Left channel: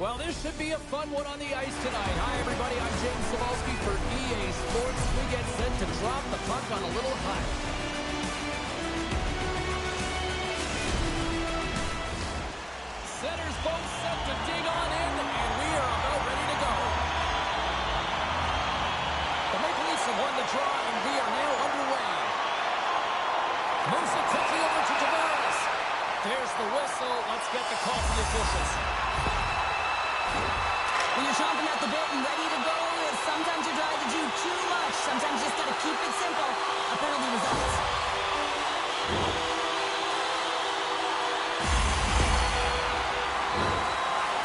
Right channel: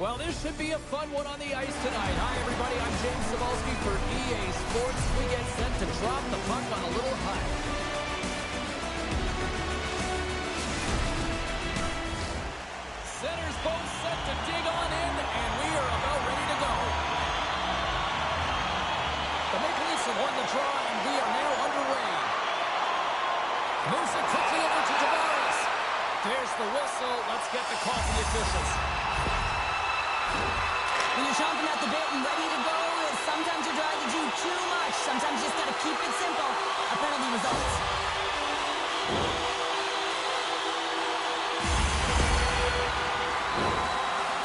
Well, this should be a fun one on the ice tonight. Hi, everybody. I'm James Cebulski for EA Sports. We get set to drop the puck on a little hut. Centers both set to dig on in, and we are about ready to go. The Maple Leafs have won the draw, and we are now underway. Moves it quickly over to Tavares. There's the whistle. Let's get the call from the officials. When you're chomping at the bit and ready to go, sometimes you're trying to do too much. Sometimes you just got to keep it simple. A penalty results.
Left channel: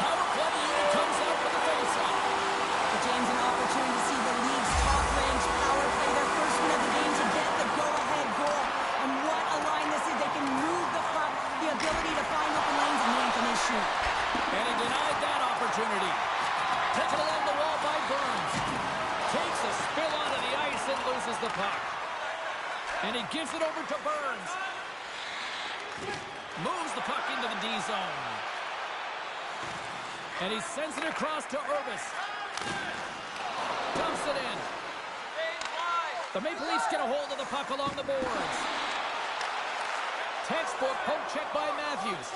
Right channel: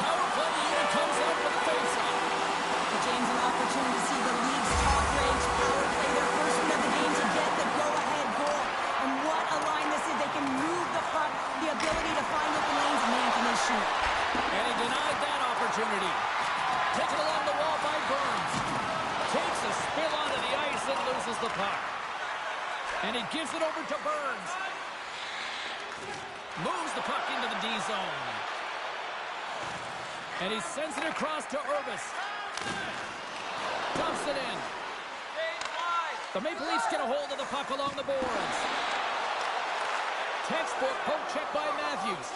Power play unit comes out for the faceoff. For James, an opportunity to see the league's top-ranked power play their first win of the game to get the go-ahead goal. And what a line this is. They can move the puck, the ability to find open lanes, and man, can they shoot. And he denied that opportunity. Taken along the wall by Burns. Takes a spill onto the ice and loses the puck. And he gives it over to Burns. Moves the puck into the D zone. And he sends it across to Urbis. Dumps it in. The Maple Leafs get a hold of the puck along the boards. Textbook poke check by Matthews.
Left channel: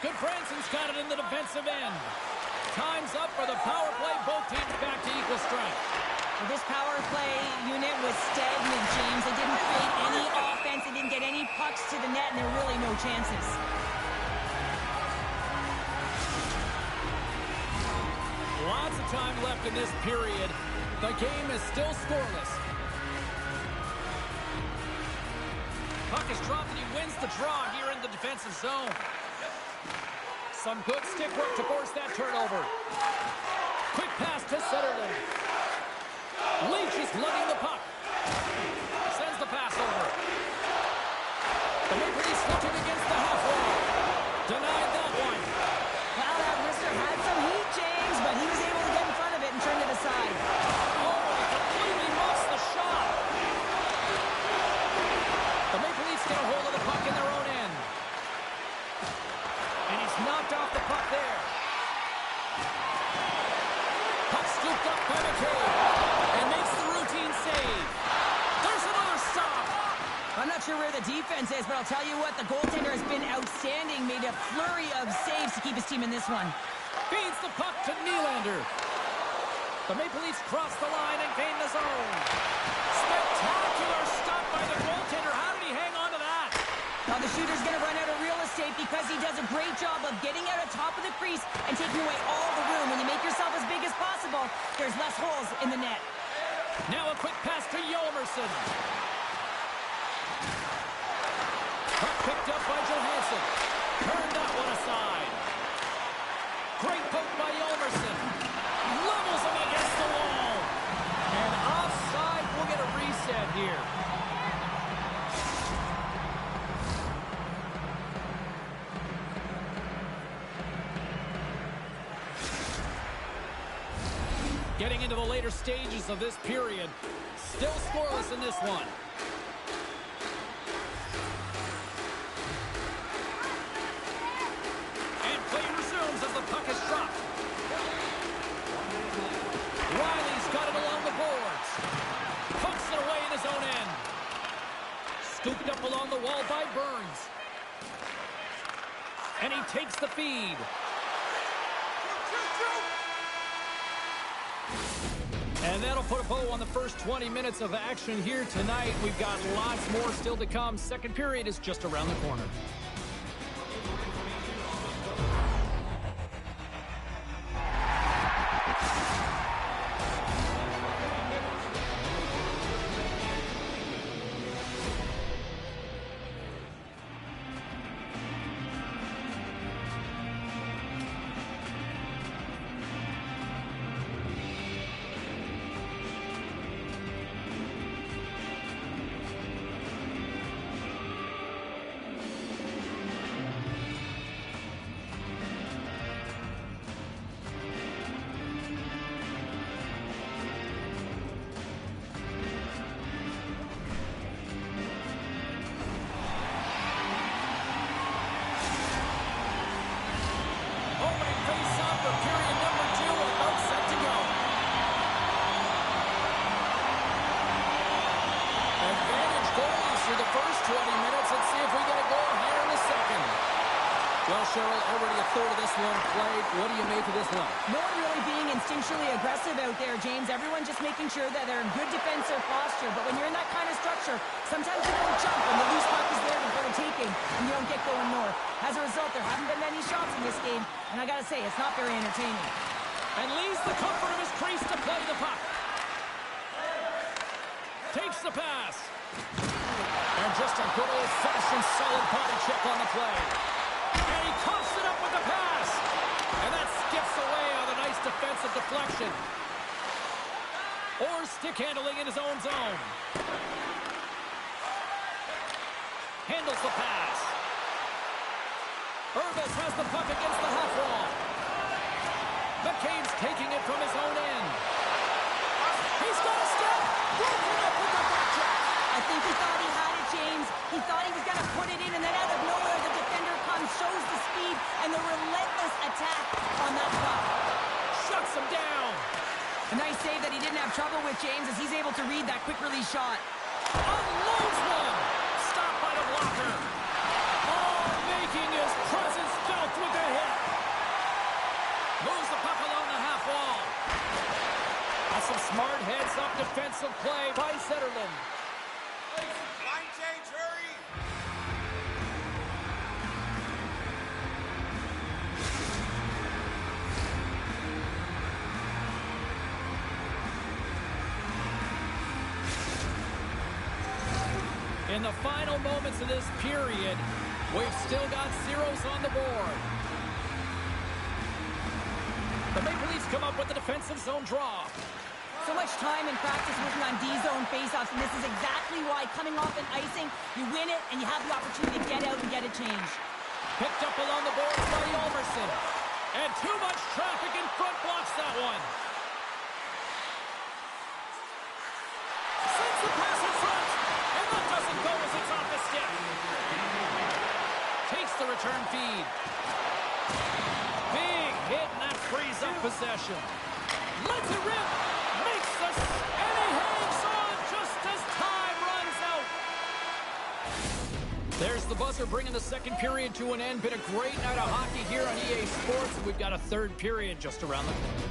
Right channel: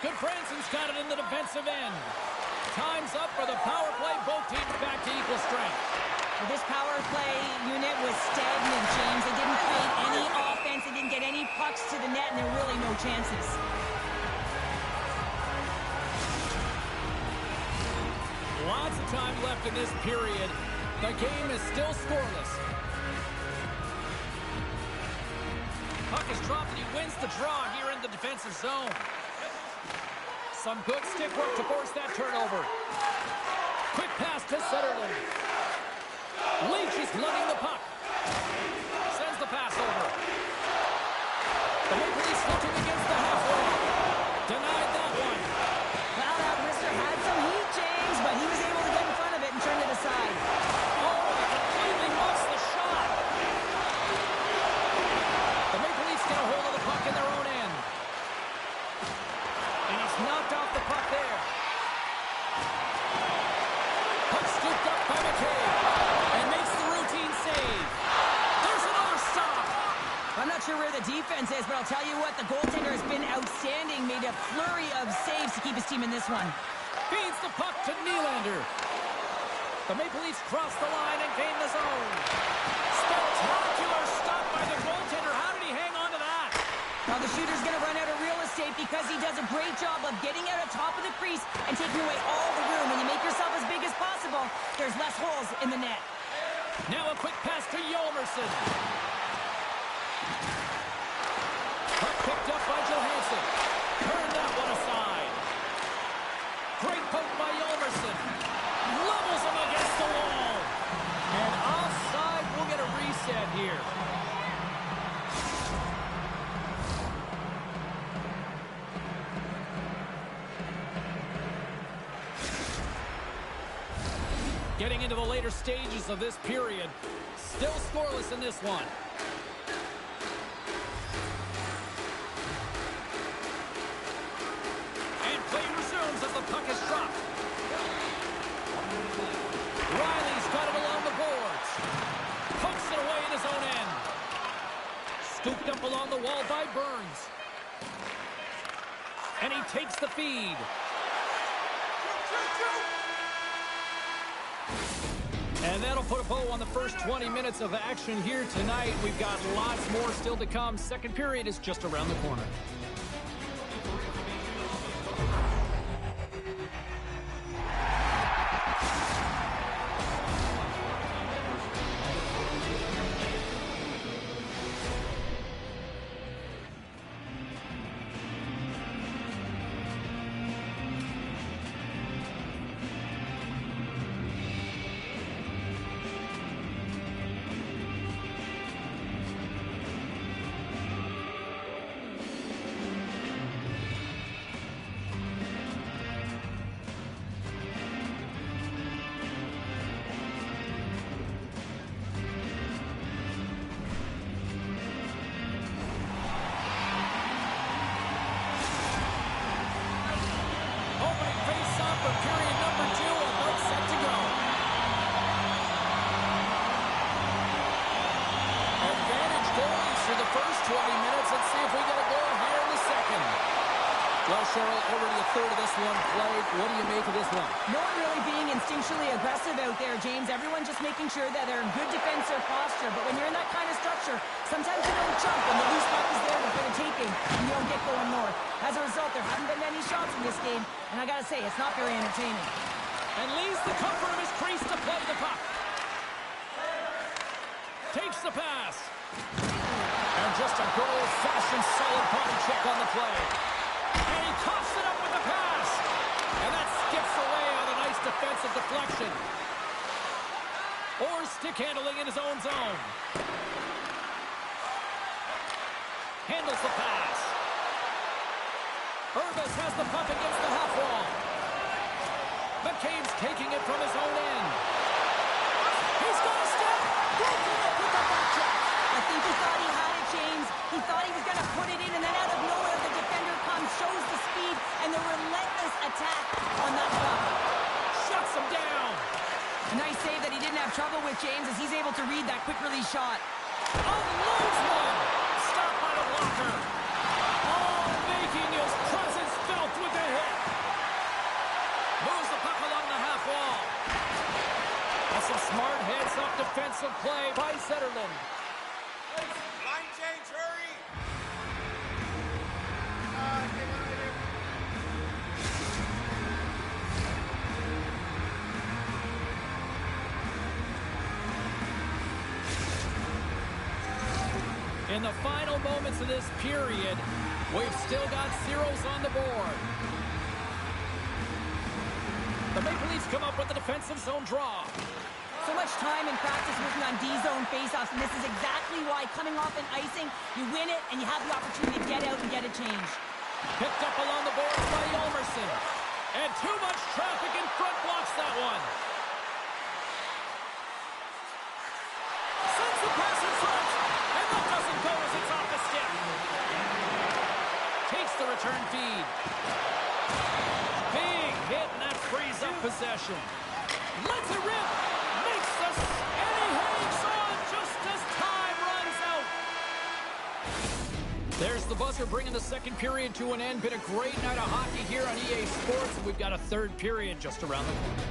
Good Franson's got it in the defensive end. Time's up for the power play. Both teams back to equal strength. Well, this power play unit was stagnant, James. They didn't create any offense. They didn't get any pucks to the net, and there were really no chances. Lots of time left in this period. The game is still scoreless. Puck is dropped, and he wins the draw here in the defensive zone. Some good stick work to force that turnover. Quick pass to Sutherland. Leach is lugging the puck. Sends the pass over. The Maple Leafs looking against the half wall. Denied that one. Well, that wrister had some heat, James, but he was able to get in front of it and turn it aside. Oh, he completely lost the shot. The Maple Leafs get a hold of the puck in their own end. And he's knocked off the puck there. Puck scooped up by McCabe. And makes the routine save. There's another stop. I'm not sure where the defense is, but I'll tell you what, the goaltender has been outstanding. Made a flurry of saves to keep his team in this one. Feeds the puck to Nylander. The Maple Leafs cross the line and gain the zone. Spectacular stop by the goaltender. How did he hang on to that? Now the shooter's going to run out of real estate because he does a great job of getting out at top of the crease and taking away all the room. When you make yourself as big as possible, there's less holes in the net. Now a quick pass to Yolmerson. Puck picked up by Johansson. Turned that one aside. Great poke by Yolmerson. Levels him against the wall. And offside. We'll get a reset here. Getting into the later stages of this period. Still scoreless in this one. And play resumes as the puck is dropped. Riley's got it along the boards. Pokes it away in his own end. Scooped up along the wall by Burns. And he takes the feed. And that'll put a bow on the first 20 minutes of action here tonight. We've got lots more still to come. Second period is just around the corner. period number 2 about set to go. Advantage goalies through the first 20 minutes. Let's see if we get a goal here in the second. Well, Cheryl, already a third of this one played. What do you make of this one? No one really being instinctually aggressive out there, James. Everyone just making sure that they're in good defensive posture. But when you're in that kind of structure, sometimes you don't jump when the loose puck is there for the taking and you don't get going north. As a result, there haven't been any shots in this game. And I got to say, it's not very entertaining. And leaves the comfort of his crease to play the puck. Takes the pass. And just a good old-fashioned solid body check on the play. And he coughs it up with the pass. And that skips away on a nice defensive deflection. Or stick handling in his own zone. Handles the pass. Urbas has the puck against the half wall. McCabe's taking it from his own end. He's got a step. Broken up with the back check. I think he thought he had it, James. He thought he was going to put it in, and then out of nowhere, the defender comes, shows the speed, and the relentless attack on that puck. Shuts him down. A nice save that he didn't have trouble with, James, as he's able to read that quick release shot. Unloads one. Stopped by the blocker. Oh, making his presence felt with the hit. Moves the puck along the half wall. That's some smart heads-up defensive play by Zetterlund. Line change, hurry! In the final moments of this period, we've still got zeros on the board. The Maple Leafs come up with the defensive zone draw. So much time in practice working on D-zone faceoffs, and this is exactly why coming off an icing, you win it, and you have the opportunity to get out and get a change. Picked up along the boards by Ulmerson. And too much traffic in front blocks that one. Sends the pass in front. And that doesn't go as it's off the stick. Takes the return feed. Big hit, and that frees up possession. Lets it rip. Makes this, and he hangs on just as time runs out. There's the buzzer bringing the second period to an end. Been a great night of hockey here on EA Sports. We've got a third period just around the corner.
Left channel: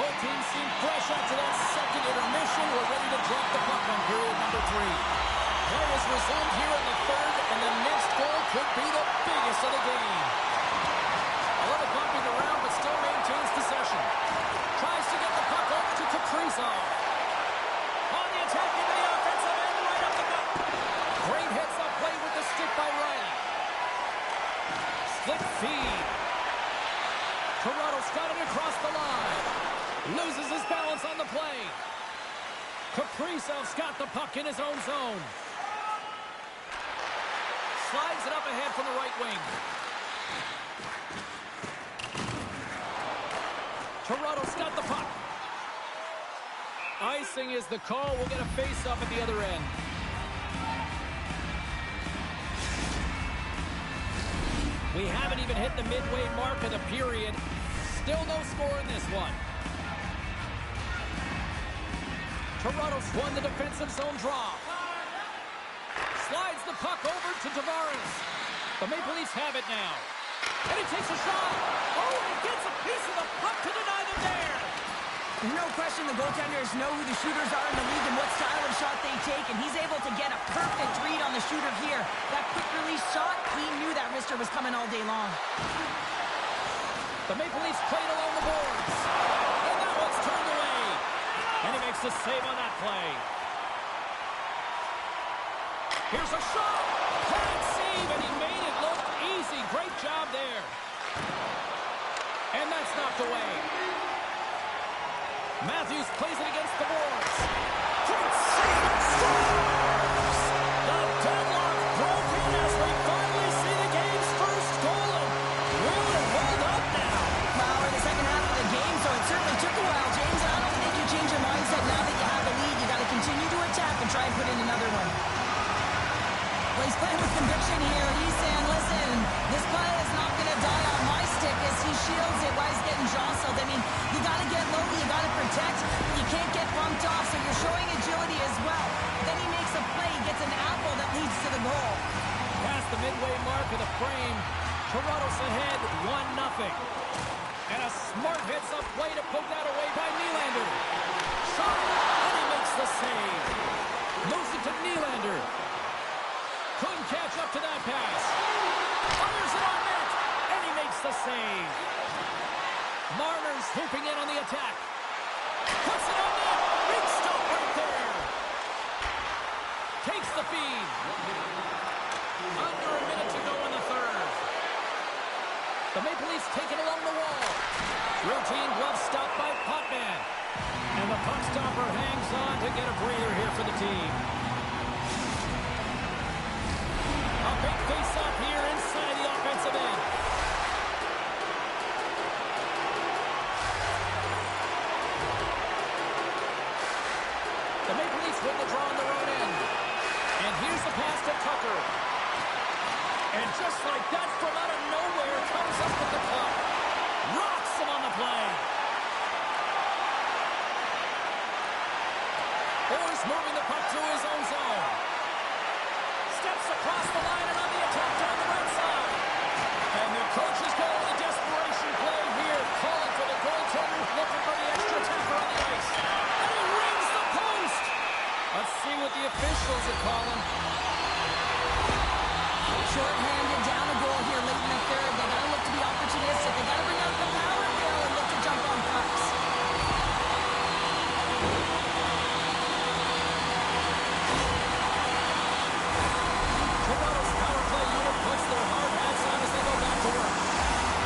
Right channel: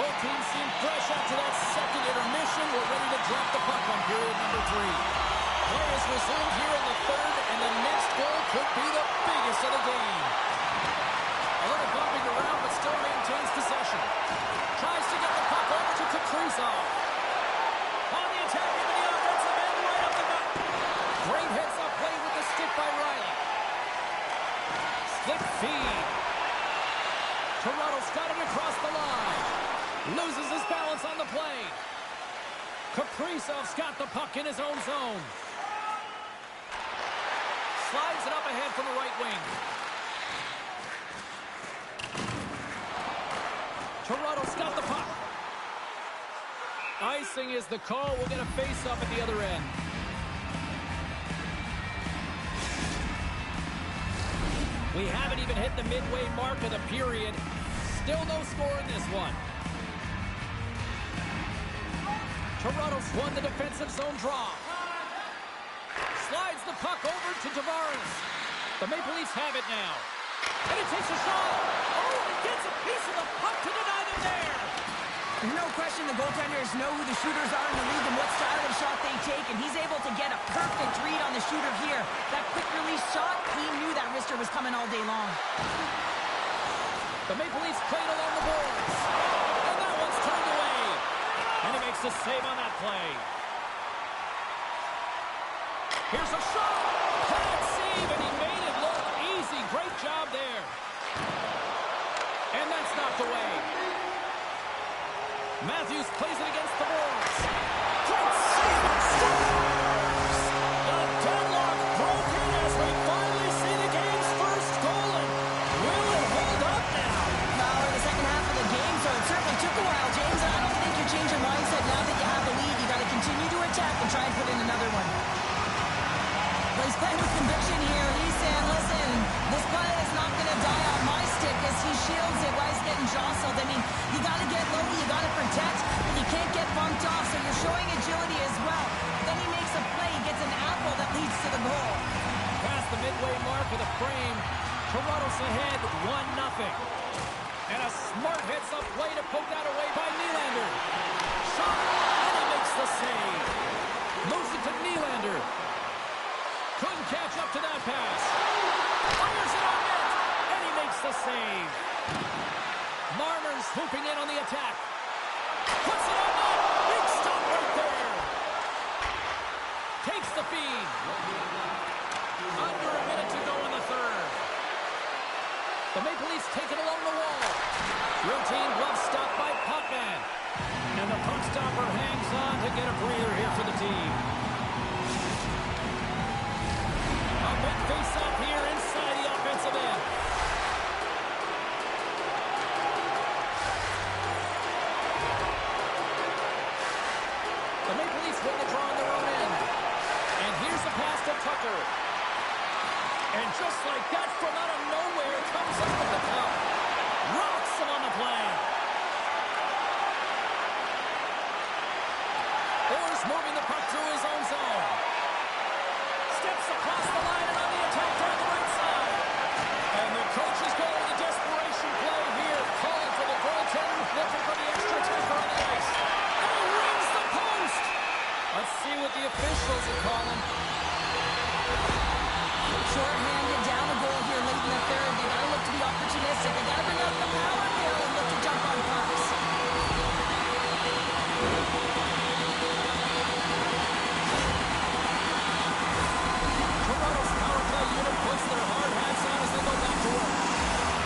Both teams seem fresh after that second intermission. We're ready to drop the puck on period number 3. Play is resumed here in the third, and the next goal could be the biggest of the game. A little bumping around, but still maintains possession. Tries to get the puck over to Kaprizov. On the attack into the offensive end, right up the gut. Great heads-up play with the stick by Riley. Slick feed. Toronto's got it across the line. Loses his balance on the play. Kaprizov's got the puck in his own zone. Slides it up ahead from the right wing. Toronto's got the puck. Icing is the call. We'll get a face-up at the other end. We haven't even hit the midway mark of the period. Still no score in this one. Toronto's won the defensive zone draw. Slides the puck over to Tavares. The Maple Leafs have it now. And he takes a shot. Oh, and he gets a piece of the puck to deny them there. There's no question the goaltenders know who the shooters are in the league and what style of shot they take, and he's able to get a perfect read on the shooter here. That quick release shot, he knew that wrister was coming all day long. The Maple Leafs played along the boards. And that one's turned away. And he makes the save on that play. Here's a shot. Pad save, and he made it look easy. Great job there. And that's knocked away. Matthews plays it against the boards. Great save and scores! The deadlock broken as we finally see the game's first goal. And will it hold up now? Well, we're in the second half of the game, so it certainly took a while, James. And I don't think you change your mindset now that you have the lead. You got to continue to attack and try and put in another one. Well, he's playing with conviction here. He's saying, listen, this play is not going to die on my stick as he shields it while he's getting jostled. I mean, you got to get low, you got to protect, but you can't get bumped off, so you're showing agility as well. Then he makes a play, gets an apple that leads to the goal. Past the midway mark of the frame, Toronto's ahead 1-0. And a smart heads-up play to poke that away by Nylander. Shot, and he makes the save. Moves it to Nylander. Couldn't catch up to that pass. Fires it on net, and he makes the save. Marner's hooping in on the attack. Puts it on net. Big stop right there. Takes the feed. Under a minute to go in the third. The Maple Leafs take it along the wall. Routine glove stop by Potvin. And the puck stopper hangs on to get a breather here for the team. A big face-off here inside the offensive end. The Maple Leafs win the draw on their own end. And here's the pass to Tucker. And just like that, from out of nowhere, comes up with the puck. Rocks him on the play. Orr's moving the puck through his own zone. Steps across the line and on the attack down the right side. And the coaches go with a desperation play here, calling for the goaltender, looking for the extra attacker on the ice. And he rings the post. Let's see what the officials are calling. Short-handed down a goal here late in the third. They got to look to be opportunistic. They got to bring out the power hill and look to jump on pucks. Toronto's power play unit puts their hard hats on as they go back to work.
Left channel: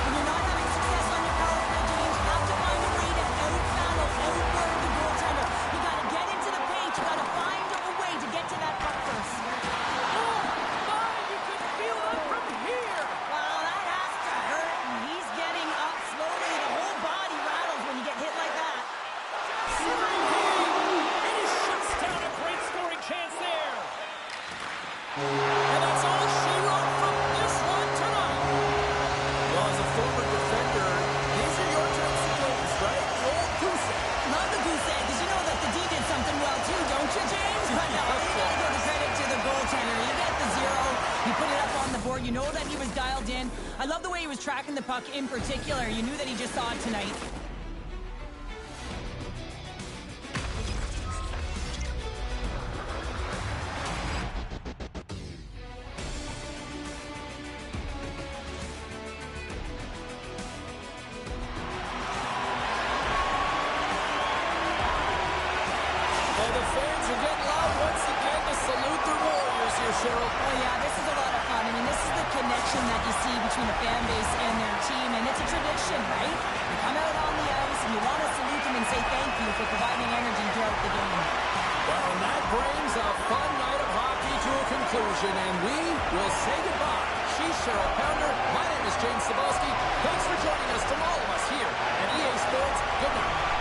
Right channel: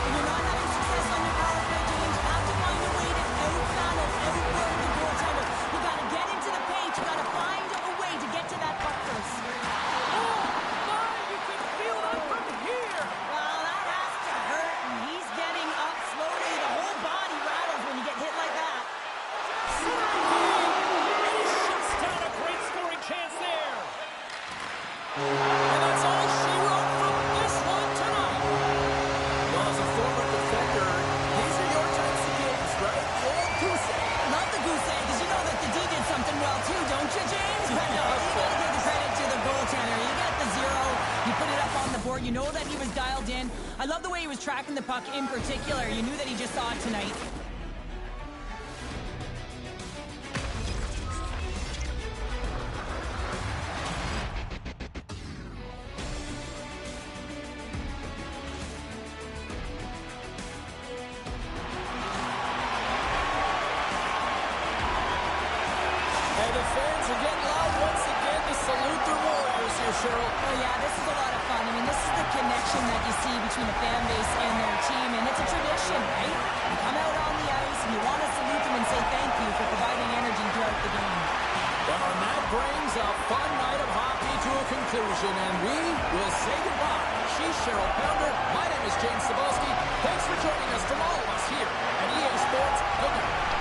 When you're not having success on your power play, James, you have to find a way to out-battle, outwork the goaltender. You got to get into the paint. You got to find a way to get to that puck first. Oh, my, you can feel that from here. Well, that has to hurt, and he's getting up slowly. The whole body rattles when you get hit like that. And he shuts down a great scoring chance there. And that's all she wrote from this one tonight. Well, as a former defender, these are your types of games, right? The old goose egg. Love the goose egg, because you know that the D did something well too, don't you, James? But no, you got to give the credit to the goaltender. You get the zero, you put it up on the board, you know that he was dialed in. I love the way he was tracking the puck in particular. You knew that he just saw it tonight. And the fans are getting loud once again to salute their Warriors here, Cheryl. Oh, yeah, this is a lot of fun. I mean, this is the connection that you see between the fan base and their team, and it's a tradition, right? You come out on the ice, and you want to salute them and say thank you for providing energy throughout the game. Well, and that brings a fun night of hockey to a conclusion, and we will say goodbye. She's Cheryl Pounder. My name is James Cebulski. Thanks for joining us from all of us here at EA Sports. Good night.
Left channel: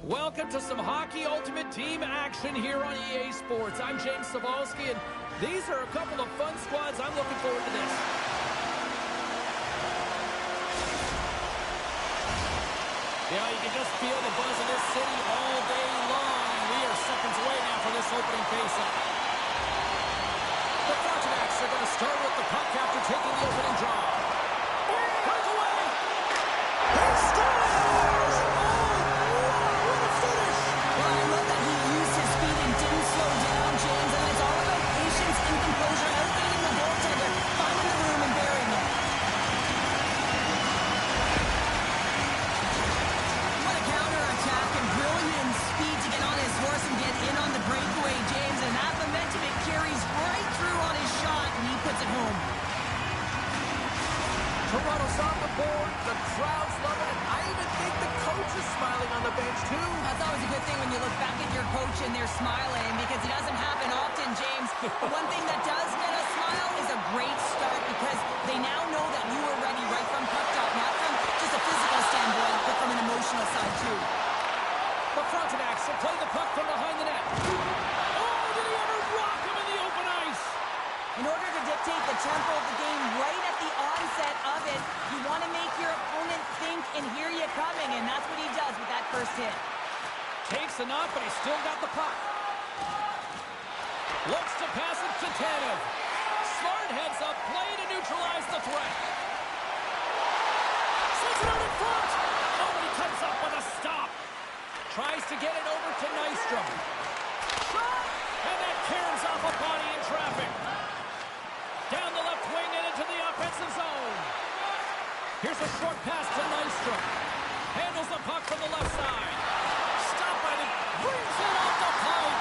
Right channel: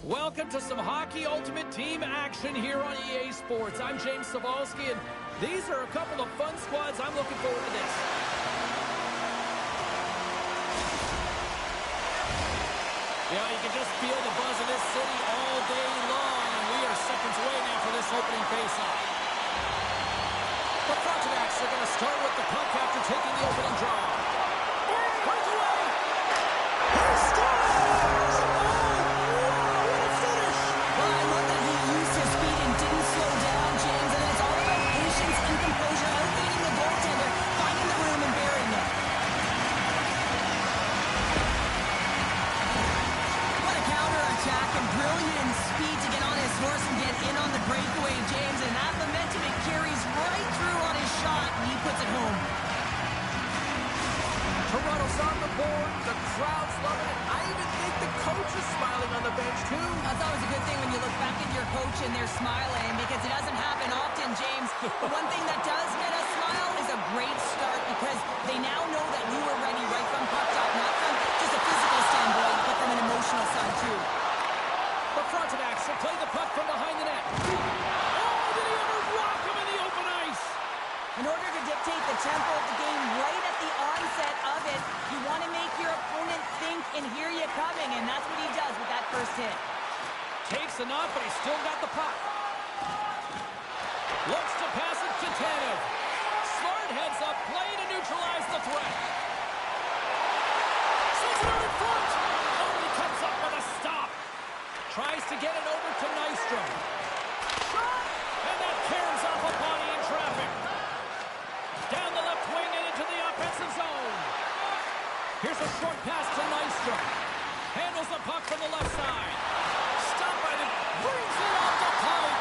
Welcome to some Hockey Ultimate Team action here on EA Sports. I'm James Cybulski, and these are a couple of fun squads. I'm looking forward to this. Yeah, you can just feel the buzz of this city all day long, and we are seconds away now for this opening faceoff. The Frontenacs are going to start with the puck after taking the opening draw. Breakaway! He scores! Well, I love that he used his speed and didn't slow down, James. And it's all about patience and composure, elevating the goaltender, finding the room and burying it. What a counterattack and brilliant speed to get on his horse and get in on the breakaway, James. And that momentum, it carries right through on his shot, and he puts it home. Toronto's on the board. The crowd's loving it. I even think the coach is smiling on the bench, too. That's always a good thing when you look back at your coach and they're smiling, because it doesn't happen often, James. One thing that does get a smile is a great start, because they now know that you were ready right from puck drop, not from just a physical standpoint, but from an emotional side, too. The Frontenacs will play the puck from behind the net. Oh, did he ever rock him in the open ice? In order to dictate the tempo of the game right at the onset of it, you want to make your opponent think and hear you coming, and that's what he does with that first hit. Takes a knock, but he's still got the puck. Looks to pass it to Tanev. Smart heads up, play to neutralize the threat. Sends it out in front. Oh, he comes up with a stop. Tries to get it over to Nystrom. Shot! And that caroms off a body in traffic. Down the left wing and into the offensive zone. Here's a short pass to Nystrom. Handles the puck from the left side. Stopped by the... brings it off the pipe.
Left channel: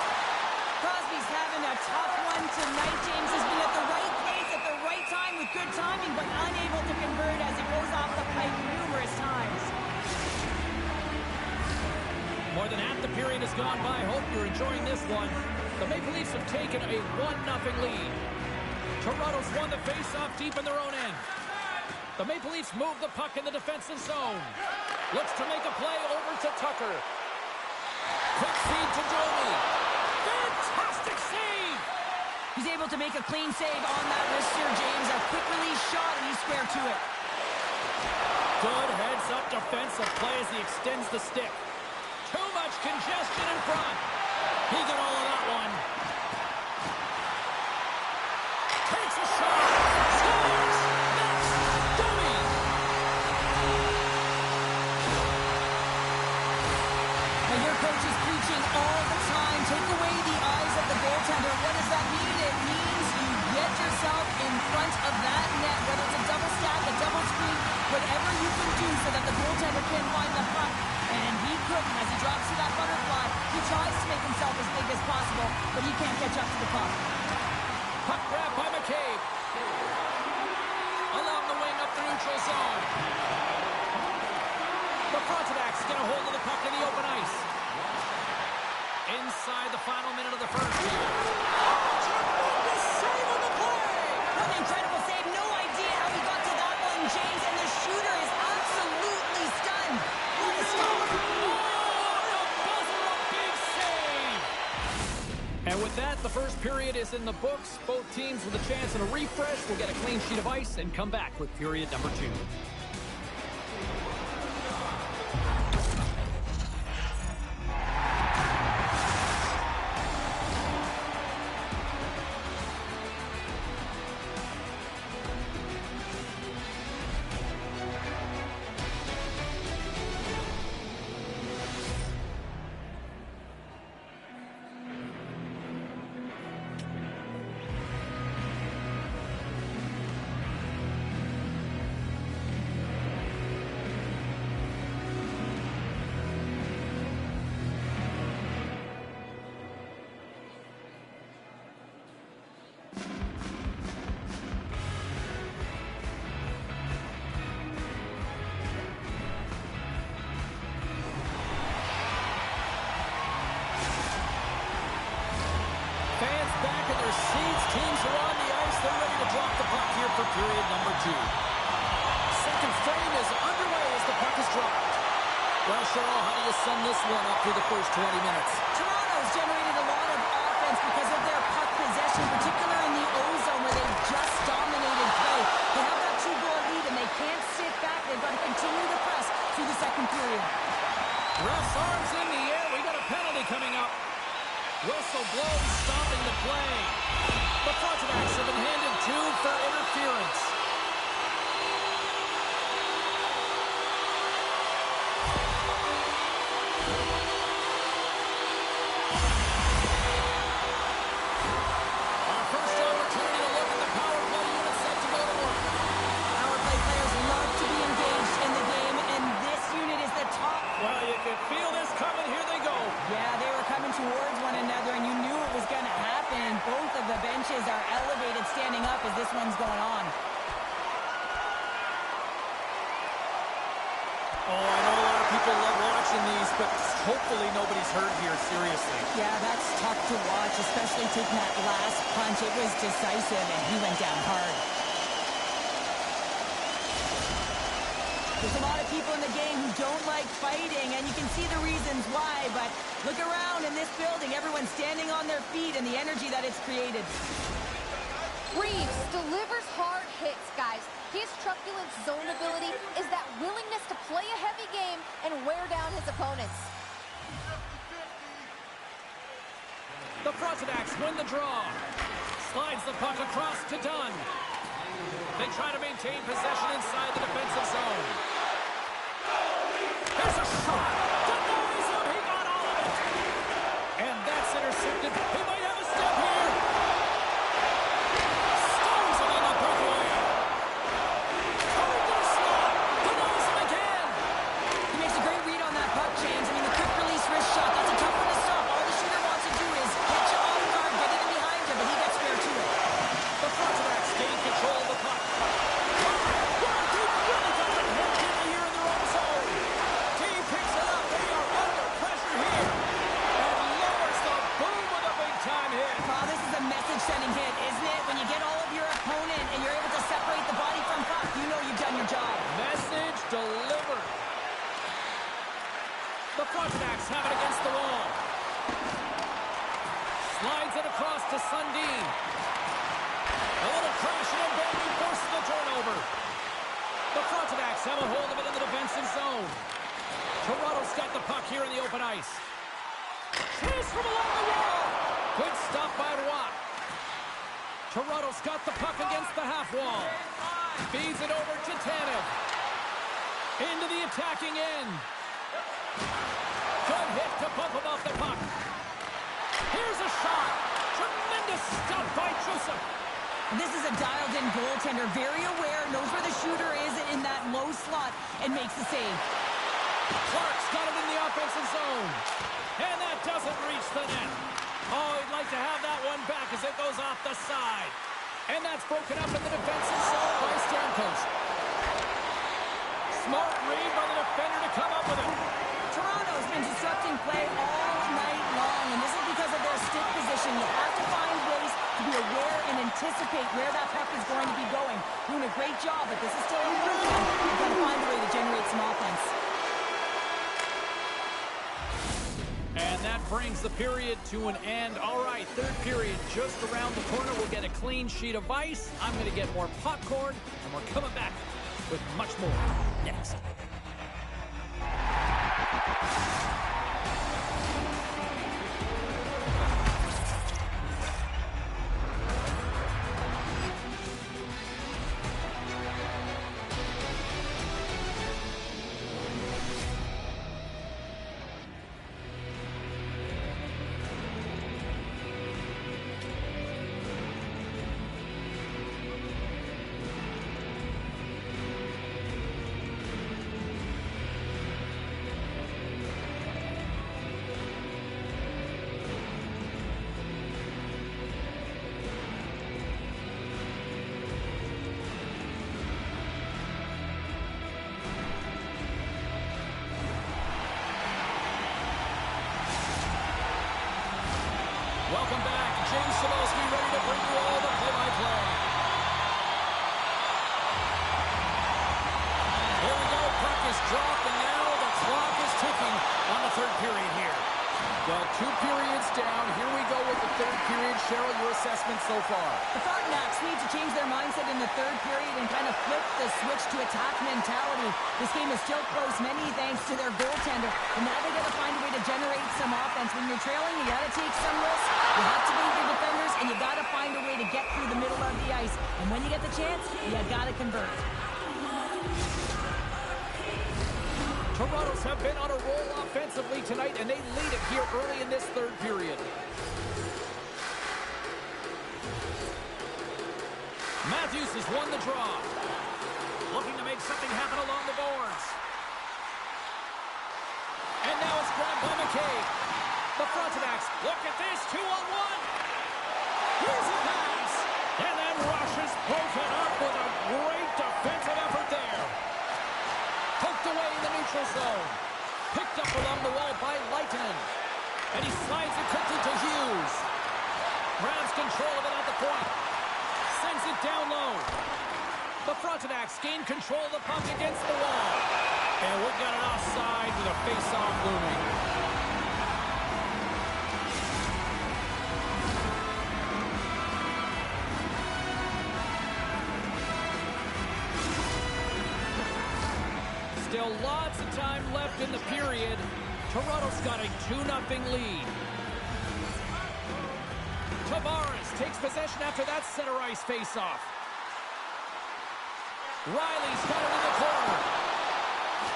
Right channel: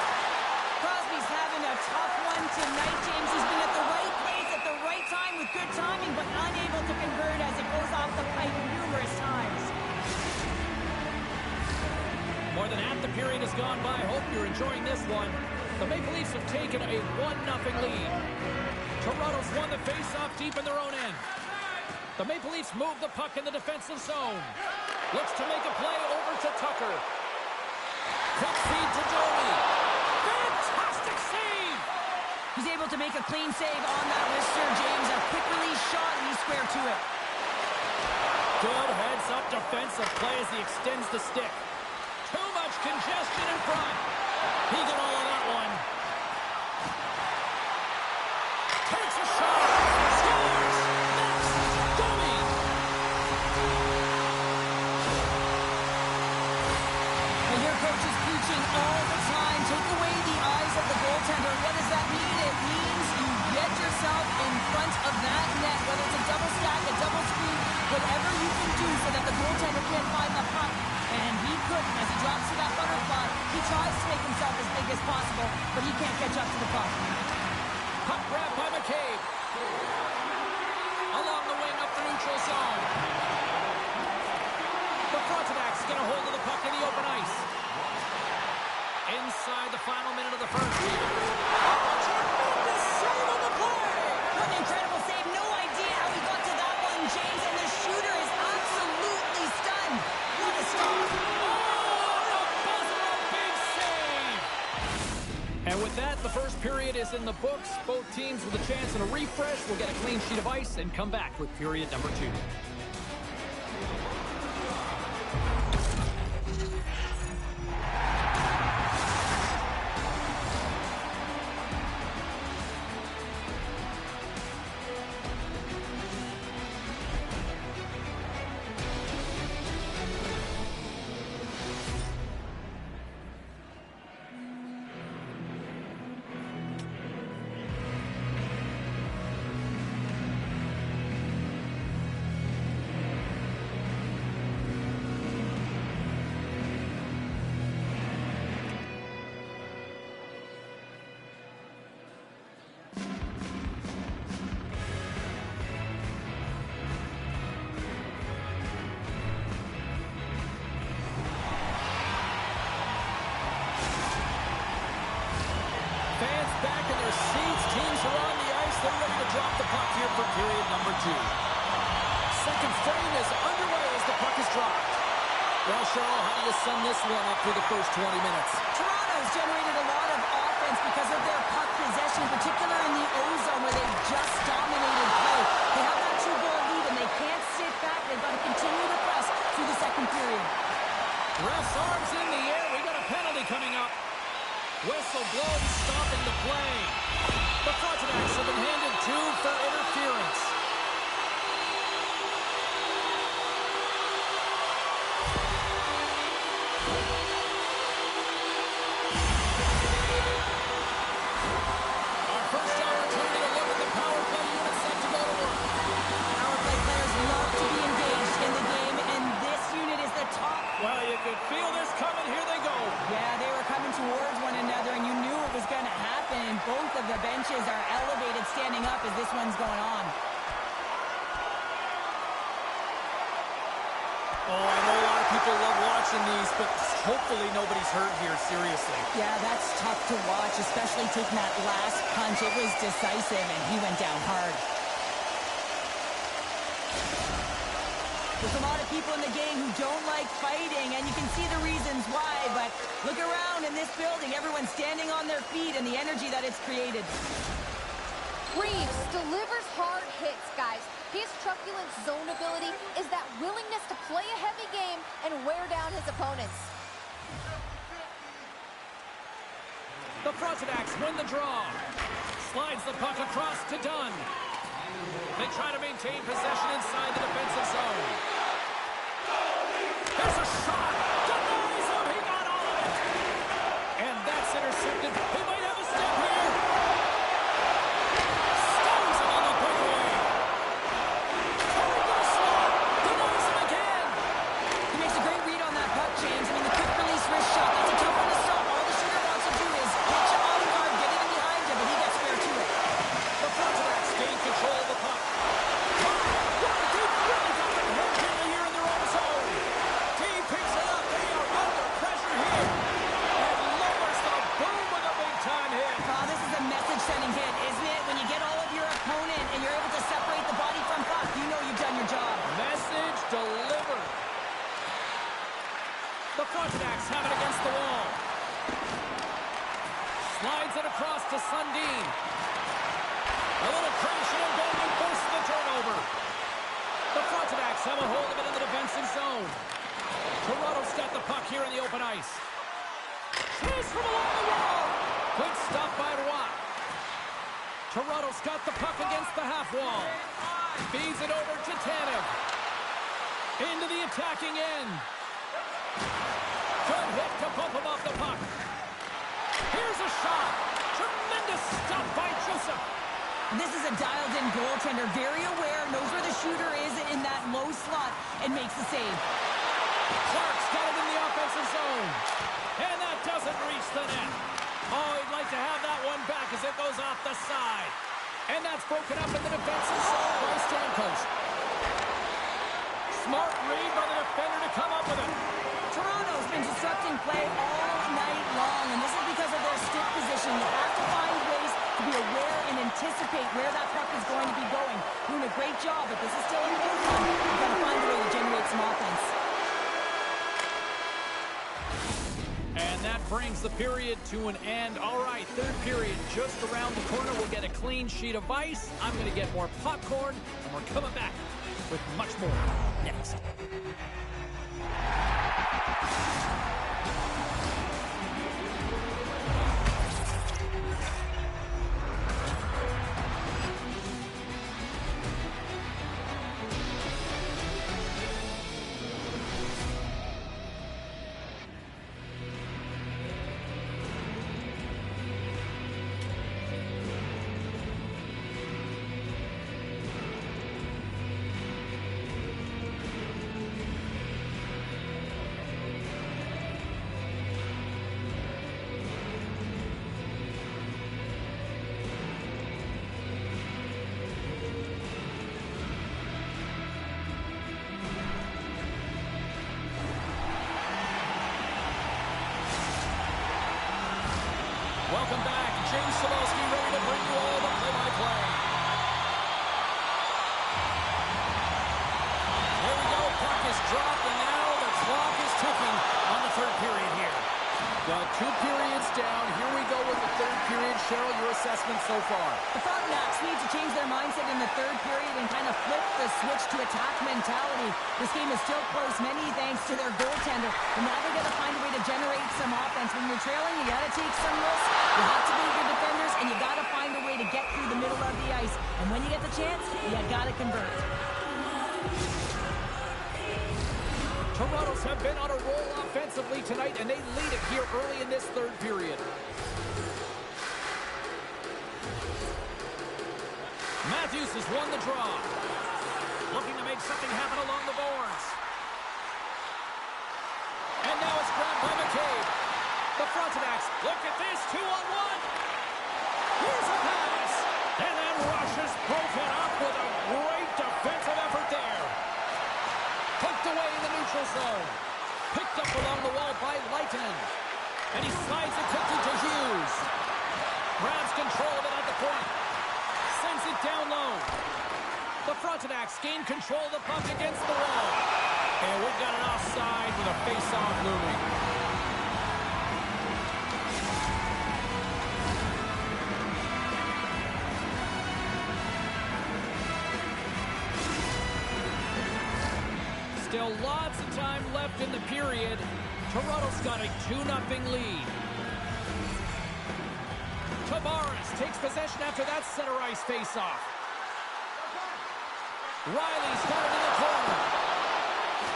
Crosby's having a tough one tonight, James. He's been at the right place at the right time with good timing, but unable to convert as it goes off the pipe numerous times. More than half the period has gone by. Hope you're enjoying this one. The Maple Leafs have taken a 1-0 lead. Toronto's won the face-off deep in their own end. The Maple Leafs move the puck in the defensive zone. Looks to make a play over to Tucker. Quick feed to Domi. Fantastic save! He's able to make a clean save on that wrister, James. A quick release shot, and he's square to it. Good heads-up defensive play as he extends the stick. Too much congestion in front. He got all of that one. Takes a shot. Scores. Next, Domi. Now your coach is preaching all the time. Take away the eyes of the goaltender. What does that mean? It means you get yourself in front of that net, whether it's a double stack, a double screen, whatever you can do so that the goaltender can't find the puck. And he couldn't. As he drops to that butterfly, he tries to make himself as big as possible, but he can't catch up to the puck. Puck grab by McCabe. Along the wing up the neutral zone. The Frontenacs get a hold of the puck in the open ice. Inside the final minute of the first here. Oh, tremendous save on the play! What an incredible save. No idea how he got to that one, James, and the shooter is absolutely stunned. What a stop. Oh, a buzzer, a big save! And with that, the first period is in the books. Both teams with a chance and a refresh will get a clean sheet of ice and come back with period number 2. back in their seats. Teams are on the ice. They're ready to drop the puck here for period number 2. Second frame is underway as the puck is dropped. Well, Cheryl, how do you sum this one up through the first 20 minutes? Toronto's generated a lot of offense because of their puck possession, particularly in the O-zone where they've just dominated play. They have that 2-goal lead, and they can't sit back. They've got to continue to press through the second period. Ref's arms in the air. We got a penalty coming up. Whistle blows, stopping the play. The Frontenacs have been handed 2 for interference. Our first opportunity to look at the power play unit set to go to work. Power play players love to be engaged in the game, and this unit is the top. Well, you could feel this coming. Here they go. Yeah, they were coming towards one another, and you knew it was going to happen. And both of the benches are elevated, standing up as this one's going on. Oh, I know a lot of people love watching these, but hopefully nobody's hurt here, seriously. Yeah, that's tough to watch, especially taking that last punch. It was decisive, and he went down hard. There's a lot of people in the game who don't like fighting, and you can see the reasons why, but look around in this building. Everyone's standing on their feet, and the energy that it's created. Reeves delivers hard hits, guys. His truculent zone ability is that willingness to play a heavy game and wear down his opponents. The Frontenacs win the draw. Slides the puck across to Dunn. They try to maintain possession inside the defensive zone. There's a shot. Denies him. He got all of it. And that's intercepted. He might have a step here. Stones him on the breakaway. Trying to slot. Denies him again. He makes a great read on that puck, James. I mean, the quick release wrist shot, that's a tough one to stop. All the shooter wants to do is hit you off guard, get it in behind you, but he gets fair to it. The Frontenacs gain control of the puck. They've really got them hemmed in here in their own zone. Team picks it up. They are under pressure here. And lowers the boom with a big-time hit. Oh, this is a message-sending hit, isn't it? When you get all of your opponent and you're able to separate the body from puck, you know you've done your job. Message delivered. The Frontenacs have it against the wall. Slides it across to Sundin. A little crashing and banging forces the turnover. The Frontenacs have a hold of it in the defensive zone. Toronto's got the puck here in the open ice. Chase from along the wall. Good stop by Roy. Toronto's got the puck against the half wall. Feeds it over to Tanev. Into the attacking end. Good hit to bump him off the puck. Here's a shot. Tremendous stop by Joseph. This is a dialed-in goaltender, very aware, knows where the shooter is in that low slot, and makes the save. Clark's got it in the offensive zone. And that doesn't reach the net. Oh, he'd like to have that one back as it goes off the side. And that's broken up in the defensive zone by Stamkos. Smart read by the defender to come up with it. Toronto's been disrupting play all night long, and this is because of their stick position. You have to find ways to be aware and anticipate where that puck is going to be going. Doing a great job, but this is still a close one. You've got to find a way to generate some offense. And that brings the period to an end. All right, third period just around the corner. We'll get a clean sheet of ice. I'm going to get more popcorn, and we're coming back with much more next. Welcome back. James Cebulski ready to bring you all the play-by-play. Here we go. Puck is dropped, and now the clock is ticking on the third period here. Well, 2 periods down. Here we go with the third period. Cheryl, your assessment so far? The Frontenacs need to change their mindset in the third period and kind of flip the switch to attack mentality. This game is still close, many thanks to their goaltender. But now they got to find a way to generate some offense. When you're trailing, you got to take some risks. You have to beat your defenders, and you got to find a way to get through the middle of the ice. And when you get the chance, you got to convert. Toronto's have been on a roll offensively tonight, and they lead it here early in this third period. Matthews has won the draw. Looking to make something happen along the boards. And now it's grabbed by McCabe. The Frontenacs, look at this, 2-on-1. Here's a pass. And then Rush is broken up with a great defensive effort there. Poked away in the neutral zone. Picked up along the wall by Leitonen. And he slides it quickly to Hughes. Grabs control of it at the point. Sends it down low. The Frontenacs gain control of the puck against the wall. And we've got an offside with a face-off looming. Still lots of time left in the period. Toronto's got a 2-0 lead. Tavares takes possession after that center ice face-off. Riley's got it in the corner.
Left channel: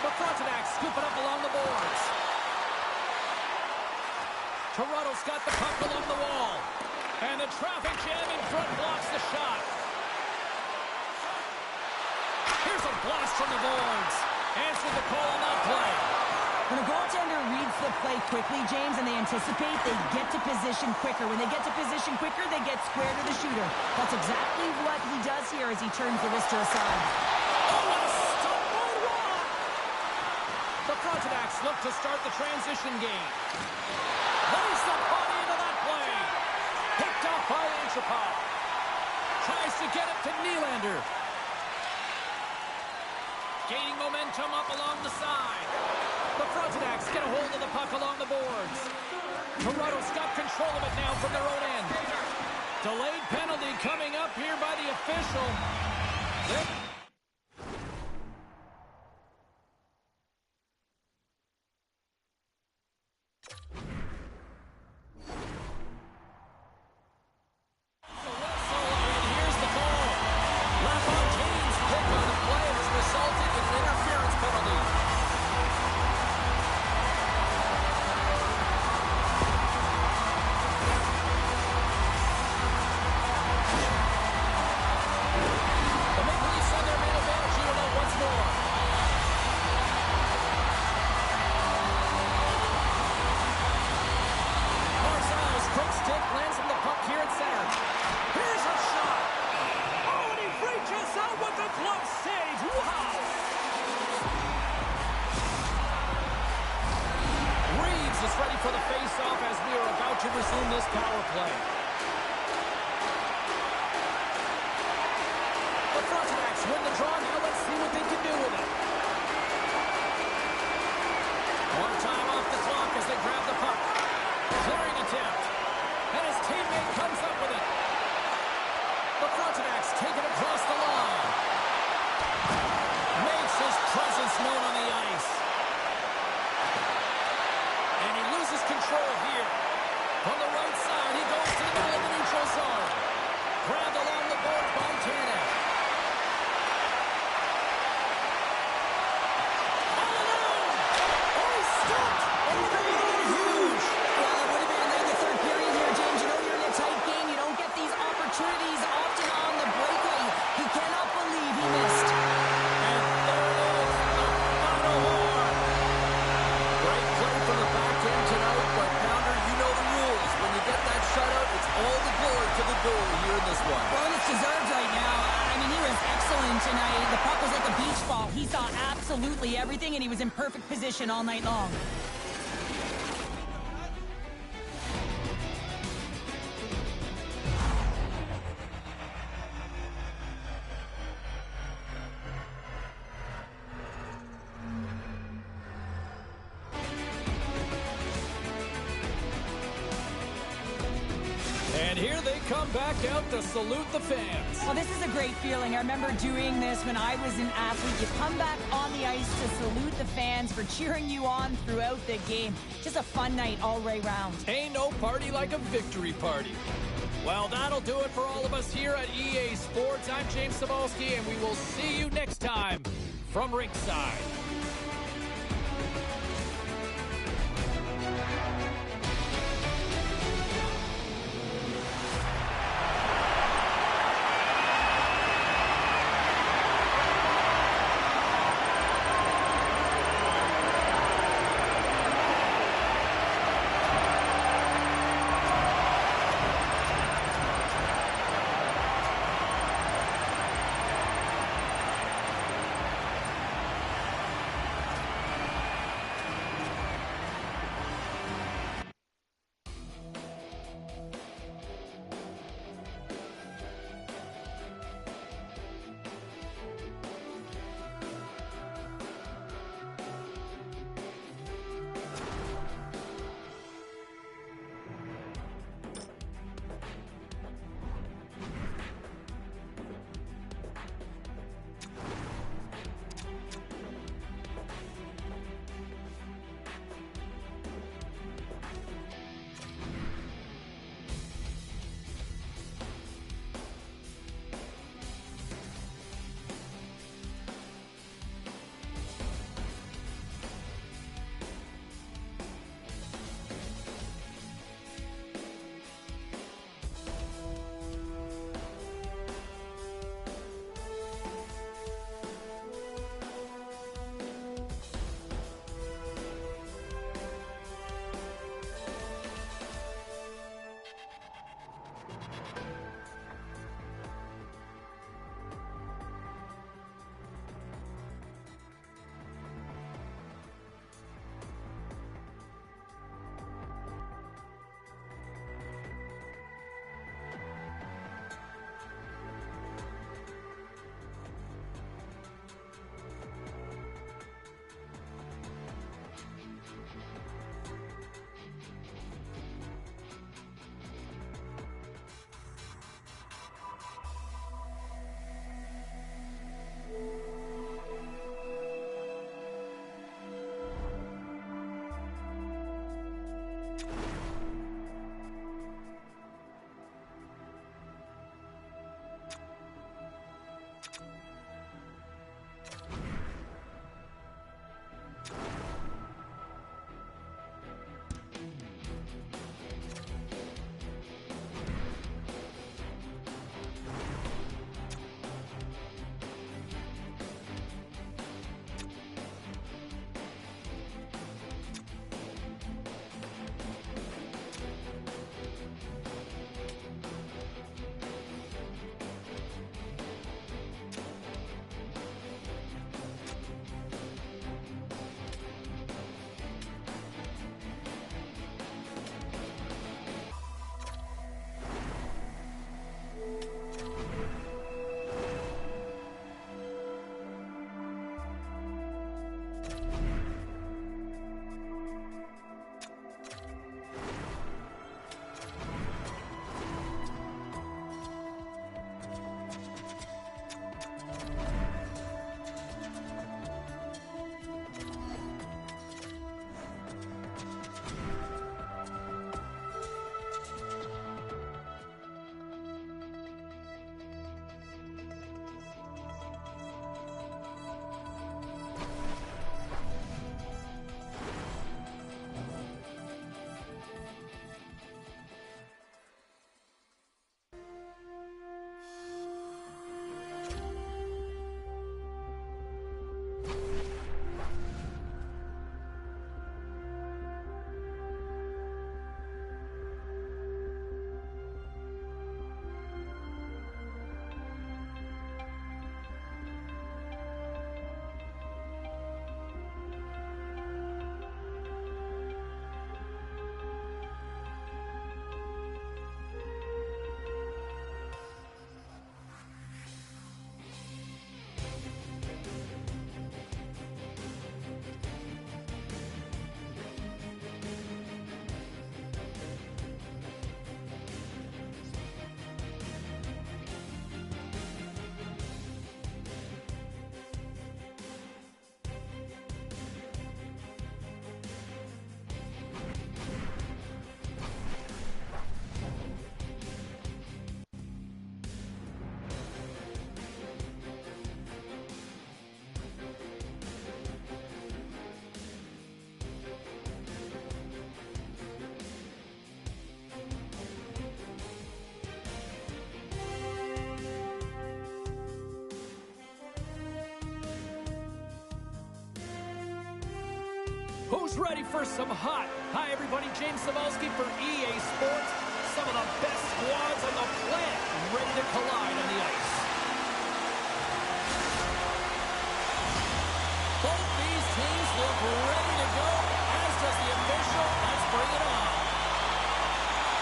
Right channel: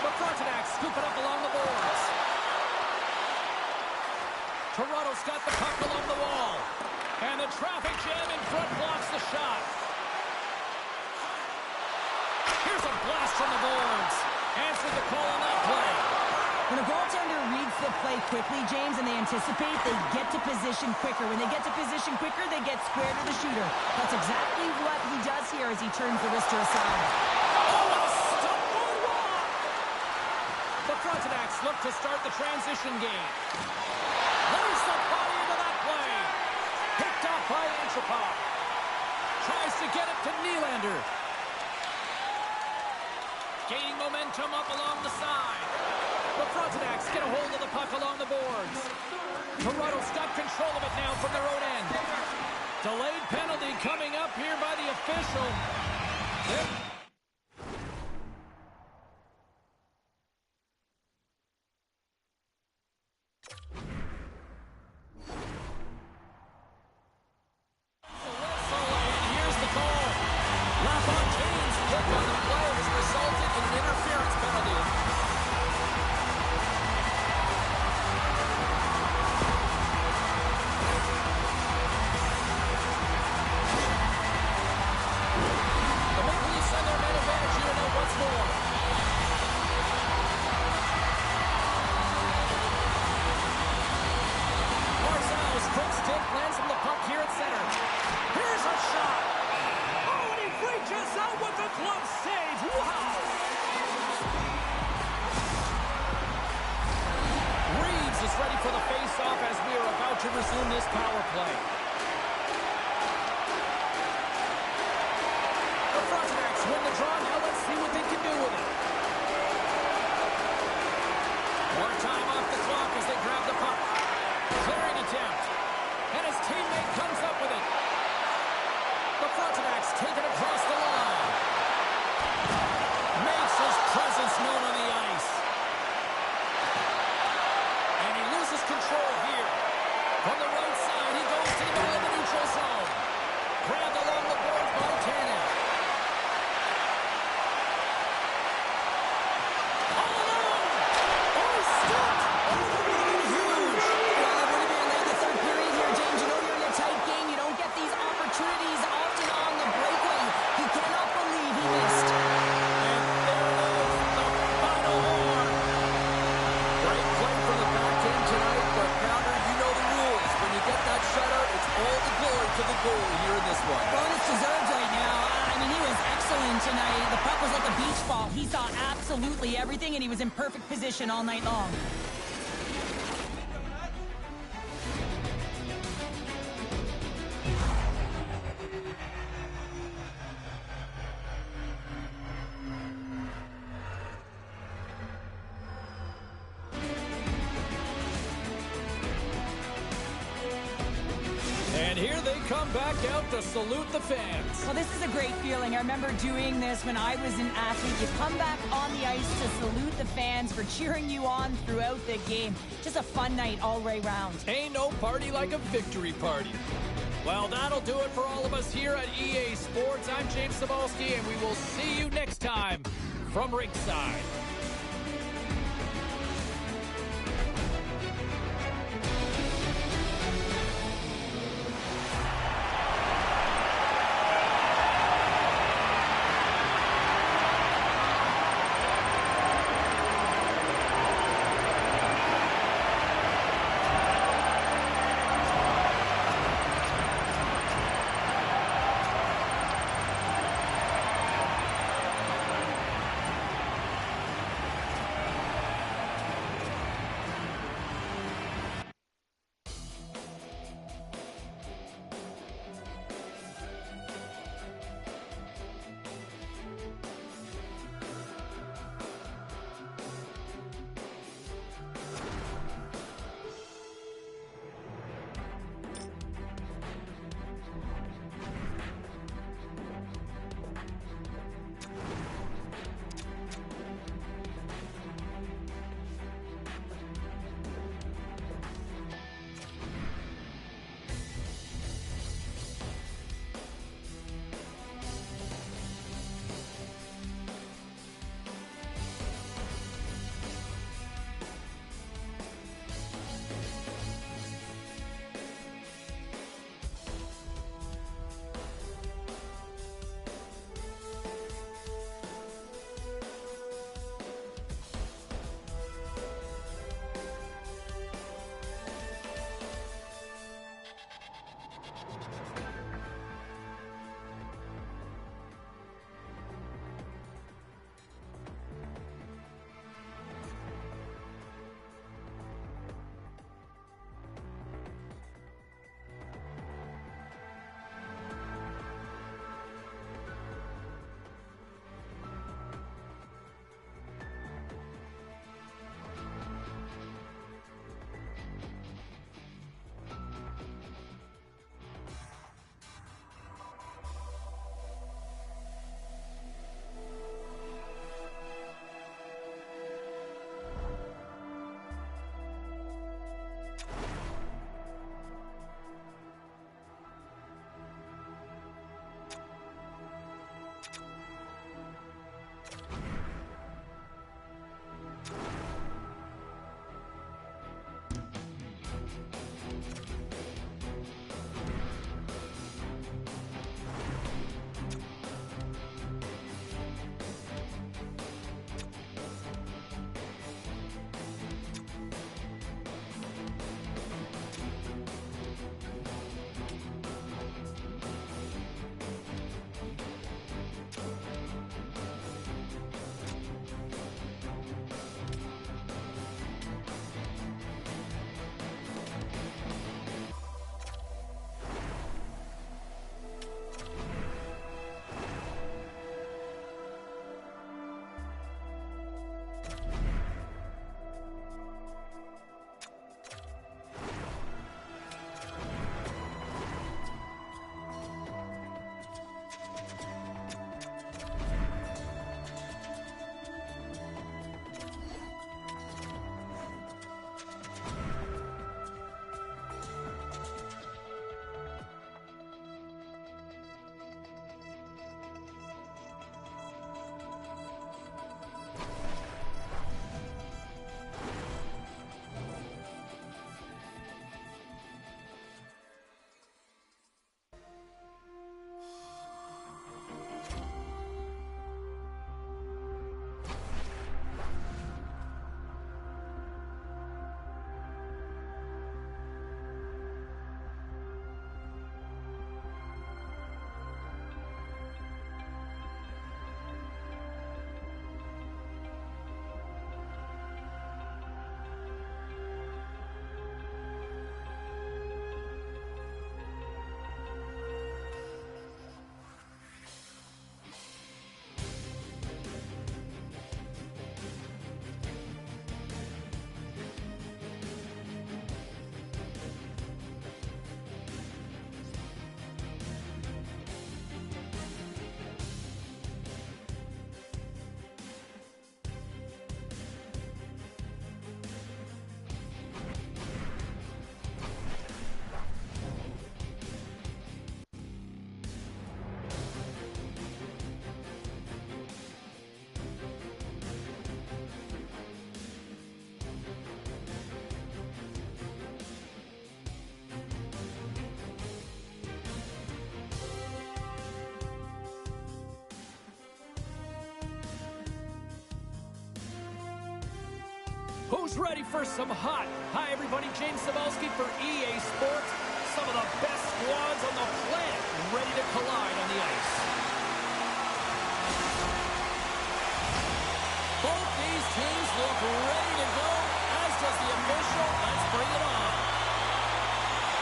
The Frontenacs scoop it up along the boards. Toronto's got the puck along the wall. And the traffic jam in front blocks the shot. Here's a blast from the boards. Answered the call on that play. When a goaltender reads the play quickly, James, and they anticipate, they get to position quicker. When they get to position quicker, they get square to the shooter. That's exactly what he does here as he turns the wrister aside. Oh, what a stop boardwalk! The Frontenacs look to start the transition game. Lays the body into that play. Picked off by Antropov. Tries to get it to Nylander. Gaining momentum up along the side. The Frontenacs get a hold of the puck along the boards. Toronto's got control of it now from their own end. Delayed penalty coming up here by the official. Lands from the puck here at center. Here's a shot. Oh, and he reaches out with the glove save. Wow. Reeves is ready for the face-off as we are about to resume this power play. The Frontenacs win the draw. Now let's see what they can do with it. More time off the clock as they grab the puck. Clearing attempt. And his teammate comes up with it. The Frontenacs take it across the line. Makes his presence known on the ice. And he loses control here. From the right side, he goes to the middle of the neutral zone. Grabbed along the boards by Tanev. All alone! Oh, he's stopped! Oh, that would have been huge! Well, it would have been late in the third period here, James. You know you're in a tight game. You don't get these opportunities often on the breakaway. He cannot believe he missed. And there it is, the final horn. Great play from the back end tonight, but Pounder, you know the rules. When you get that shutout, it's all the glory to the goalie here in this one. Well, and it's deserved right now. I mean, he was excellent tonight. The puck was like a beach ball. He saw absolutely everything, and he was in perfect position all night long. And here they come back out to salute the fans. Well, this is a great feeling. I remember doing this when I was an athlete. You come back on the ice to salute the fans for cheering you on throughout the game. Just a fun night all the way round. Ain't no party like a victory party. Well, that'll do it for all of us here at EA Sports. I'm James Cebulski, and we will see you next time from ringside. Who's ready for some hot? Hi, everybody. James Cebulski for EA Sports. Some of the best squads on the planet ready to collide on the ice. Both these teams look ready to go, as does the official. Let's bring it on.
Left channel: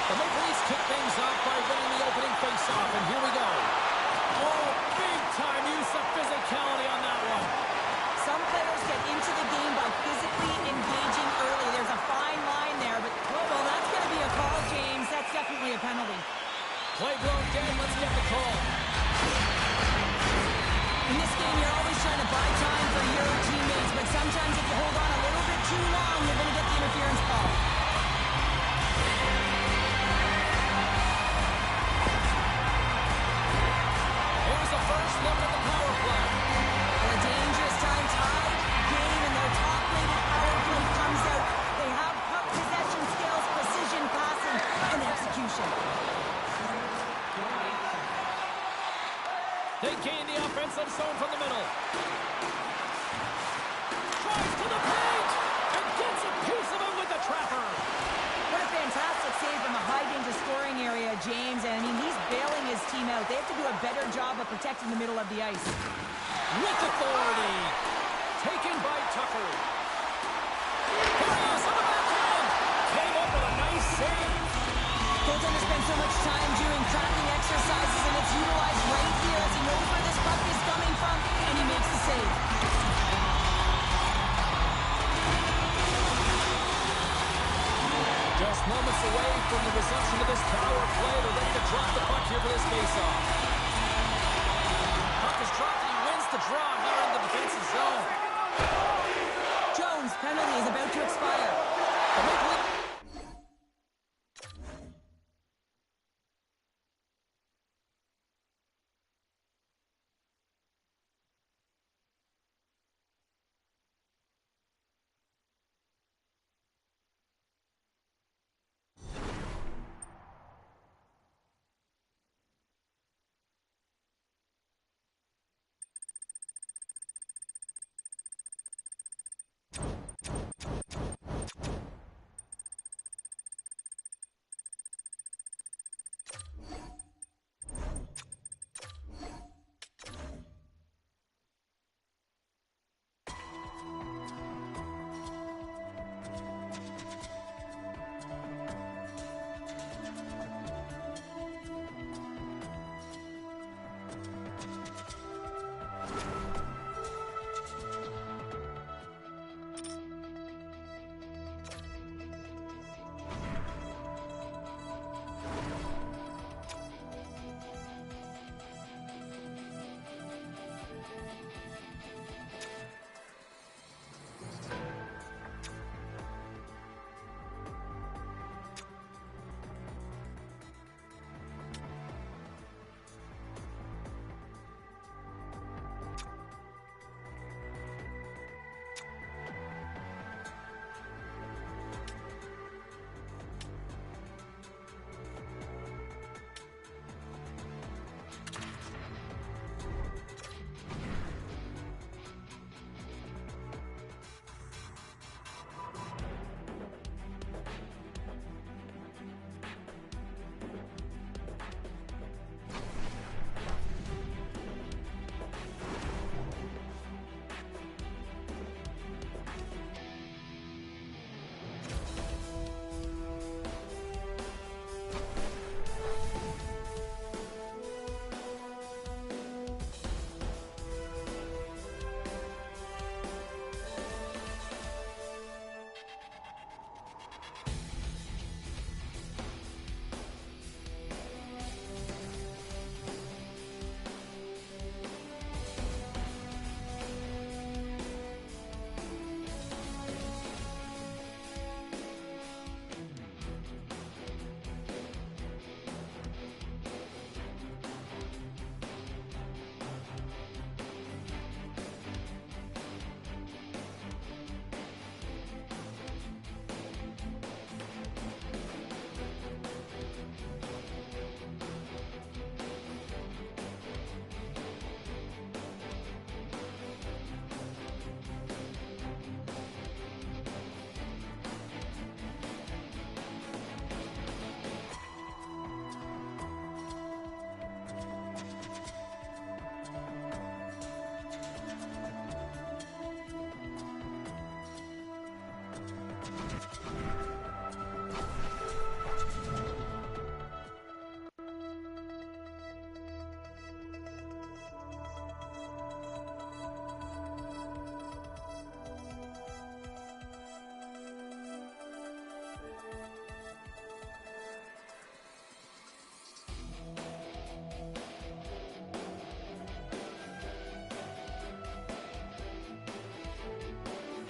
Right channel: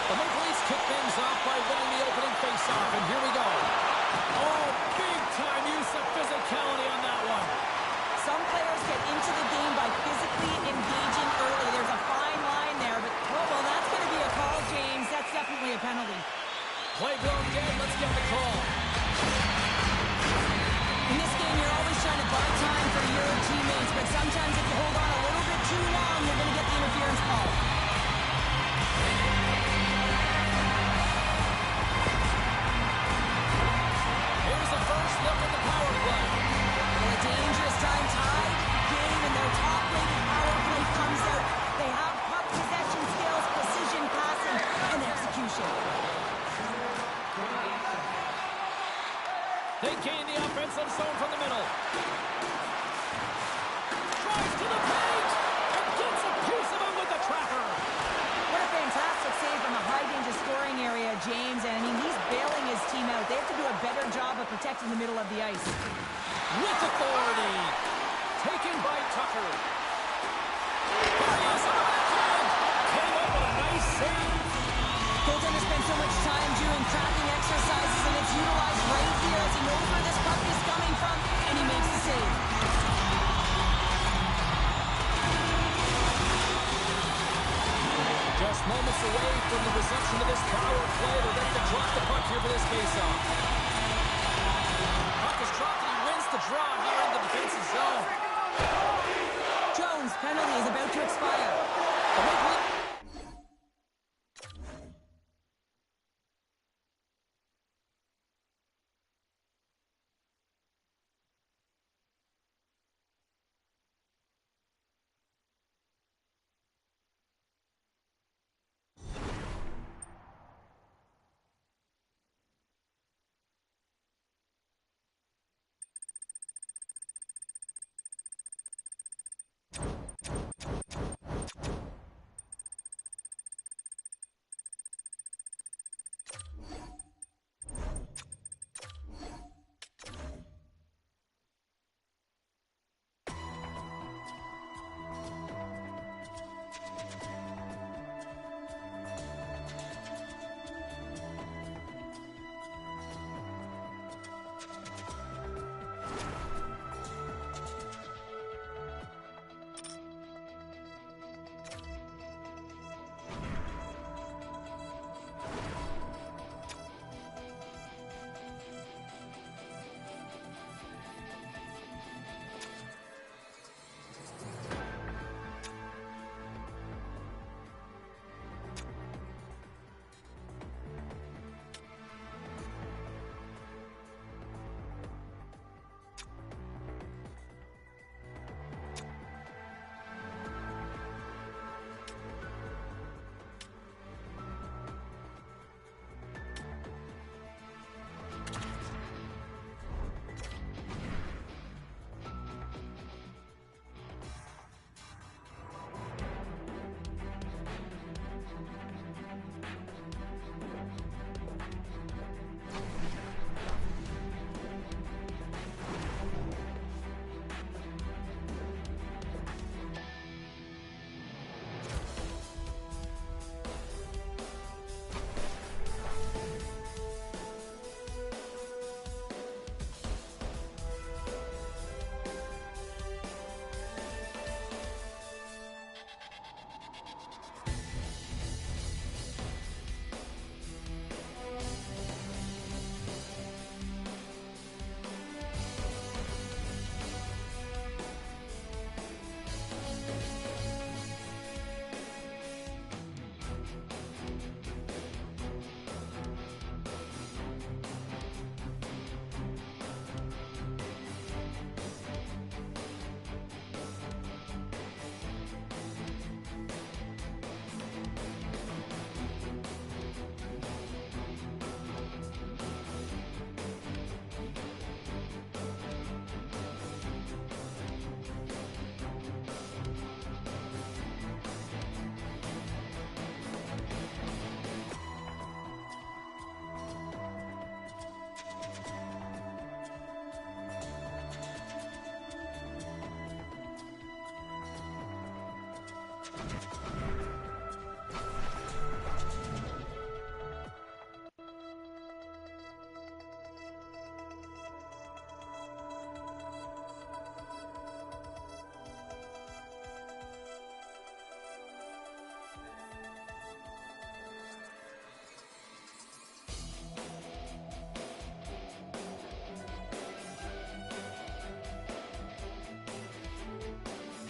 The Maple Leafs kick things off by winning the opening faceoff, and here we go. Oh, big-time use of physicality on that one. Some players get into the game by physically engaging early. There's a fine line there, but, well, that's going to be a call, James. That's definitely a penalty. Play blown dead. Let's get the call. In this game, you're always trying to buy time for your teammates, but sometimes if you hold on a little bit too long, you're going to get the interference call. Here's the first look at the power play. Well, a dangerous time, tied game, and their top-rated power play comes out. They have puck possession skills, precision passing, and execution. They gain the offensive zone from the middle. Drives to the paint and gets a piece of it with the trapper. What a fantastic save from a high-danger scoring area, James. And, I mean, he's bailing his team out. They have to do a better job of protecting the middle of the ice. With authority. Taken by Tucker. Here he is on the backhand. Came up with a nice save. Goaltender spends so much time doing tracking exercises, and it's utilized right here as he knows where this puck is coming from, and he makes the save. Just moments away from the resumption of this power play. They're ready to drop the puck here for this faceoff. Puck is dropped, and he wins the draw here in the defensive zone. Jones' penalty is about to expire. The Maple Leafs.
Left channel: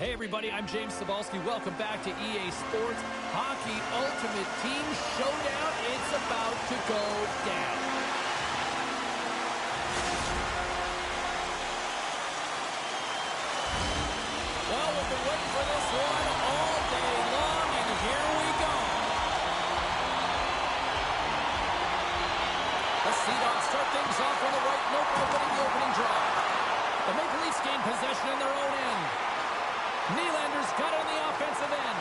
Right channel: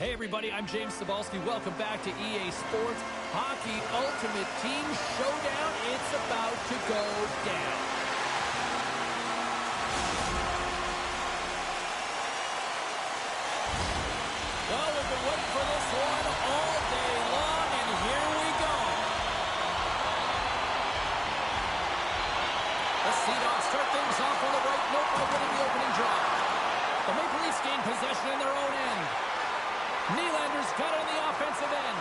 Hey everybody, I'm James Cebulski. Welcome back to EA Sports Hockey Ultimate Team Showdown. It's about to go down. Well, we've been waiting for this one all day long, and here we go. The Sea Dogs start things off on the right note by winning the opening draw. The Maple Leafs gain possession in their own end. Nylander's got it on the offensive end.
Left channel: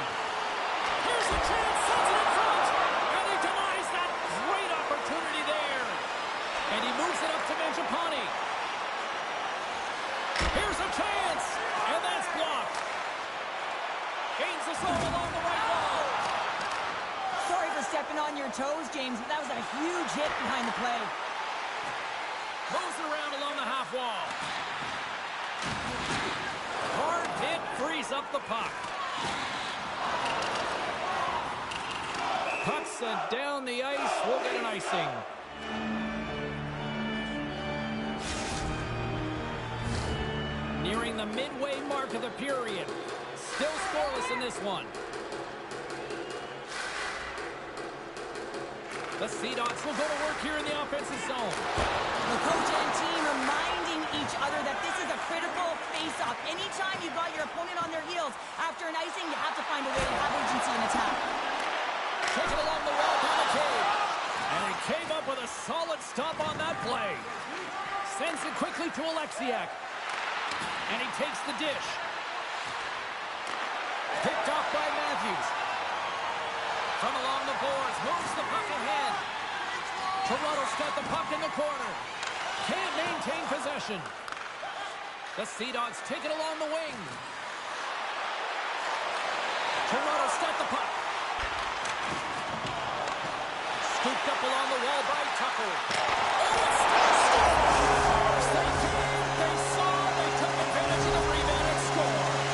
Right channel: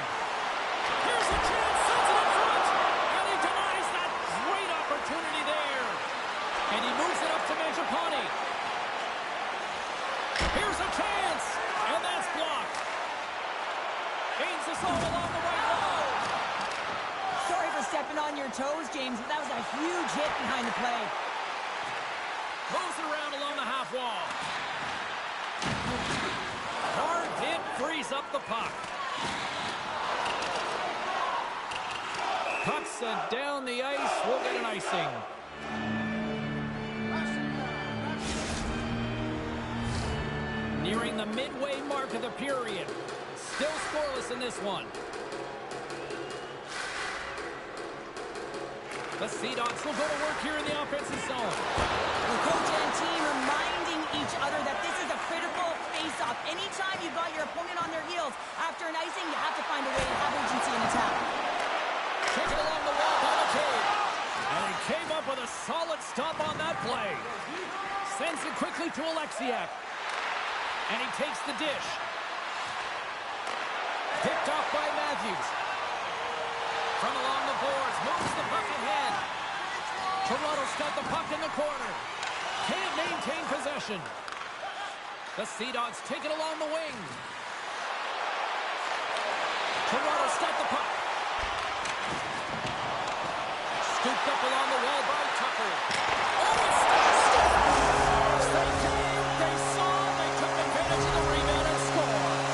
Here's a chance, sends it in front, and he denies that great opportunity there. And he moves it up to Mangiapane. Here's a chance, and that's blocked. Gains the zone along the right wall. Sorry for stepping on your toes, James, but that was a huge hit behind the play. Moves it around along the half wall. Hard hit, frees up the puck. Puck sent down the ice. We'll get an icing. Nearing the midway mark of the period. Still scoreless in this one. The Sea Dogs will go to work here in the offensive zone. The coach and team reminding each other that this is a critical face-off. Anytime you've got your opponent on their heels after an icing, you have to find a way to have urgency in attack. Taken along the wall by McCabe. And he came up with a solid stop on that play. Sends it quickly to Alexiak. And he takes the dish. Picked off by Matthews. From along the boards, moves the puck ahead. Toronto's got the puck in the corner. Can't maintain possession. The Sea Dogs take it along the wing. Toronto's got the puck. Scooped up along the wall by Tucker. Oh, it's scores! They came, they saw, they took advantage of the rebound and scored.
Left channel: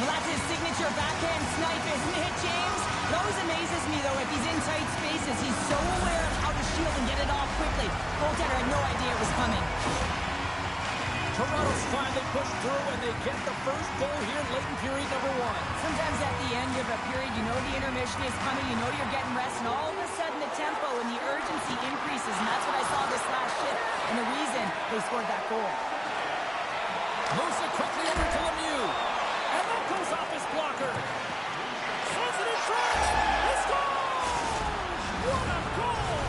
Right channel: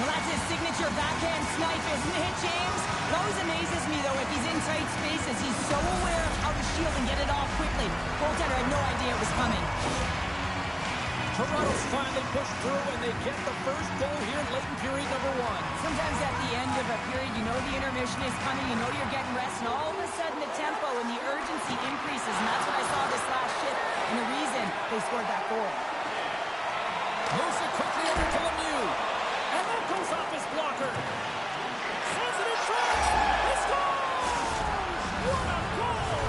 Well, that's his signature backhand snipe, isn't it, James? It always amazes me, though, if he's in tight spaces. He's so aware of how to shield and get it off quickly. Goaltender had no idea it was coming. Toronto's finally pushed through, and they get the first goal here late in period number one. Sometimes at the end of a period, you know the intermission is coming, you know you're getting rest, and all of a sudden the tempo and the urgency increases, and that's what I saw this last shift, and the reason they scored that goal. Moves it quickly over to Lemieux. And that goes off his blocker. Sends it in front. He scores! What a goal!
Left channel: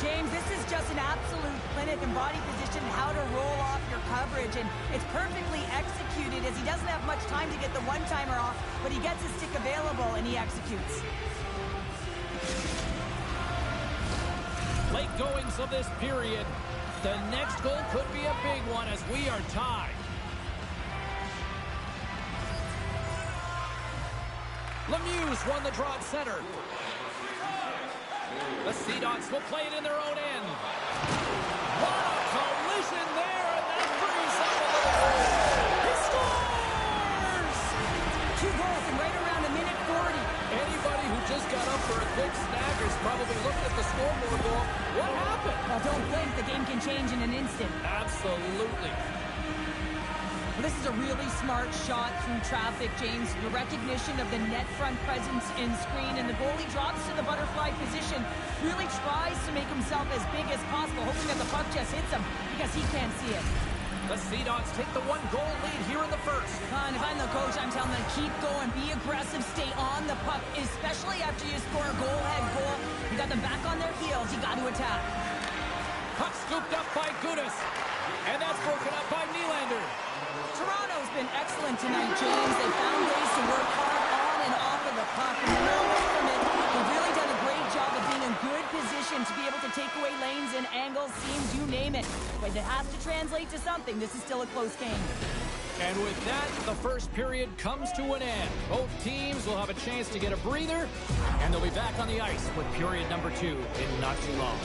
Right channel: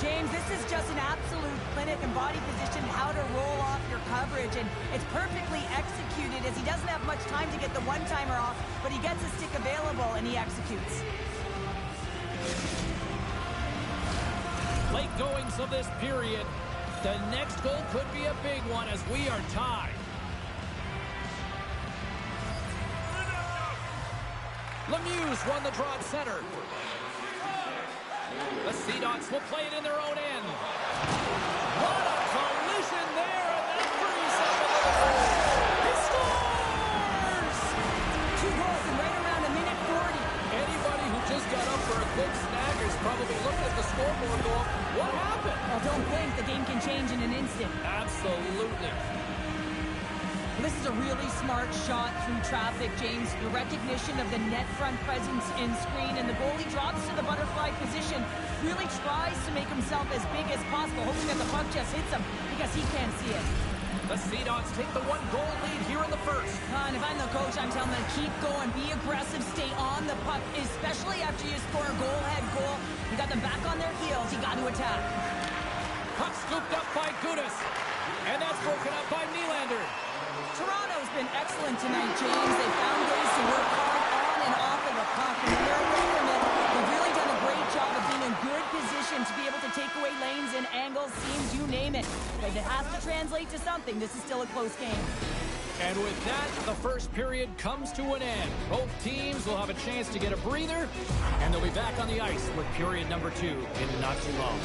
James, this is just an absolute clinic in body position, how to roll off your coverage, and it's perfectly executed as he doesn't have much time to get the one-timer off, but he gets his stick available and he executes. Late goings of this period. The next goal could be a big one as we are tied. Lemieux won the draw at center. The Sea Dogs will play it in their own end. What a collision there, and that frees up a little goal. He scores! 2 goals in right around a minute 40. Anybody who just got up for a quick snagger is probably looking at the scoreboard going, what happened? Well, don't blink. The game can change in an instant. Absolutely. Well, this is a really smart shot through traffic, James. The recognition of the net front presence in screen, and the goalie drops to the butterfly position, really tries to make himself as big as possible, hoping that the puck just hits him because he can't see it. The Sea Dogs take the 1-goal lead here in the first. And if I'm the coach, I'm telling them to keep going, be aggressive, stay on the puck, especially after you score a goal. You got them back on their heels, you got to attack. Puck scooped up by Gudas, and that's broken up by Nylander. Toronto's been excellent tonight, James. They found ways to work hard on and off off of the puck, and when they're away from it, they've really done a great job of being in good position to be able to take away lanes and angles, seams, you name it. But it has to translate to something. This is still a close game. And with that, the first period comes to an end. Both teams will have a chance to get a breather, and they'll be back on the ice with period number 2 in not too long.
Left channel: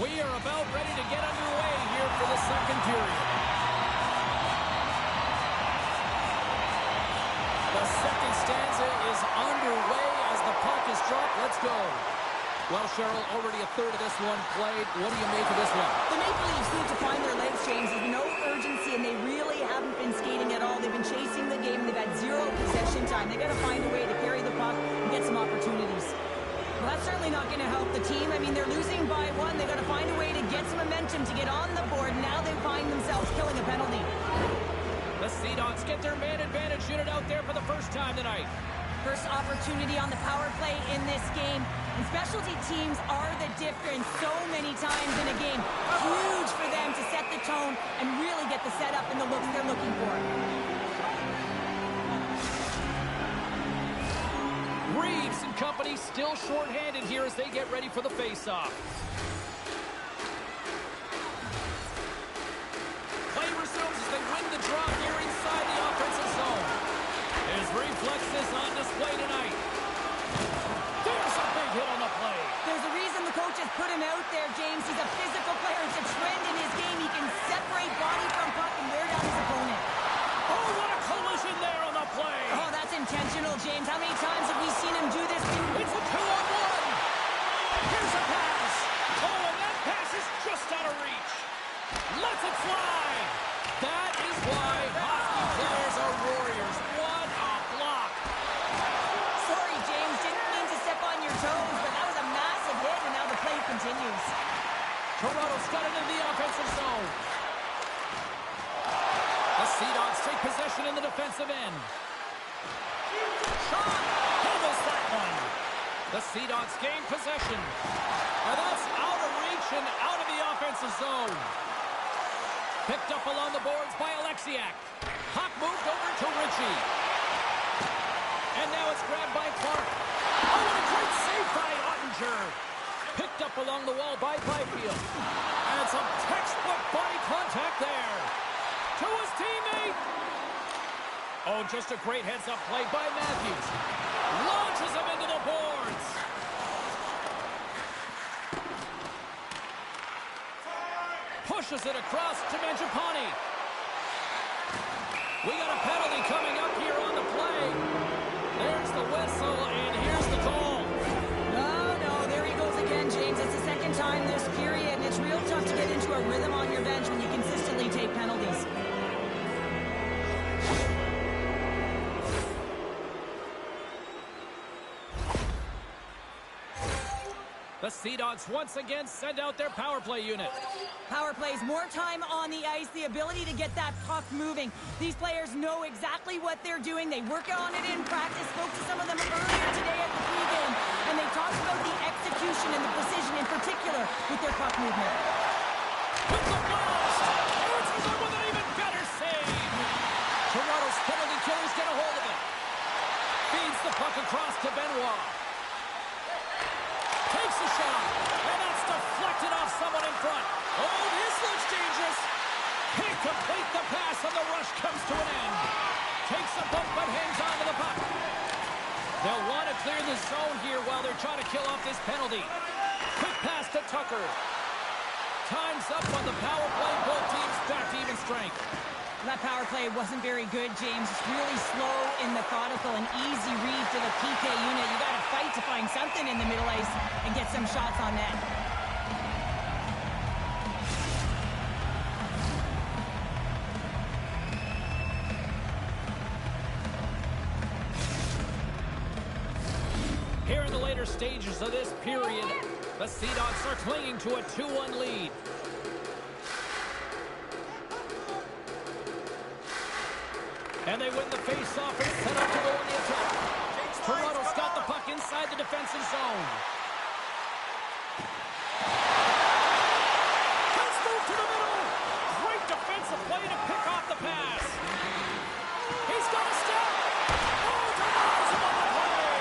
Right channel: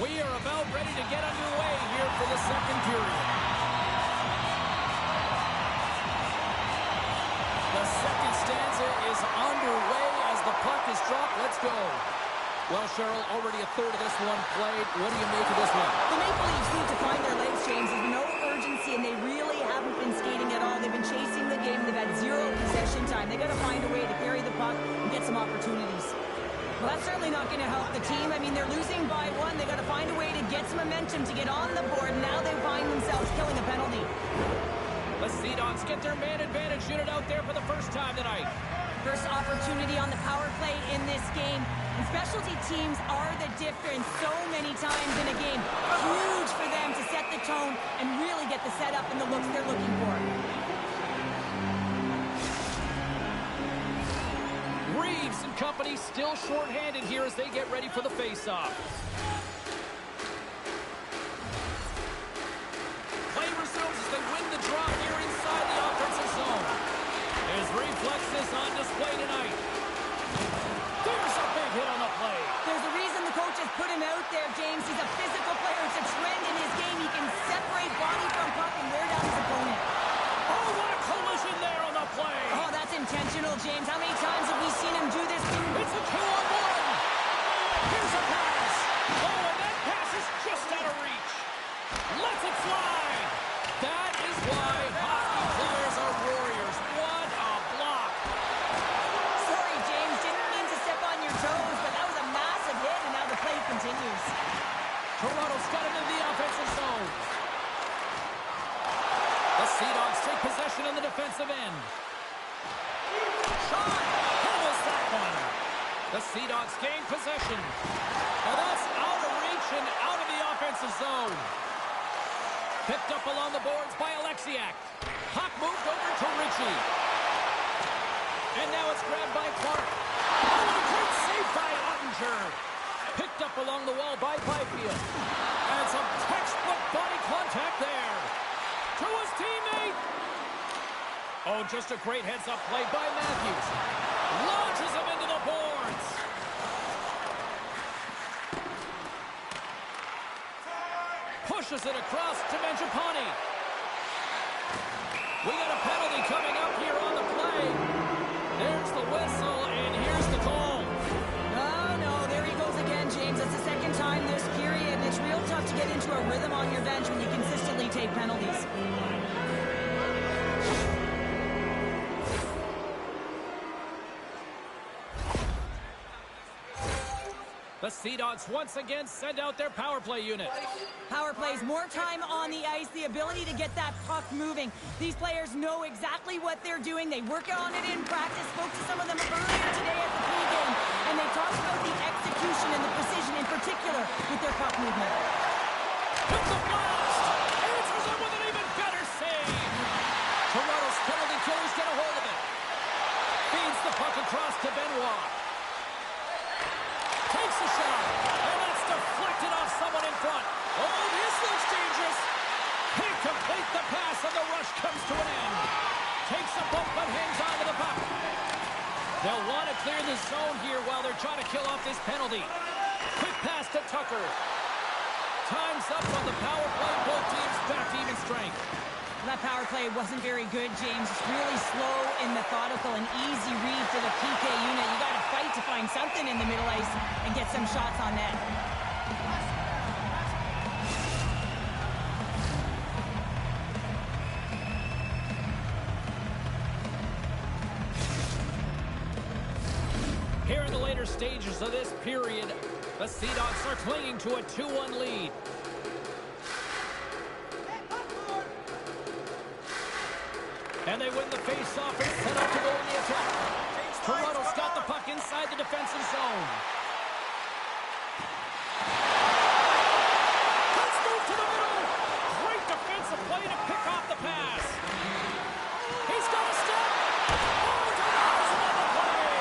We are about ready to get underway here for the second period. The second stanza is underway as the puck is dropped. Let's go. Well, Cheryl, already a third of this one played. What do you make of this one? The Maple Leafs need to find their legs, James. There's no urgency, and they really haven't been skating at all. They've been chasing the game. They've had zero possession time. They got to find a way to carry the puck and get some opportunities. Well, that's certainly not going to help the team. I mean, they're losing by 1. They got to find a way to get some momentum to get on the board. Now they find themselves killing a penalty. The Sea Dogs get their man advantage unit out there for the first time tonight. First opportunity on the power play in this game. And specialty teams are the difference so many times in a game. Huge for them to set the tone and really get the setup and the looks they're looking for. Reeves and company still shorthanded here as they get ready for the face-off. Play resumes as they win the draw here inside the offensive zone. His reflexes on display tonight. There's a big hit on the play. There's a reason the coach has put him out there, James. He's a physical player. It's a trend in his game. He can separate body from puck and wear down his opponent. Oh, what a collision there on the play. Oh, that's intentional, James. How many times have we seen him do this? It's a 2-on-1. Here's a pass. Oh, and that pass is just out of reach. Lets it fly. That is why hockey players are warriors. What a block. Sorry, James. Didn't mean to step on your toes, but that was a massive hit, and now the play continues. Toronto's got it in the offensive zone. The Sea Dogs take possession in the defensive end. Shot! Handles that one. The Sea Dogs gain possession. And that's out of reach and out of the offensive zone. Picked up along the boards by Alexiak. Puck moved over to Ritchie. And now it's grabbed by Clark. Oh, what a great save by Ottinger. Picked up along the wall by Byfield. And some textbook body contact there. To his teammate. Oh, just a great heads-up play by Matthews. Launches him into the boards. Pushes it across to Mangiapane. We got a penalty coming up here on the play. There's the whistle, and here's the call. No, there he goes again, James. It's the second time this period, and it's real tough to get into a rhythm on your bench when you consistently take penalties. The Sea Dogs once again send out their power play unit. Power plays, more time on the ice, the ability to get that puck moving. These players know exactly what they're doing. They work on it in practice. Spoke to some of them earlier today at the pregame, and they talked about the execution and the precision in particular with their puck movement. With the blast! Answers it with an even better save! Toronto's penalty killers get a hold of it. Feeds the puck across to Benoit. Takes a shot, and that's deflected off someone in front. Oh, this looks dangerous. Can't complete the pass, and the rush comes to an end. Takes a bump, but hangs on to the puck. They'll want to clear the zone here while they're trying to kill off this penalty. Quick pass to Tucker. Time's up on the power play. Both teams back to even strength. That power play wasn't very good, James. It's really slow and methodical, an easy read to the PK unit. You got to fight to find something in the middle ice and get some shots on net. Here in the later stages of this period, the Sea Dogs are clinging to a 2-1 lead. And they win the face-off and set up to go in the attack. Toronto's got the puck inside the defensive zone. Let's move to the middle. Great defensive play to pick off the pass. He's got a step. Oh, Toronto's on the play.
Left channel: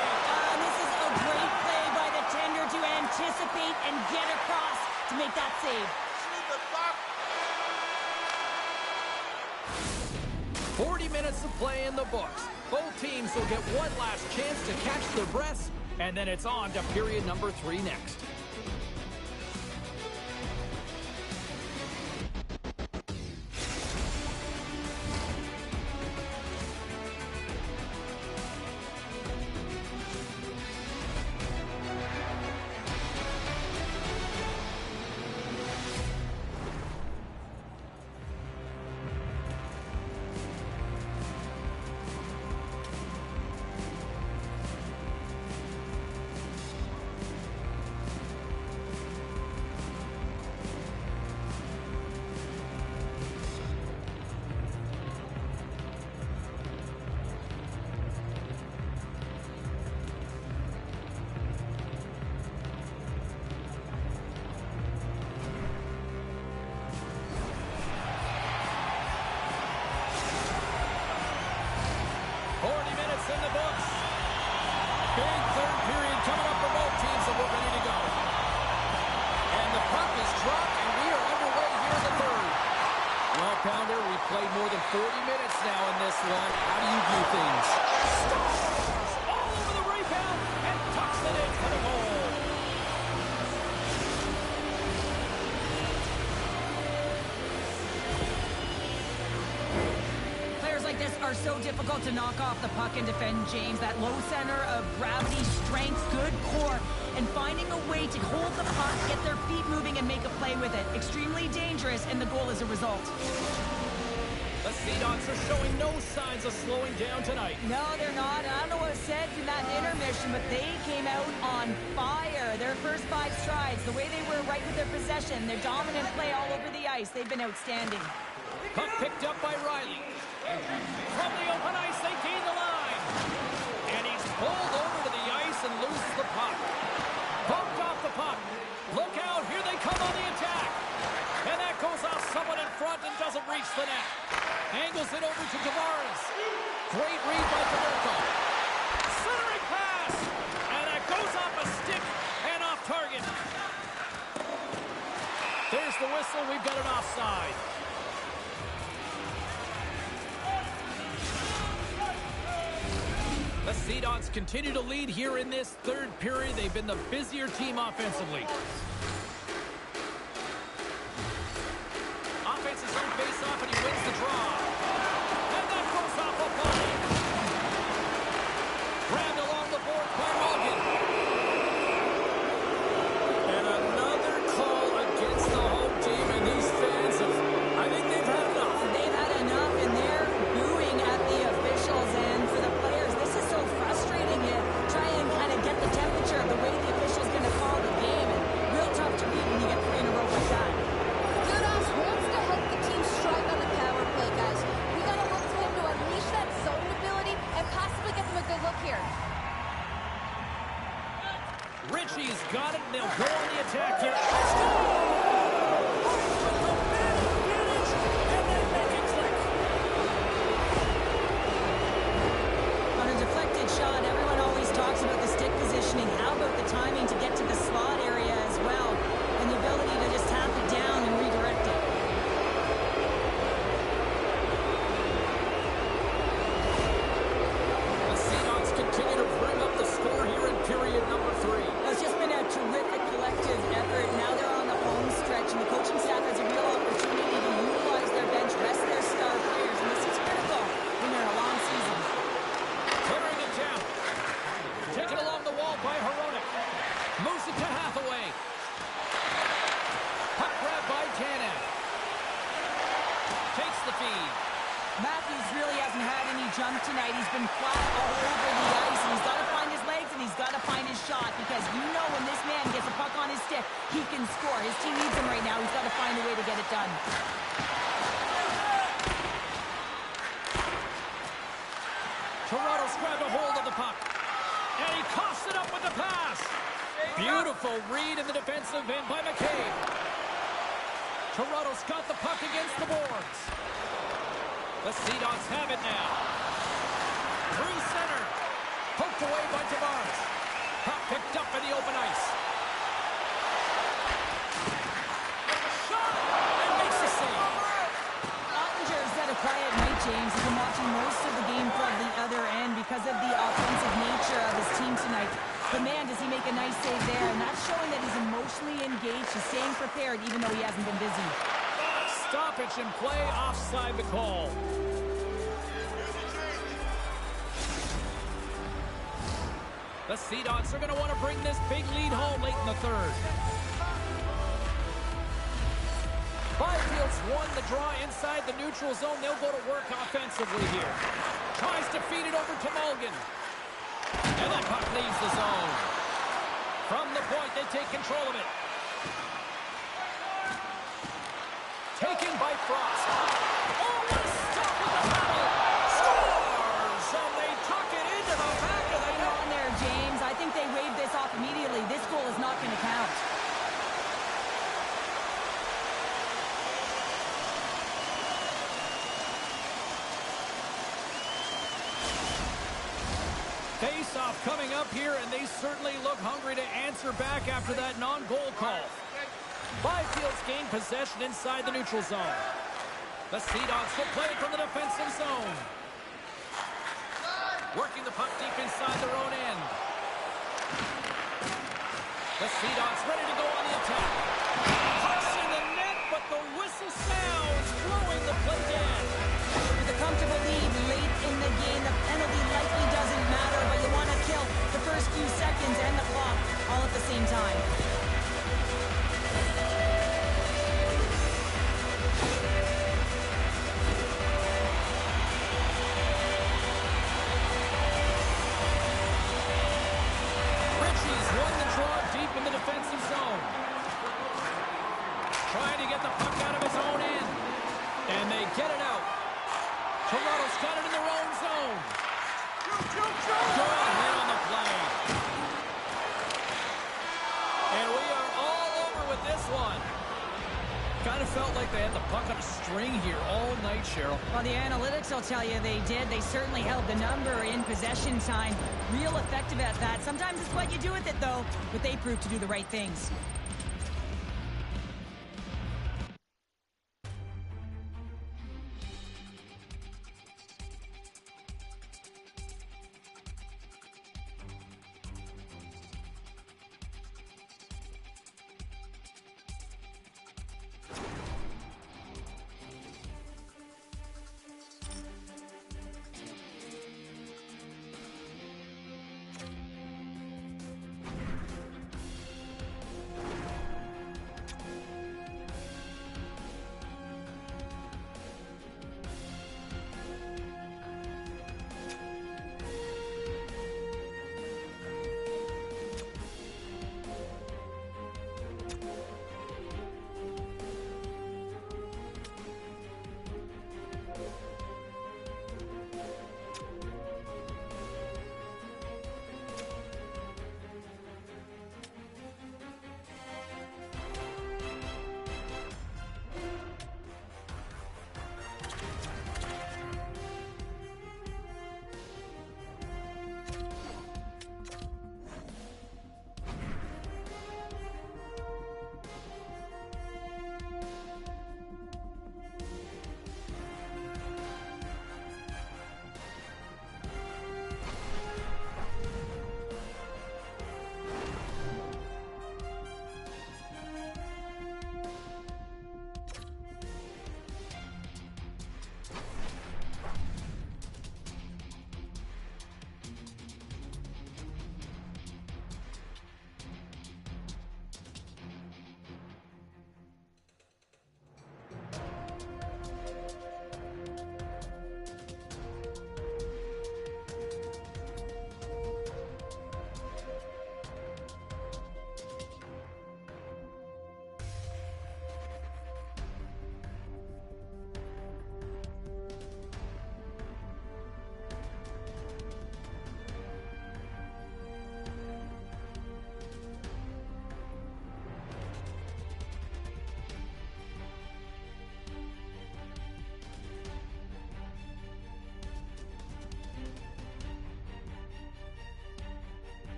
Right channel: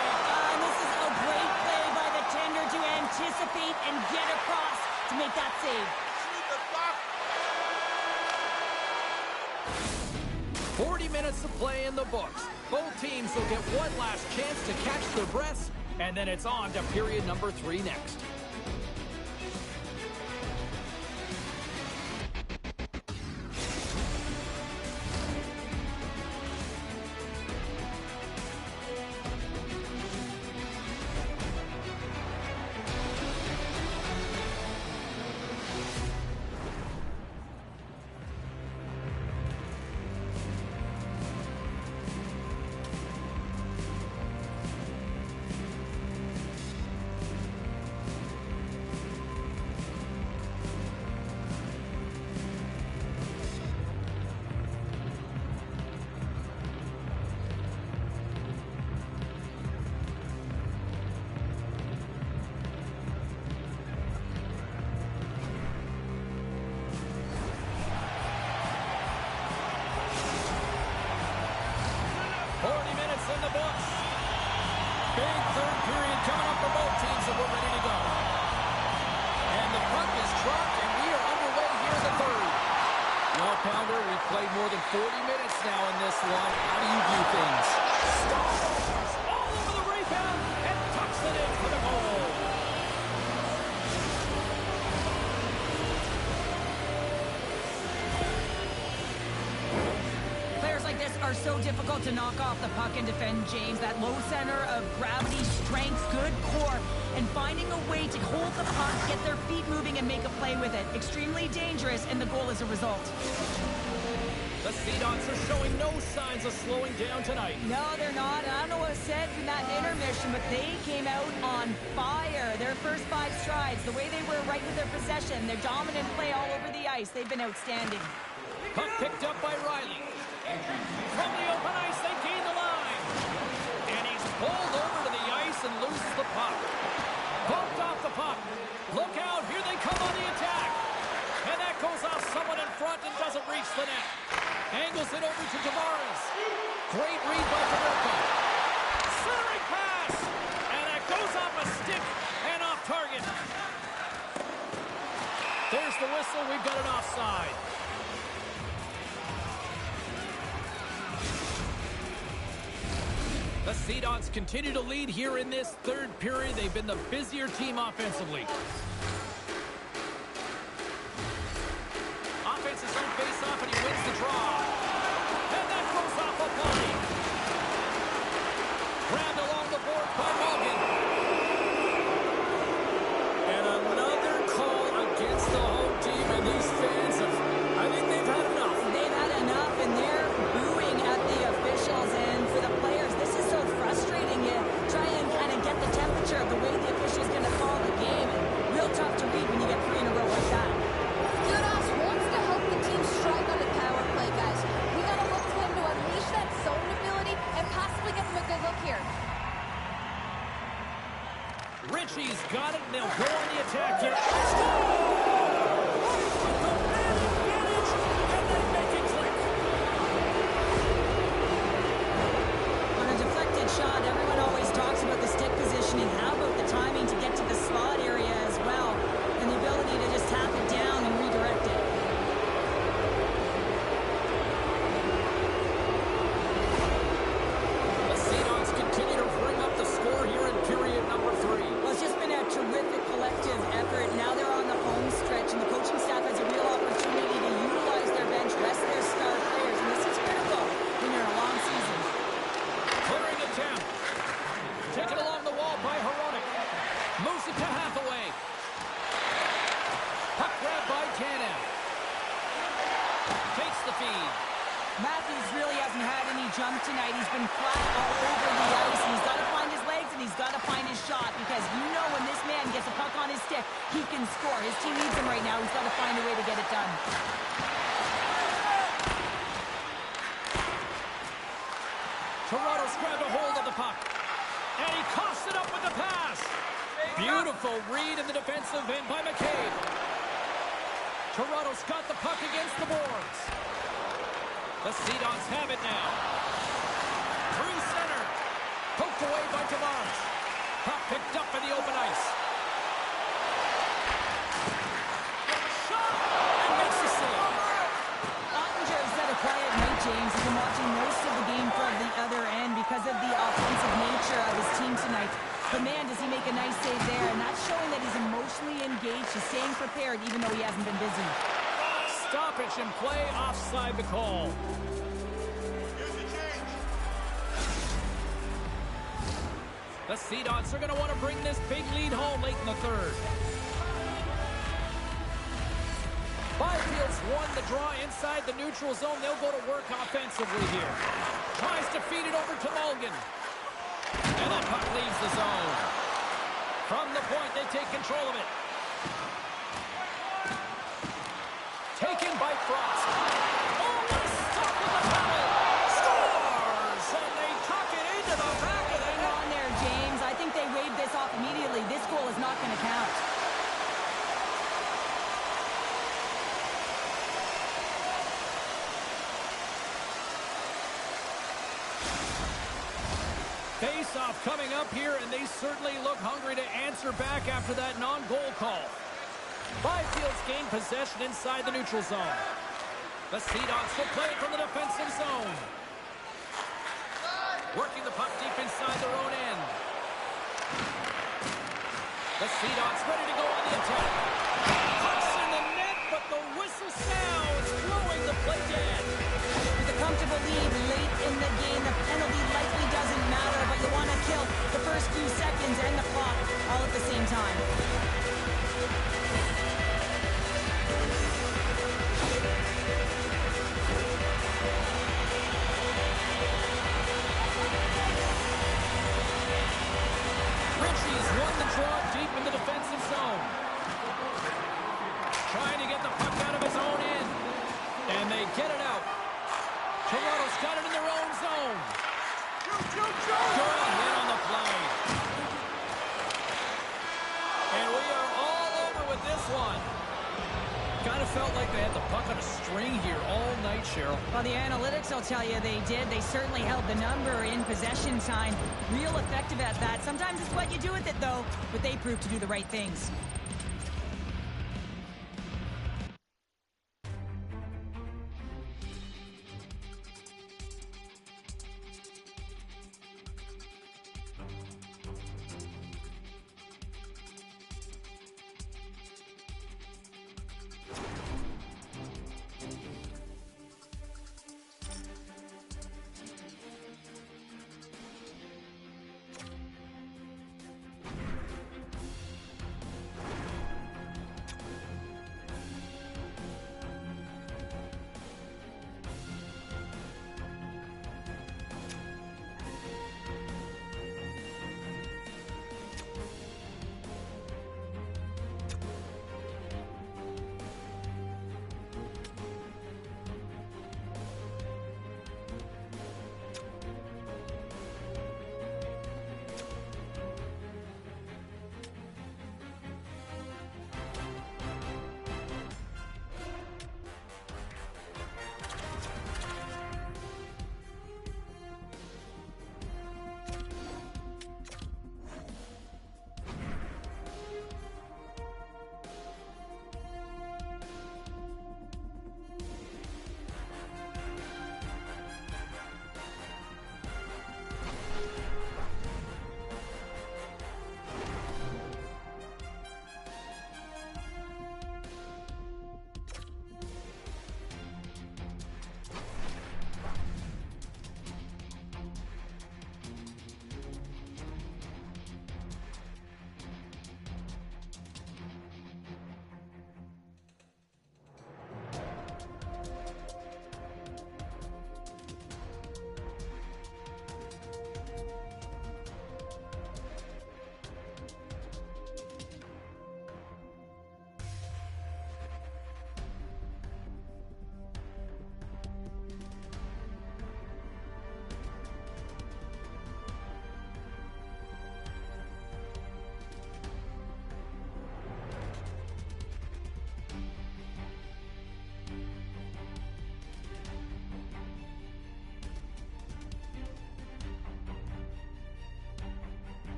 This is a great play by the tender to anticipate and get across to make that save. Shoot the puck. 40 minutes of play in the books. Both teams will get one last chance to catch their breaths, and then it's on to period number 3 next. In the books. Big third period coming up for both teams, and we're ready to go. And the puck is dropped, and we are underway here in the third. Well, Pounder, we've played more than 40 minutes now in this one. How do you view things? Scores! All over the rebound and tucks it in for the goal. Like this are so difficult to knock off the puck and defend, James. That low center of gravity, strength, good core, and finding a way to hold the puck, get their feet moving, and make a play with it. Extremely dangerous, and the goal is a result. The Sea Dogs are showing no signs of slowing down tonight. No, they're not. I don't know what was said in that intermission, but they came out on fire. Their first 5 strides, the way they were right with their possession, their dominant play all over the ice, they've been outstanding. Puck picked up by Riley. From the open ice, they gain the line. And he's pulled over to the ice and loses the puck. Bumped off the puck. Look out, here they come on the attack. And that goes off someone in front and doesn't reach the net. Angles it over to Tavares. Great read by Paderco. Centering pass. And that goes off a stick and off target. There's the whistle. We've got an offside. The Sea Dogs continue to lead here in this third period. They've been the busier team offensively. Offense his own face-off, and he wins the draw. And that goes off a body. Grabbed along the board by Morgan. And another call against the home team, and these fans have, I think they've had enough. They've had enough, and they're booing at the officials, and for the players, this is so frustrating. You try and kind of get the temperature of the way the official's going to call the game, and real tough to read when you get 3 in a row like that. Vidoes wants to help the team strike on the power play, guys. We got to look to him to unleash that zone ability and possibly get them a good look here. Ritchie's got it, and they'll go on the attack here. Score! With the man advantage, and they make it click. On a deflected shot, everyone always talks about the stick positioning. How about the timing to get to the slot area as well, and the ability to just tap it down and redirect it. The Sea Dogs continue to bring up the score here in period number 3. Well, it's just been a terrific collective effort. Now they're on the home stretch, and the coaching staff has a real opportunity to utilize their bench, rest their star players, and this is critical when you're in a long season. Clearing attempt. Taken along the wall by Hronek. Moves it to Hathaway. Puck grab by Tanev. Takes the feed. Matthews really hasn't had any jump tonight. He's been flat all over the ice, and he's got to find his legs, and he's got to find his because you know when this man gets a puck on his stick, he can score. His team needs him right now. He's got to find a way to get it done. Toronto's grabbed a hold of the puck. And he coughs it up with the pass. Beautiful read in the defensive end by McCabe. Toronto's got the puck against the boards. The Sea Dogs have it now. Through center. Poked away by Tavares. Puck picked up in the open ice. Shot! And makes the save. Ottinger said a quiet night, James. He's been watching most of the game from the other end because of the offensive nature of his team tonight. But man, does he make a nice save there, and that's showing that he's emotionally engaged. He's staying prepared even though he hasn't been busy. Stoppage in play, offside the call. The Sea Dogs are going to want to bring this big lead home late in the third. Byfield's won the draw inside the neutral zone. They'll go to work offensively here. Tries to feed it over to Mulligan. And that puck leaves the zone. From the point, they take control of it. Taken by Frost. Oh, what a stop with the paddle! Scores! And they tuck it into the back of the Hang net. on there, James. I think they waved this off immediately. This goal is not going to count. Face-off coming up here, and they certainly look hungry to answer back after that non-goal call. Byfield's gained possession inside the neutral zone. The Sea Dogs will play it from the defensive zone. Working the puck deep inside their own end. The Sea Dogs ready to go on the attack. Puck's in the net, but the whistle sounds, blowing the play dead. With a comfortable lead late in the game, the penalty likely doesn't matter, but you want to kill the first few seconds and the clock all at the same time. Ritchie's won the draw deep in the defensive zone. Trying to get the puck out of his own end. And they get it out. Toronto's got it in their own zone. Good hit on the play. And we are all over with this one. Kind of felt like they had the puck on a string here all night, Cheryl. Well, the analytics will tell you they did. They certainly held the number in possession time. Real effective at that. Sometimes it's what you do with it, though. But they proved to do the right things.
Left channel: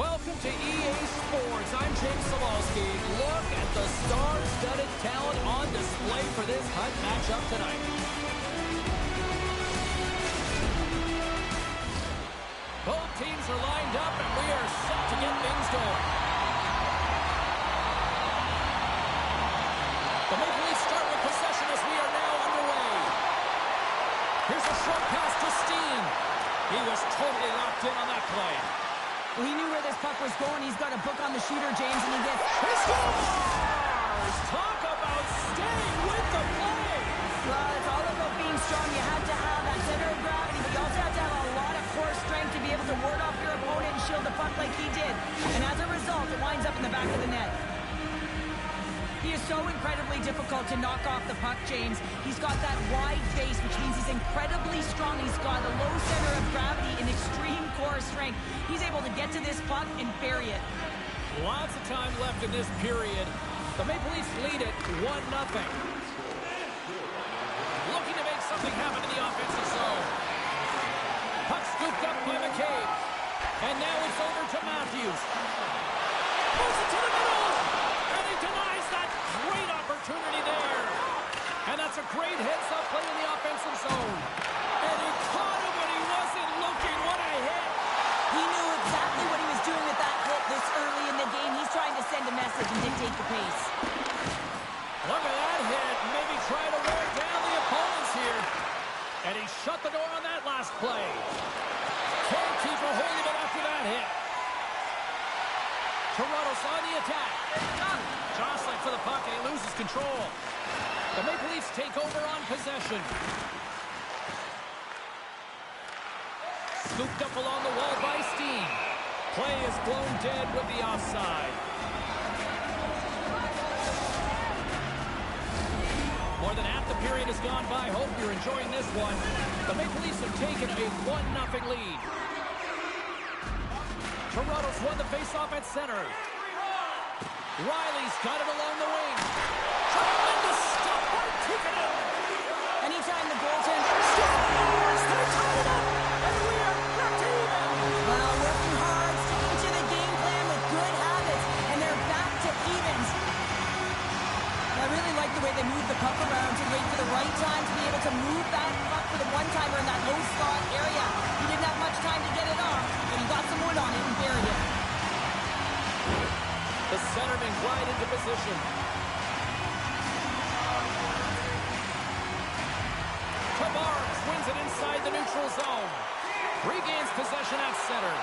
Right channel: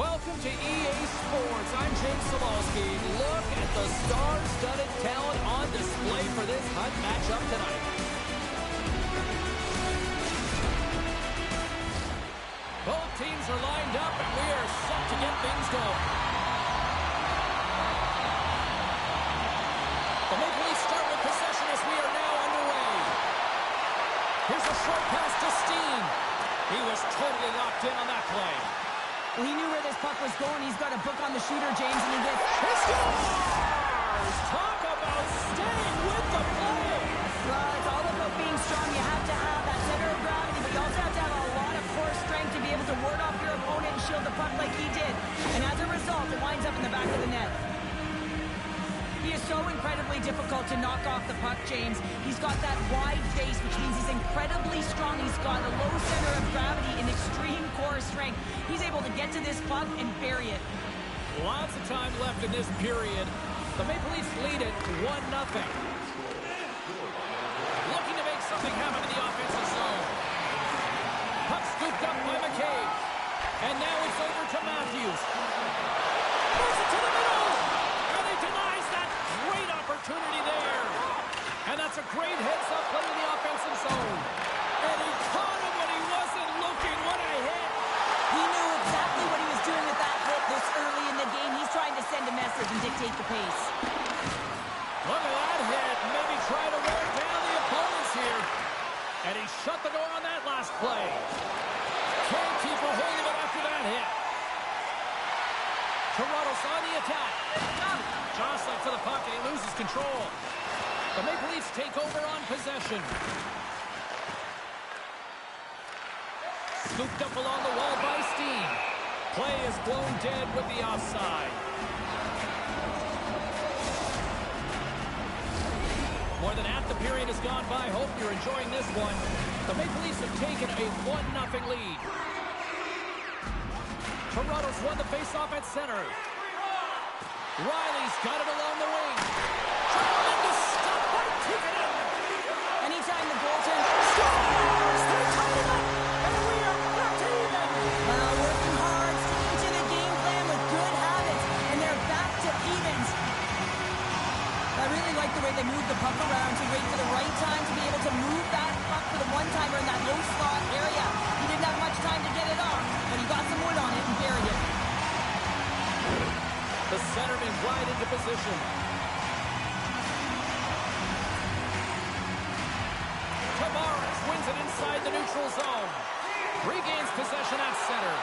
Welcome to EA Sports. I'm James Sawalski. Look at the star-studded talent on display for this Hunt matchup tonight. Both teams are lined up, and we are set to get things going. The Maple Leafs start with possession as we are now underway. Here's a short pass to Steen. He was totally locked in on that play. Well, he knew where this puck was going. He's got a book on the shooter, James, and he gets... He scores! Talk about staying with the play. Well, it's all about being strong. You have to have that center of gravity, but you also have to have a lot of core strength to be able to ward off your opponent and shield the puck like he did. And as a result, it winds up in the back of the net. He is so incredibly difficult to knock off the puck, James. He's got that wide face, which means he's incredibly strong. He's got a low center of gravity and extreme core strength. He's able to get to this puck and bury it. Lots of time left in this period. The Maple Leafs lead it 1-0. Looking to make something happen in the offensive zone. Puck scooped up by McCabe. And now it's over to Matthews. Moves it to the middle. And he denies that great opportunity there. And that's a great heads-up play in the offensive zone. And he caught him when he wasn't looking. What a hit. He knew exactly what he was doing with that hit this early in the game. He's trying to send a message and dictate the pace. Look at that hit. Maybe try to wear down the opponents here. And he shut the door on that last play. Can't keep a hold of it after that hit. Toronto's on the attack. Jostling for the puck, and he loses control. The Maple Leafs take over on possession. Scooped up along the wall by Steen. Play is blown dead with the offside. More than half the period has gone by. Hope you're enjoying this one. The Maple Leafs have taken a 1-0 lead. Toronto's won the faceoff at center. Riley's got it along the wing. Tremendous stop by Tikkanen. Anytime the goaltender Scores! They tied it up, and we are back to even. Well, working hard, sticking to the game plan with good habits, and they're back to evens. I really like the way they moved the puck around to wait for the right time to be able to move that puck for the one-timer in that low slot area. He didn't have much time to get it off, but he got some wood on it and buried it. The centerman glide into position. Tavares wins it inside the neutral zone. Regains possession at center.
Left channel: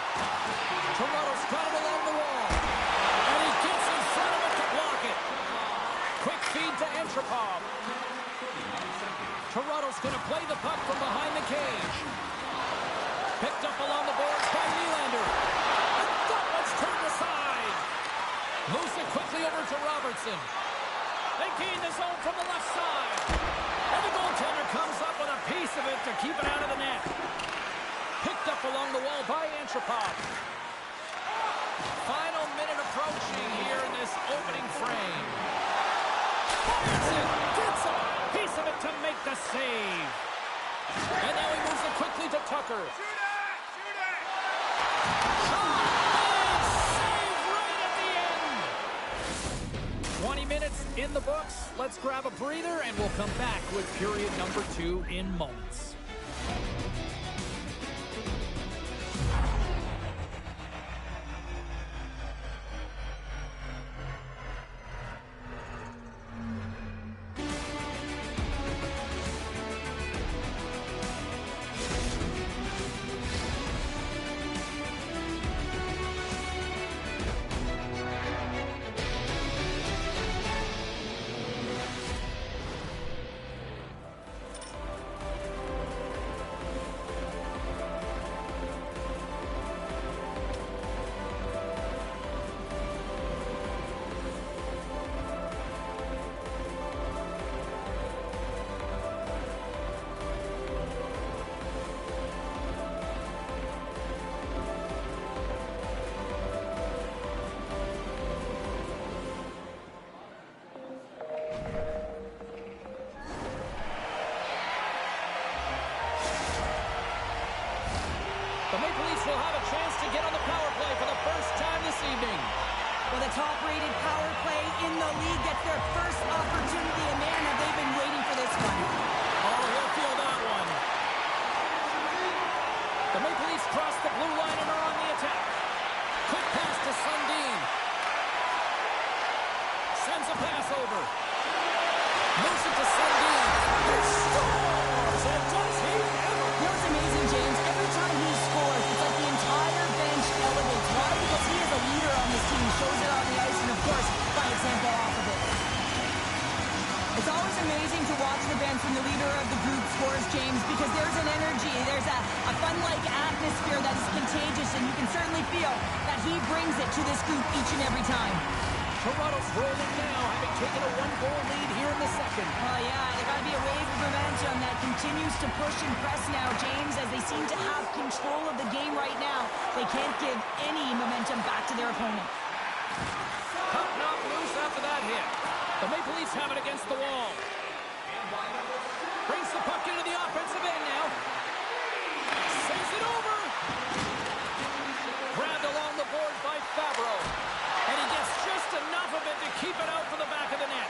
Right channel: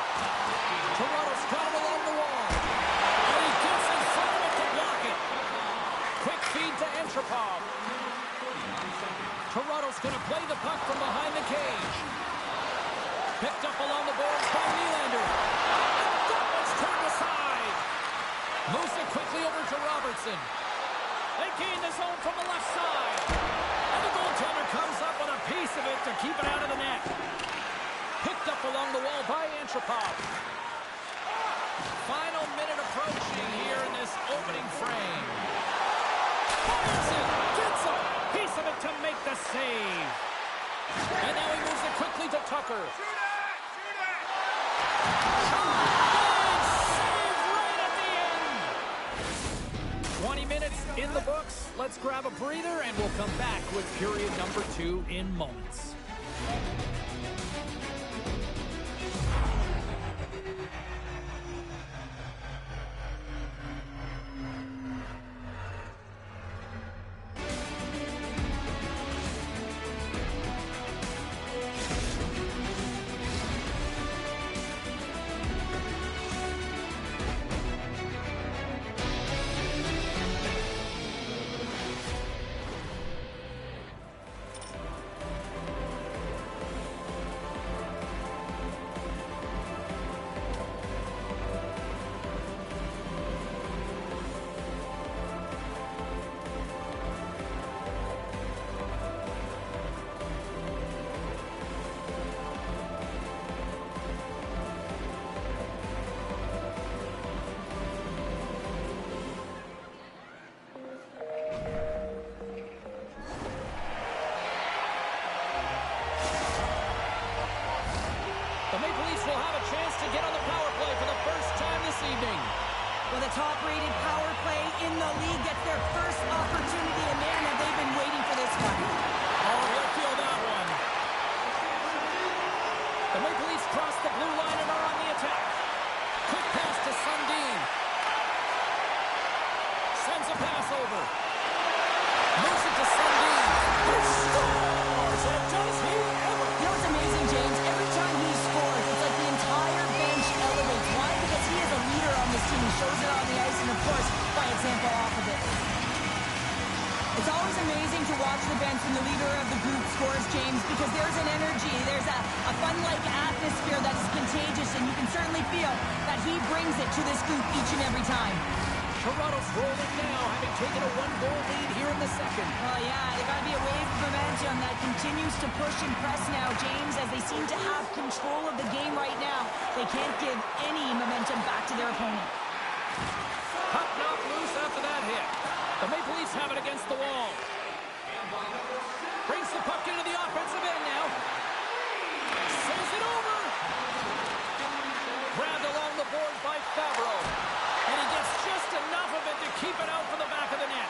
Toronto's got it along the wall. And he gets in front of it to block it. Quick feed to Antropov. Toronto's going to play the puck from behind the cage. Picked up along the boards by Nylander. And that one's turned aside. Moves it quickly over to Robertson. They gain the zone from the left side. And the goaltender comes up with a piece of it to keep it out of the net. Picked up along the wall by Antropov. Final minute approaching here in this opening frame. Fires it, gets a piece of it to make the save. And now he moves it quickly to Tucker. Shoot it! Shoot it! Shot made, save right at the end. 20 minutes in the books. Let's grab a breather, and we'll come back with period number 2 in moments. Well, the top-rated power play in the league gets their first opportunity, and man, have they been waiting for this one. Oh, he'll feel that one. The Maple Leafs cross the blue line and are on the attack. Quick pass to Sundin. Sends a pass over. Moves it to Sundin. Who scores? And does he ever? You know what's amazing, James? Every time he scores, it's like the entire bench elevates. Why? Because he is a leader on this team. He shows it on the ice and, of course, by example off of it. It's always amazing to watch the bench when the leader of the group scores, James, because there's an energy, there's a fun-like atmosphere that is contagious, and you can certainly feel that he brings it to this group each and every time. Toronto's rolling now, having taken a one-goal lead here in the second. Well, yeah, there's got to be a wave of momentum that continues to push and press now, James, as they seem to have control of the game right now. They can't give any momentum back to their opponent. Puck knocked loose after that hit. The Maple Leafs have it against the wall. Brings the puck into the offensive end now. Sends it over. Grabbed along the boards by Favreau. And he gets just enough of it to keep it out for the back of the net.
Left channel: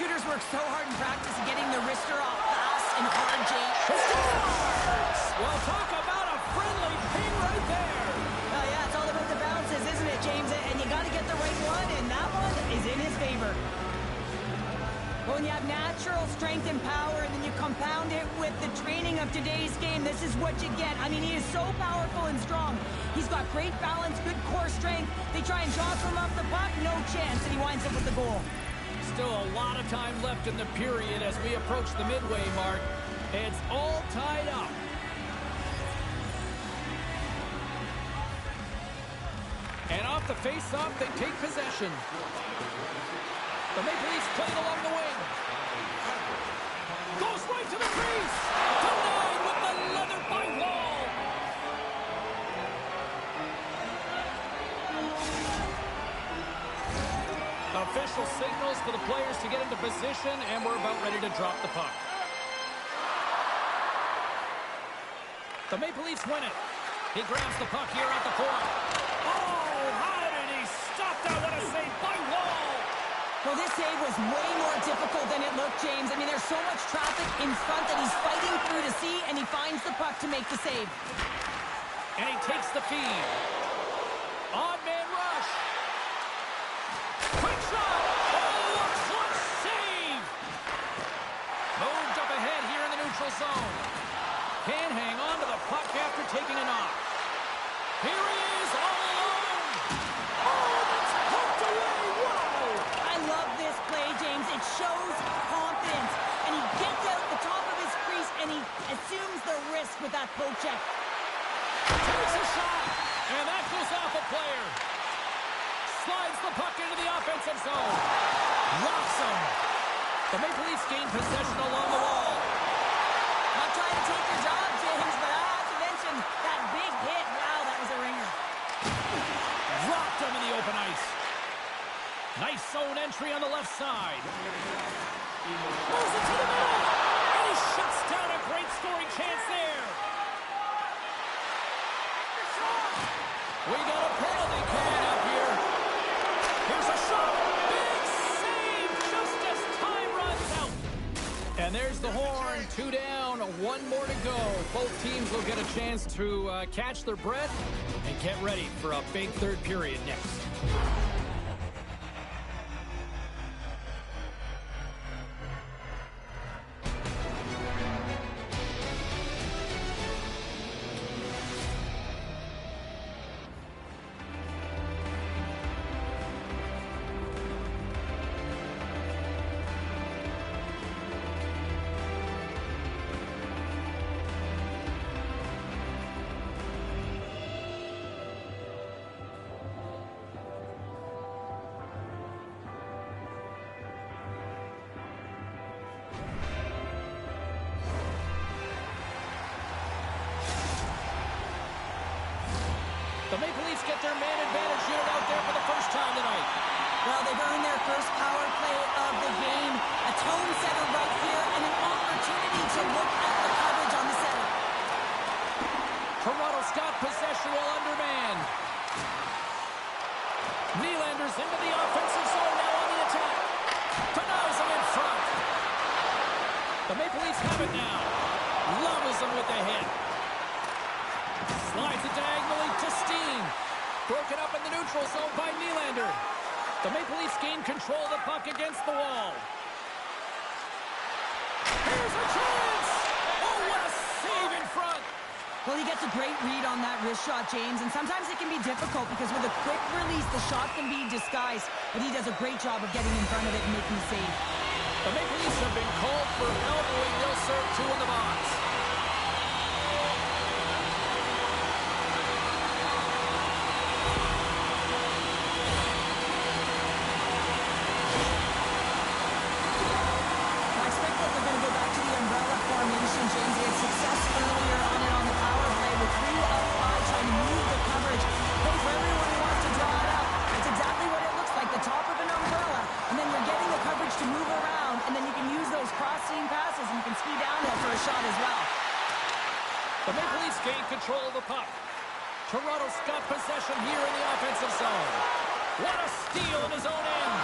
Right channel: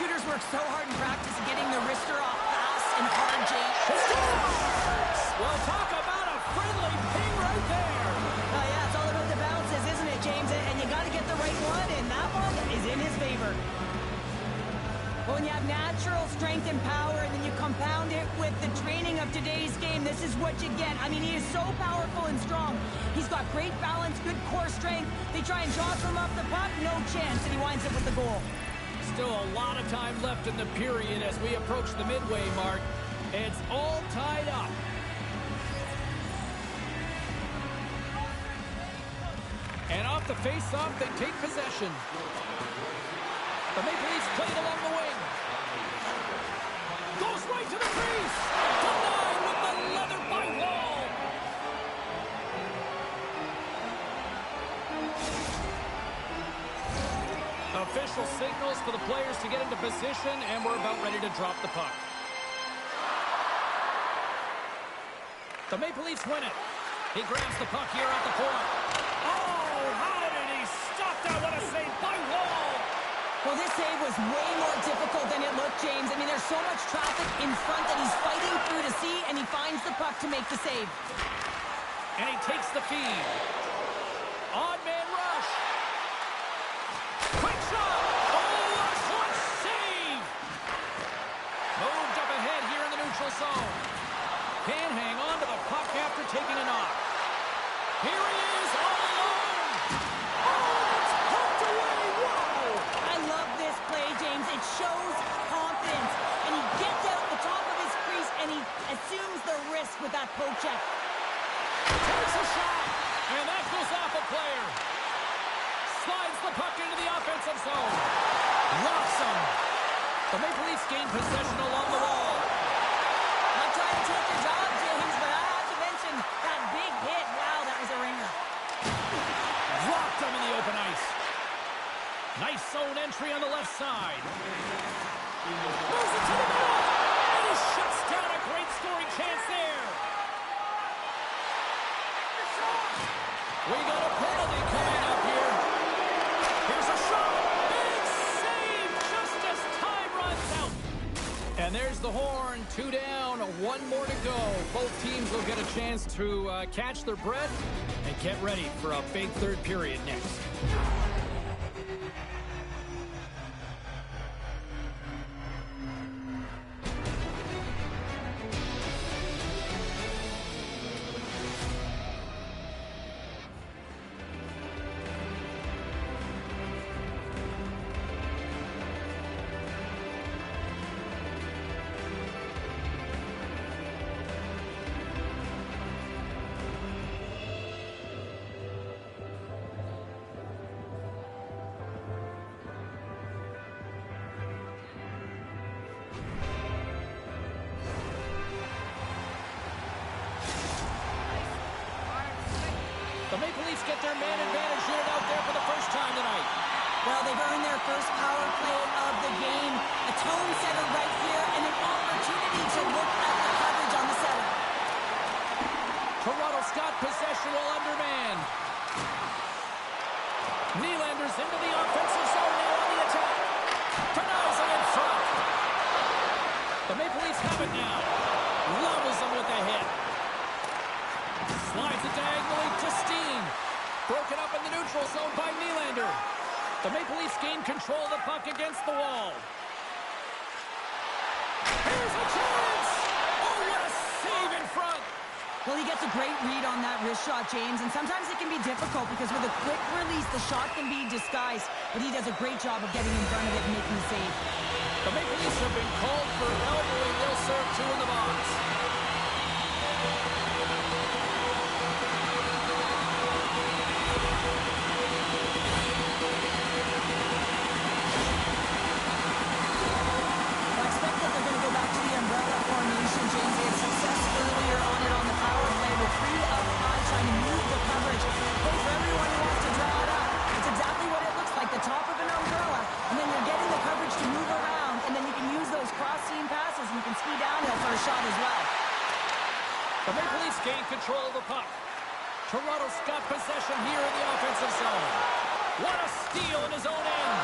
Shooters work so hard in practice getting the wrister off fast and hard, James. Scores! Well, talk about a friendly ping right there. Oh, yeah, it's all about the bounces, isn't it, James? And you got to get the right one, and that one is in his favor. Well, when you have natural strength and power, and then you compound it with the training of today's game, this is what you get. I mean, he is so powerful and strong. He's got great balance, good core strength. They try and jostle him off the puck, no chance, and he winds up with the goal. Still a lot of time left in the period as we approach the midway mark. It's all tied up. And off the face-off, they take possession. The Maple Leafs playing along the wing. Goes right to the crease. Denied with the leather by Wall. Official signals for the players to get into position, and we're about ready to drop the puck. The Maple Leafs win it. He grabs the puck here at the point. Oh, how did he stop that? What a save by Wall. Well, this save was way more difficult than it looked, James. I mean, there's so much traffic in front that he's fighting through to see, and he finds the puck to make the save. And he takes the feed. Odd man rush. Quick shot. Oh, a clutch save. Moved up ahead here in the neutral zone. Can't hang on to the puck after taking a knock. Here he is, all alone. Oh, that's poked away. Wow. I love this play, James. It shows confidence, and he gets out the top of his crease, and he assumes the risk with that poke check. Takes a shot, and that goes off a player. Slides the puck into the offensive zone. Locks him. The Maple Leafs gain possession along the wall. Not trying to take your job, James, but I have to mention that big hit. Wow, that was a ringer. Dropped him in the open ice. Nice zone entry on the left side. Moves it to the middle. And he shuts down a great scoring chance there. We got a penalty coming up here. Here's a shot. Big save just as time runs out. And there's the horn. 2 down, 1 more to go. Both teams will get a chance to catch their breath and get ready for a big third period next. The Maple Leafs get their man advantage unit out there for the first time tonight. Well, they've earned their first power play of the game. A tone setter right here and an opportunity to look at the coverage on the setter. Toronto's got possession while undermanned. Nylander's into the offensive zone now on the attack. Denies him in front. The Maple Leafs have it now. Levels him with a hit. Slides it diagonally to Steen. Broken up in the neutral zone by Nylander. The Maple Leafs gain control of the puck against the wall. Here's a chance! Oh, what a save in front! Well, he gets a great read on that wrist shot, James, and sometimes it can be difficult because with a quick release, the shot can be disguised, but he does a great job of getting in front of it and making the save. The Maple Leafs have been called for elbowing. They'll serve two in the box. I expect that they're going to go back to the umbrella formation, James. They had success earlier on it on the power play with 3 up high, trying to move the coverage. Play for everyone who wants to draw it up. It's exactly what it looks like, the top of an umbrella, and then you're getting the coverage to move around, and then you can use those cross-seam passes, and you can ski downhill for a shot as well. The Maple Leafs gain control of the puck. Toronto's got possession here in the offensive zone. What a steal in his own end.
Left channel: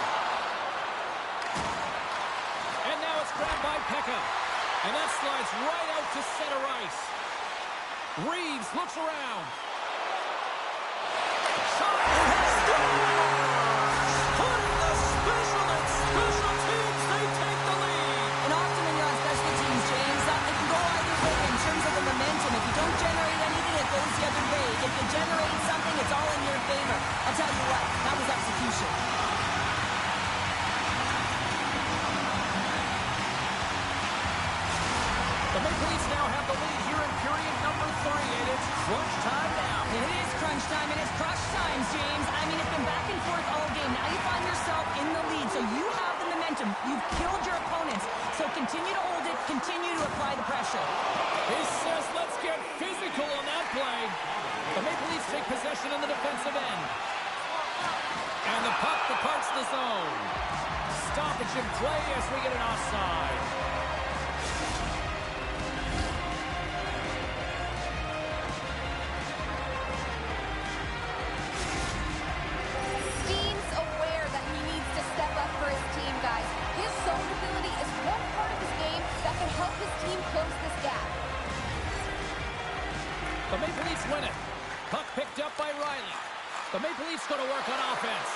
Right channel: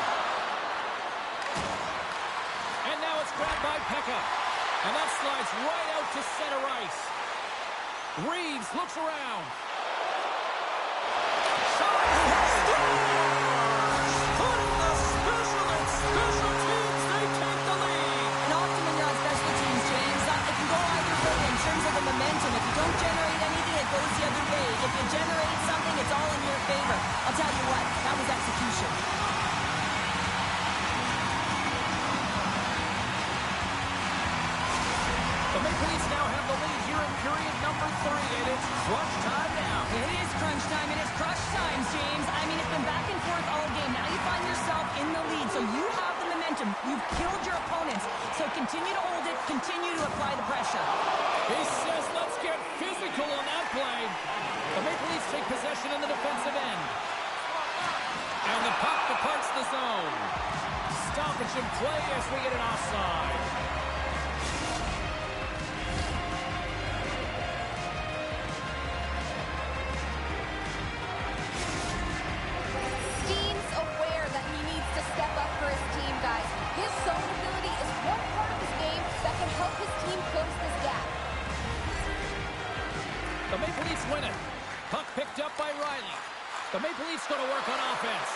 And now it's grabbed by Pekka. And that slides right out to center ice. Reeves looks around. Shot! Scores! Putting the special and special teams, they take the lead. And often when you're on special teams, James, it can go either way in terms of the momentum. If you don't generate anything, it goes the other way. If you generate something, it's all in your favor. I'll tell you what, that was execution. The Maple Leafs now have the lead here in period number 3, and it's crunch time now. It is crunch time, and it's crush time, James. I mean, it's been back and forth all game. Now you find yourself in the lead, so you have the momentum. You've killed your opponents, so continue to hold it, continue to apply the pressure. He says, let's get physical on that play. The Maple Leafs take possession in the defensive end. And the puck departs the zone. Stoppage in play as we get an offside. Step up for his team, guys. His zone ability is one part of his game that can help his team close this gap. The Maple Leafs win it. Puck picked up by Riley. The Maple Leafs going to work on offense.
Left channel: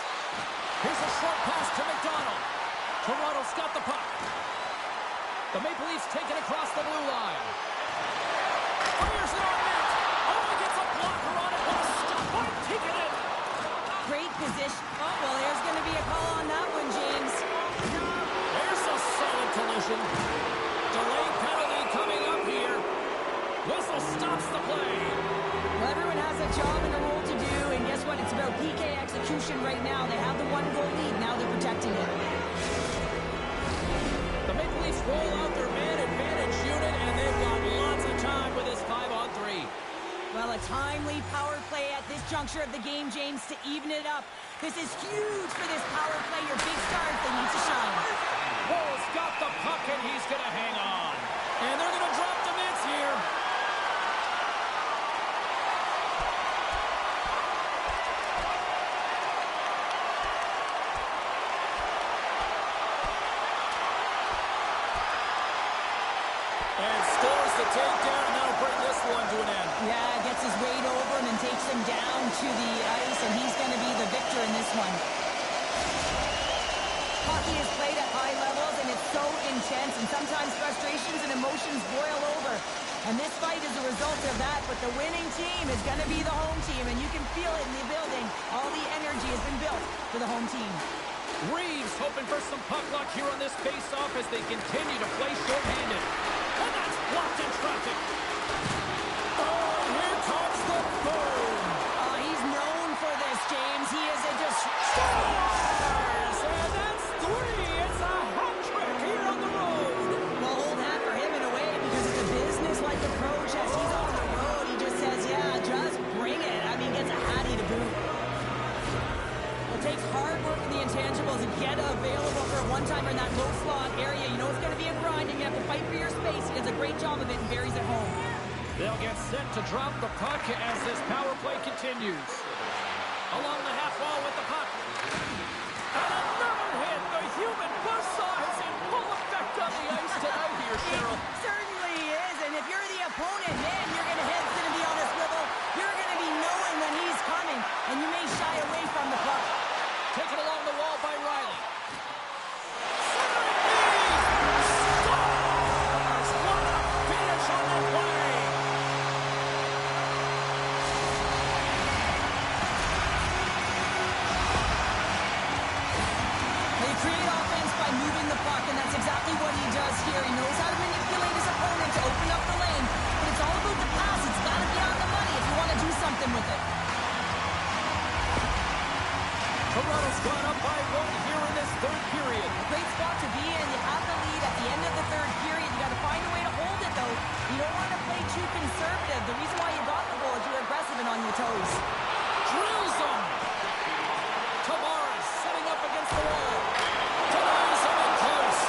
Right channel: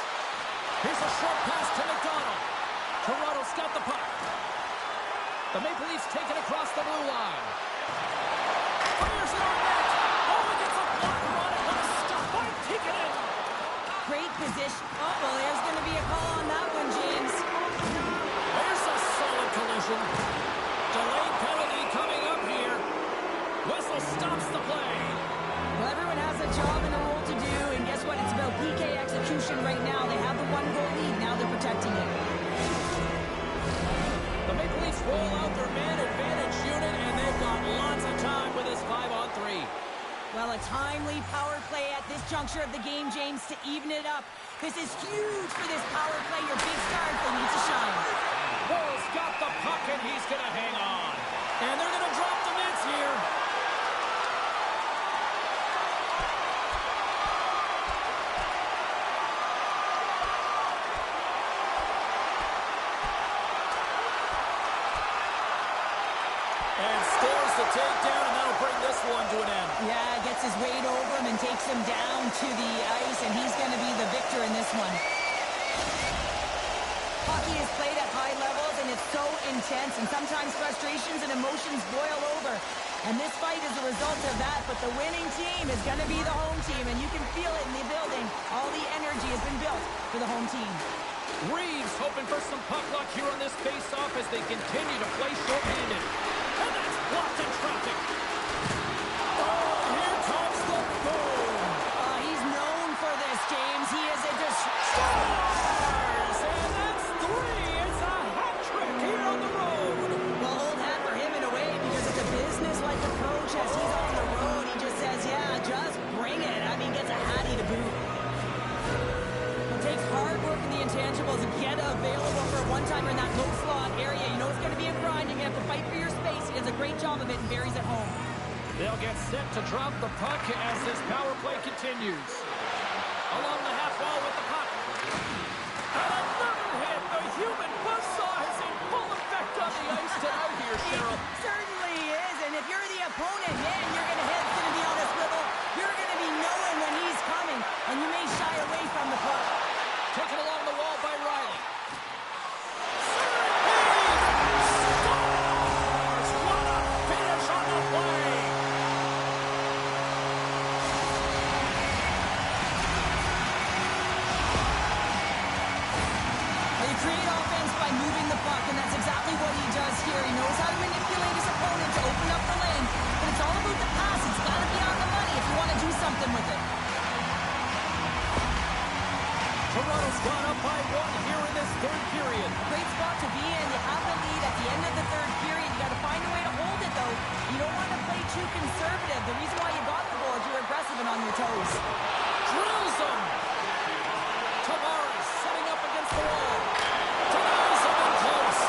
Here's a short pass to McDonald. Toronto's got the puck. The Maple Leafs take it across the blue line. Fires it on net. Oh, he gets a blocker on it. What a stop by Tikkanen. Great position. Oh, well, there's going to be a call on that one, James. There's a solid collision. Delayed penalty coming up here. Whistle stops the play. Well, everyone has a job and a role to do, and guess what? It's about PK execution right now. They have the 1-goal lead. Now they're protecting it. The Maple Leafs roll out their man advantage unit, and they've got lots of time with this 5-on-3. Well, a timely power play at this juncture of the game, James, to even it up. This is huge for this power play. Your big stars, they need to shine. Woll's got the puck, and he's going to hang on. And they're going to drop the mitts here. And scores the takedown, and that'll bring this one to an end. Yeah, gets his weight over him and takes him down to the ice, and he's going to be the victor in this one. Hockey is played at high levels, and it's so intense, and sometimes frustrations and emotions boil over. And this fight is a result of that, but the winning team is going to be the home team, and you can feel it in the building. All the energy has been built for the home team. Reeves hoping for some puck luck here on this face-off as they continue to play short-handed. And that's blocked in traffic. Oh, here comes the boom. He's known for this, James. He is a Scores! And that's 3. It's a hat trick here on the road. Well, hold that for him in a way because it's a business-like approach as he's on the road. He just says, yeah, just bring it. I mean, gets a hattie to boot. It takes hard work in the intangibles and get available for a one-timer in that low slot area. You know it's going to be a grind, and you have to fight for your space. He does a great job of it and buries it home. They'll get set to drop the puck as this power play continues. Along the half wall with the puck. And another hit. The human buzzsaw is in full effect on the ice tonight here, Cheryl. It certainly is, and if you're the opponent, man, your head's going to be on a swivel. You're going to be knowing when he's coming, and you may shy away from the puck. Taken along the wall by Riley. Scores! What a finish on the play! Well, you create offense by moving the puck, and that's exactly what he does here. He knows how to manipulate his opponent to open up the lane, but it's all about the pass. It's got to be on the money if you want to do something with it. Toronto's gone up by 1 here in this third period. A great spot to be in. You have the lead at the end of the third period. You got to find a way to hold it, though. You don't want to play too conservative. The reason why you got the goal is you were aggressive and on your toes. Drills him. Tavares setting up against the wall. Denies him in close.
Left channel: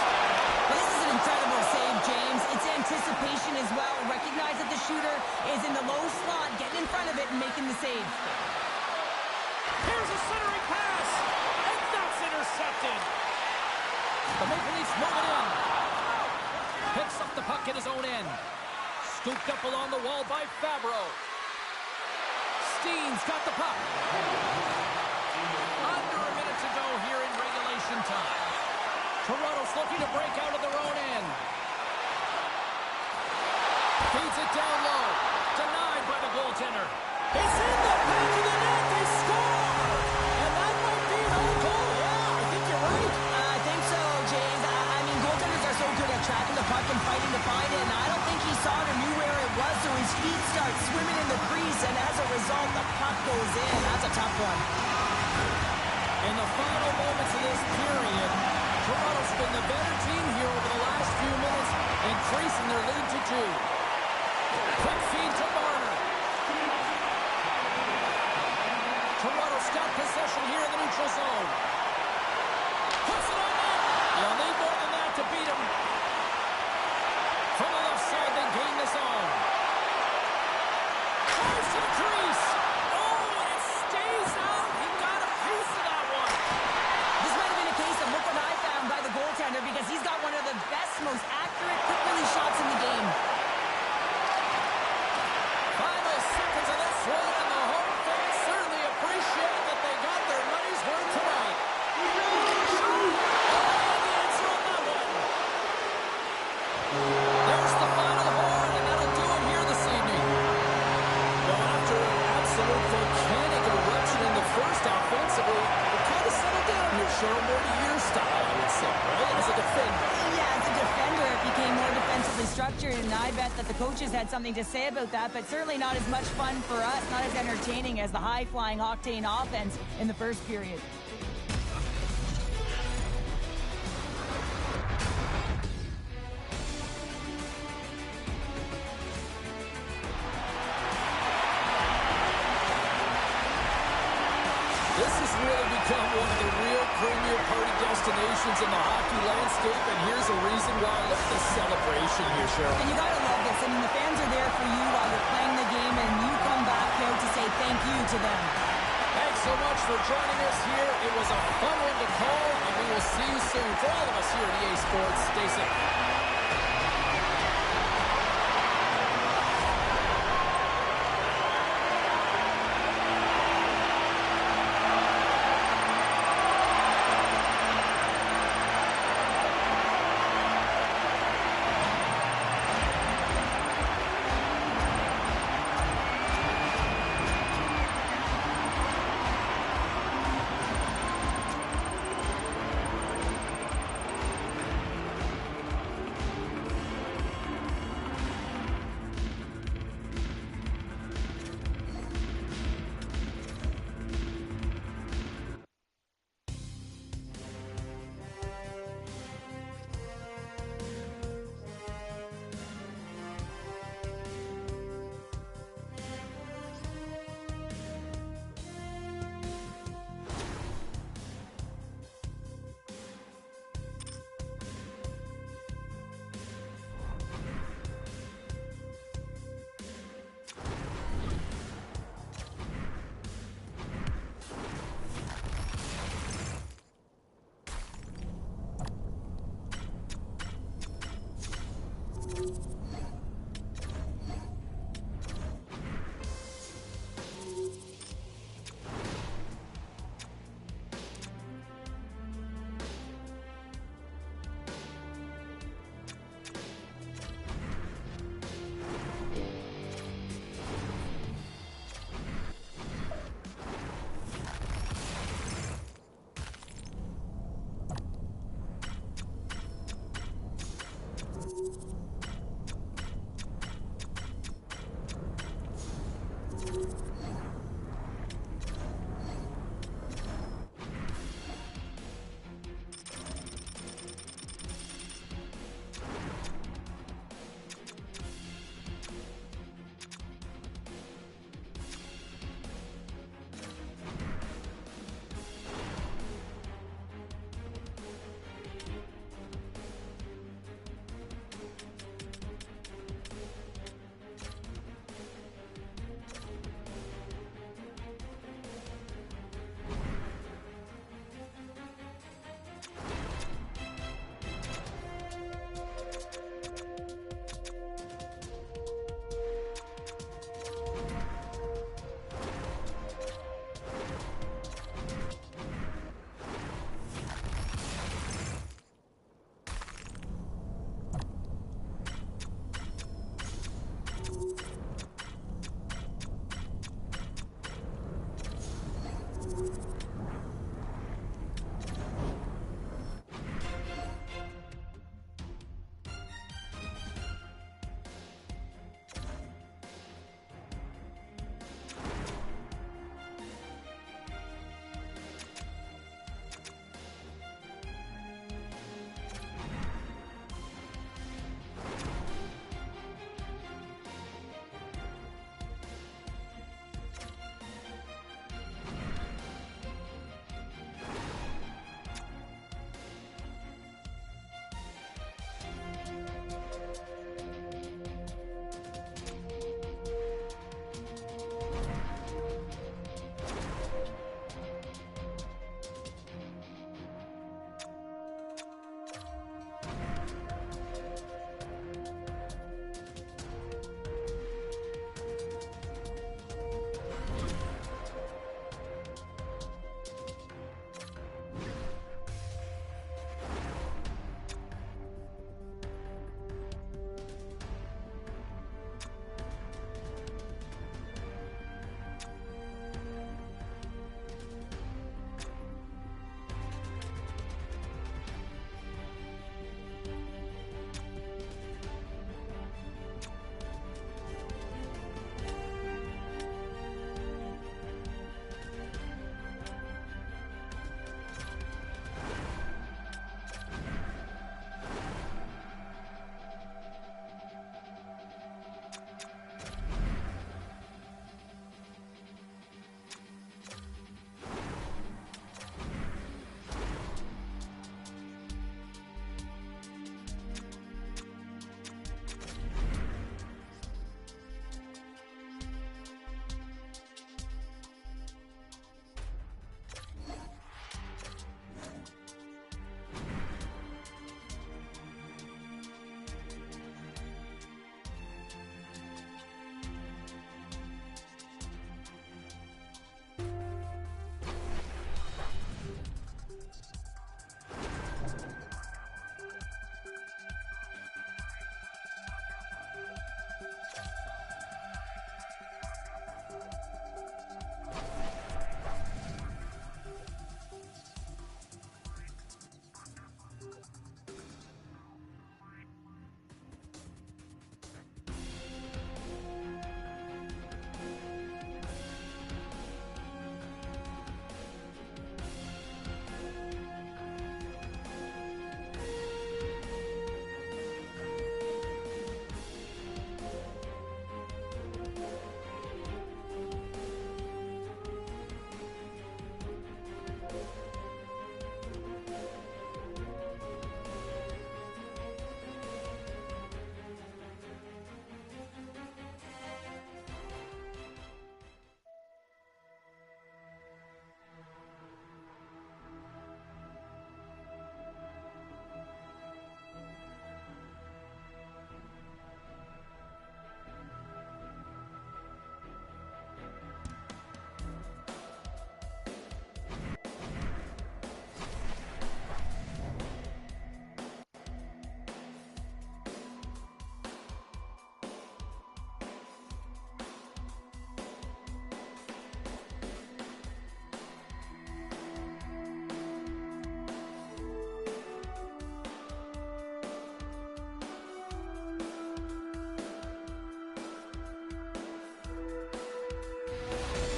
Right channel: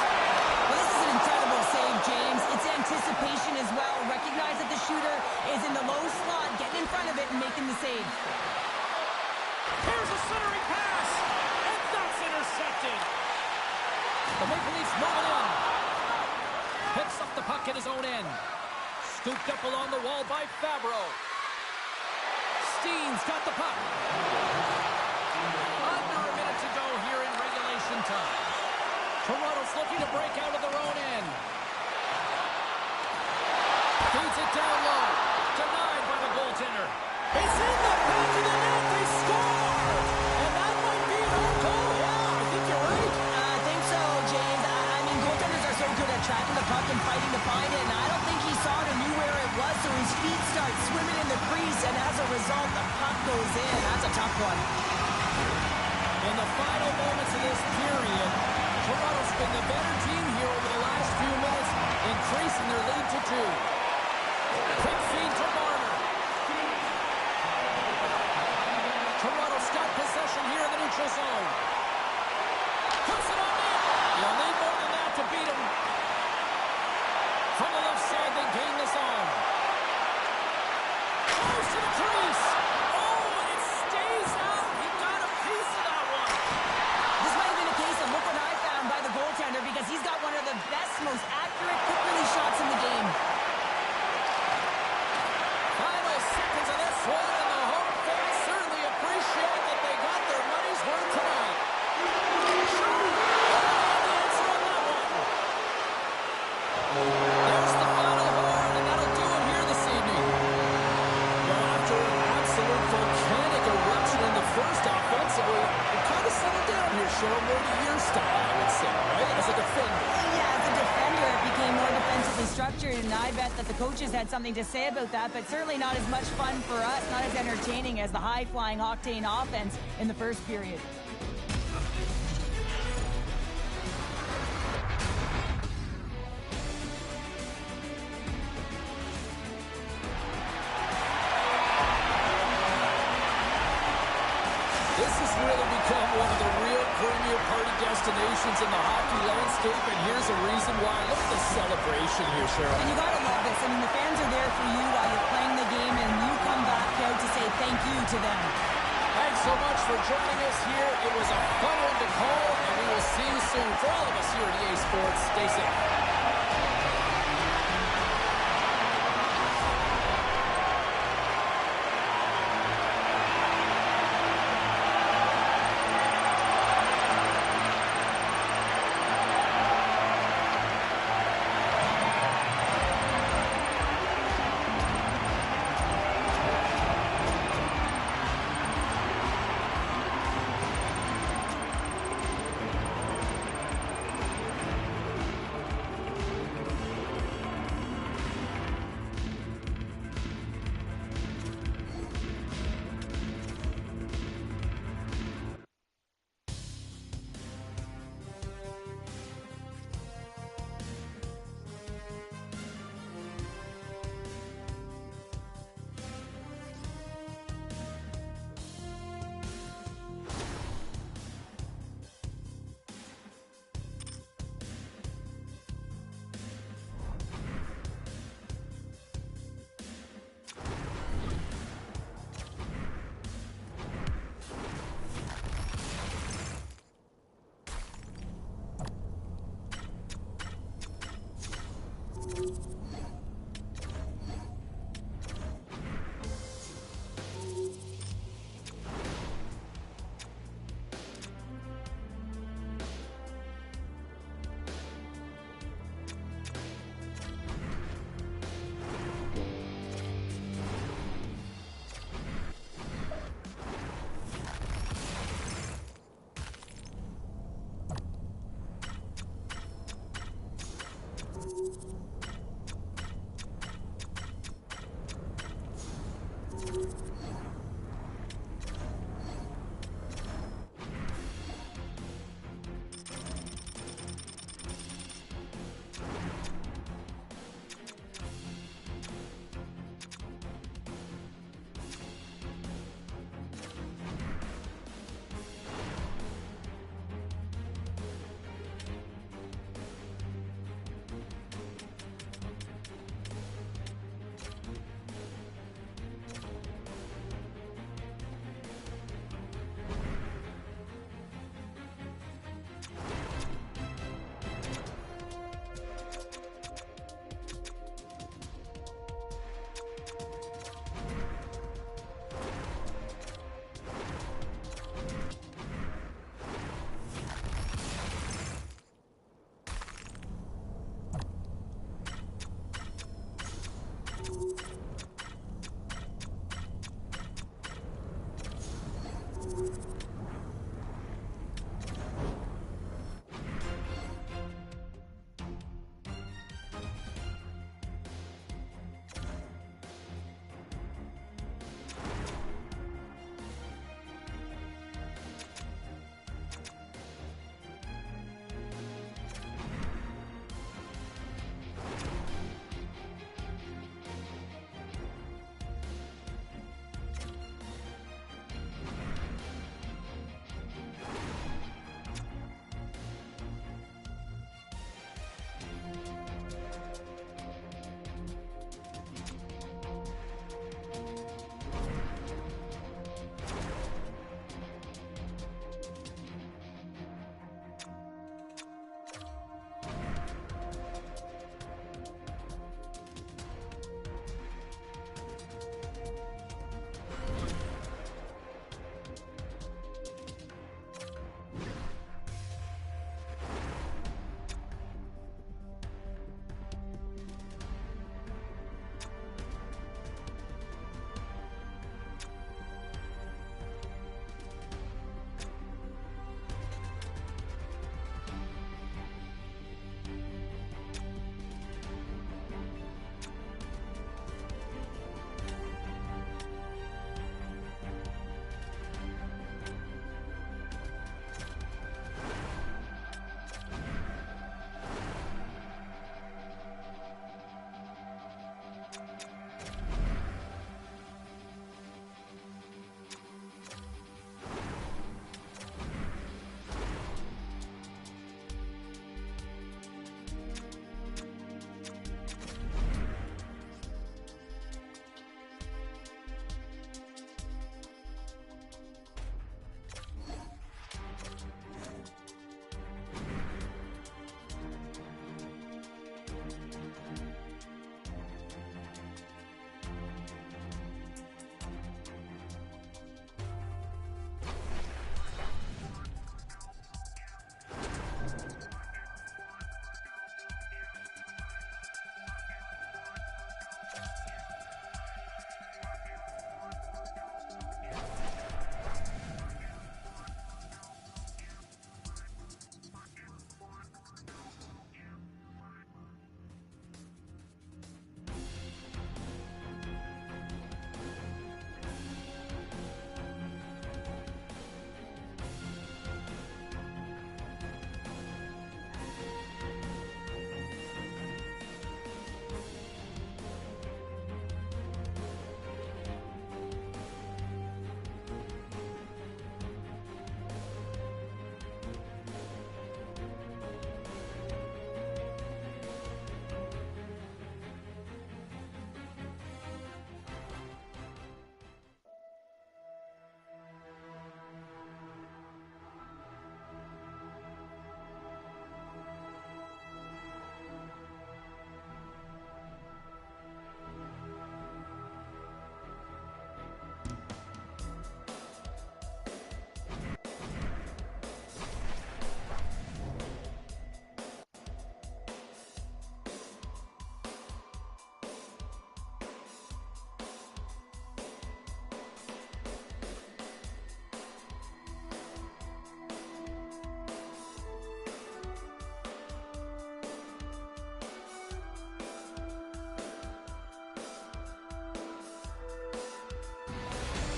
Well, this is an incredible save, James. It's anticipation as well. Recognize that the shooter is in the low slot, getting in front of it and making the save. Here's a centering pass, and that's intercepted. The Maple Leafs moving in. Picks up the puck at his own end. Scooped up along the wall by Fabro. Steen's got the puck. Under a minute to go here in regulation time. Toronto's looking to break out of their own end. Feeds it down low. Denied by the goaltender. It's in the back of the net. They score! And that might be an own goal. Yeah, I think you're right. I think so, James. I mean, goaltenders are so good at tracking the puck and fighting to find it, and I don't think he saw it or knew where it was, so his feet start swimming in the crease, and as a result, the puck goes in. That's a tough one. In the final moments of this period, Toronto's been the better team here over the last few minutes, increasing their lead to 2. Quick feed to Marner. Toronto's got possession here in the neutral zone. Puts it on net. You'll need more than that to beat him. From the left side, they gain the zone. Close to the crease. Oh, and it stays out. He got a piece of that one. This might have been a case of look what I found by the goaltender, because he's got one of the best, most accurate quick release shots in the game. Final seconds of this one, and the home fans certainly appreciate that they got their money's worth tonight. Oh, the answer on that one. There's the final horn, and that'll do it here this evening. Well, after an absolute volcanic eruption in the first offensively, it kind of settled down here, Cheryl, more to your style, I would say, right? As a defender. Yeah, as a defender, it became more defensively structured, and I bet that the coaches had something to say about that, but certainly not as much fun for us, not as entertaining as the high-flying octane offense in the first period. This has really become one of the real premier party destinations in the hockey landscape, and here's a reason why. Look at the celebration here, Cheryl. And you got to love this. I mean, the fans are there for you while you're playing the game, and you come back out to say thank you to them. Thanks so much for joining us here. It was a fun one to call, and we will see you soon. For all of us here at EA Sports, stay safe.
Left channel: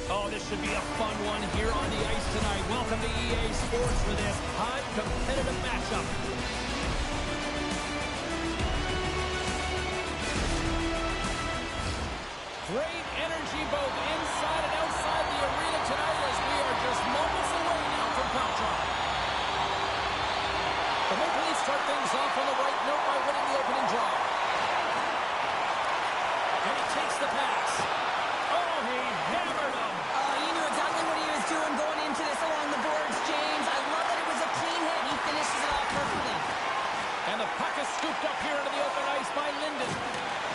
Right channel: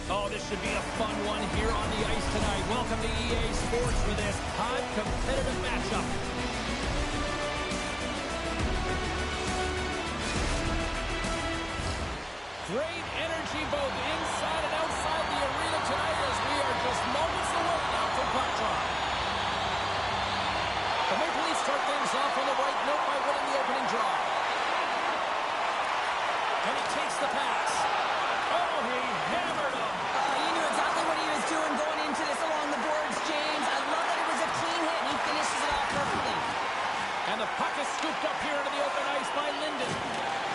Oh, this should be a fun one here on the ice tonight. Welcome to EA Sports for this hot, competitive matchup. Great energy both inside and outside the arena tonight as we are just moments away now from puck drop. The Maple Leafs start things off on the right note by winning the opening draw. And he takes the pass. Oh, he hammered him. You knew exactly what he was doing going into this along the boards, James. I love that it was a clean hit, and he finishes it off perfectly. And the puck is scooped up here into the open ice by Linden.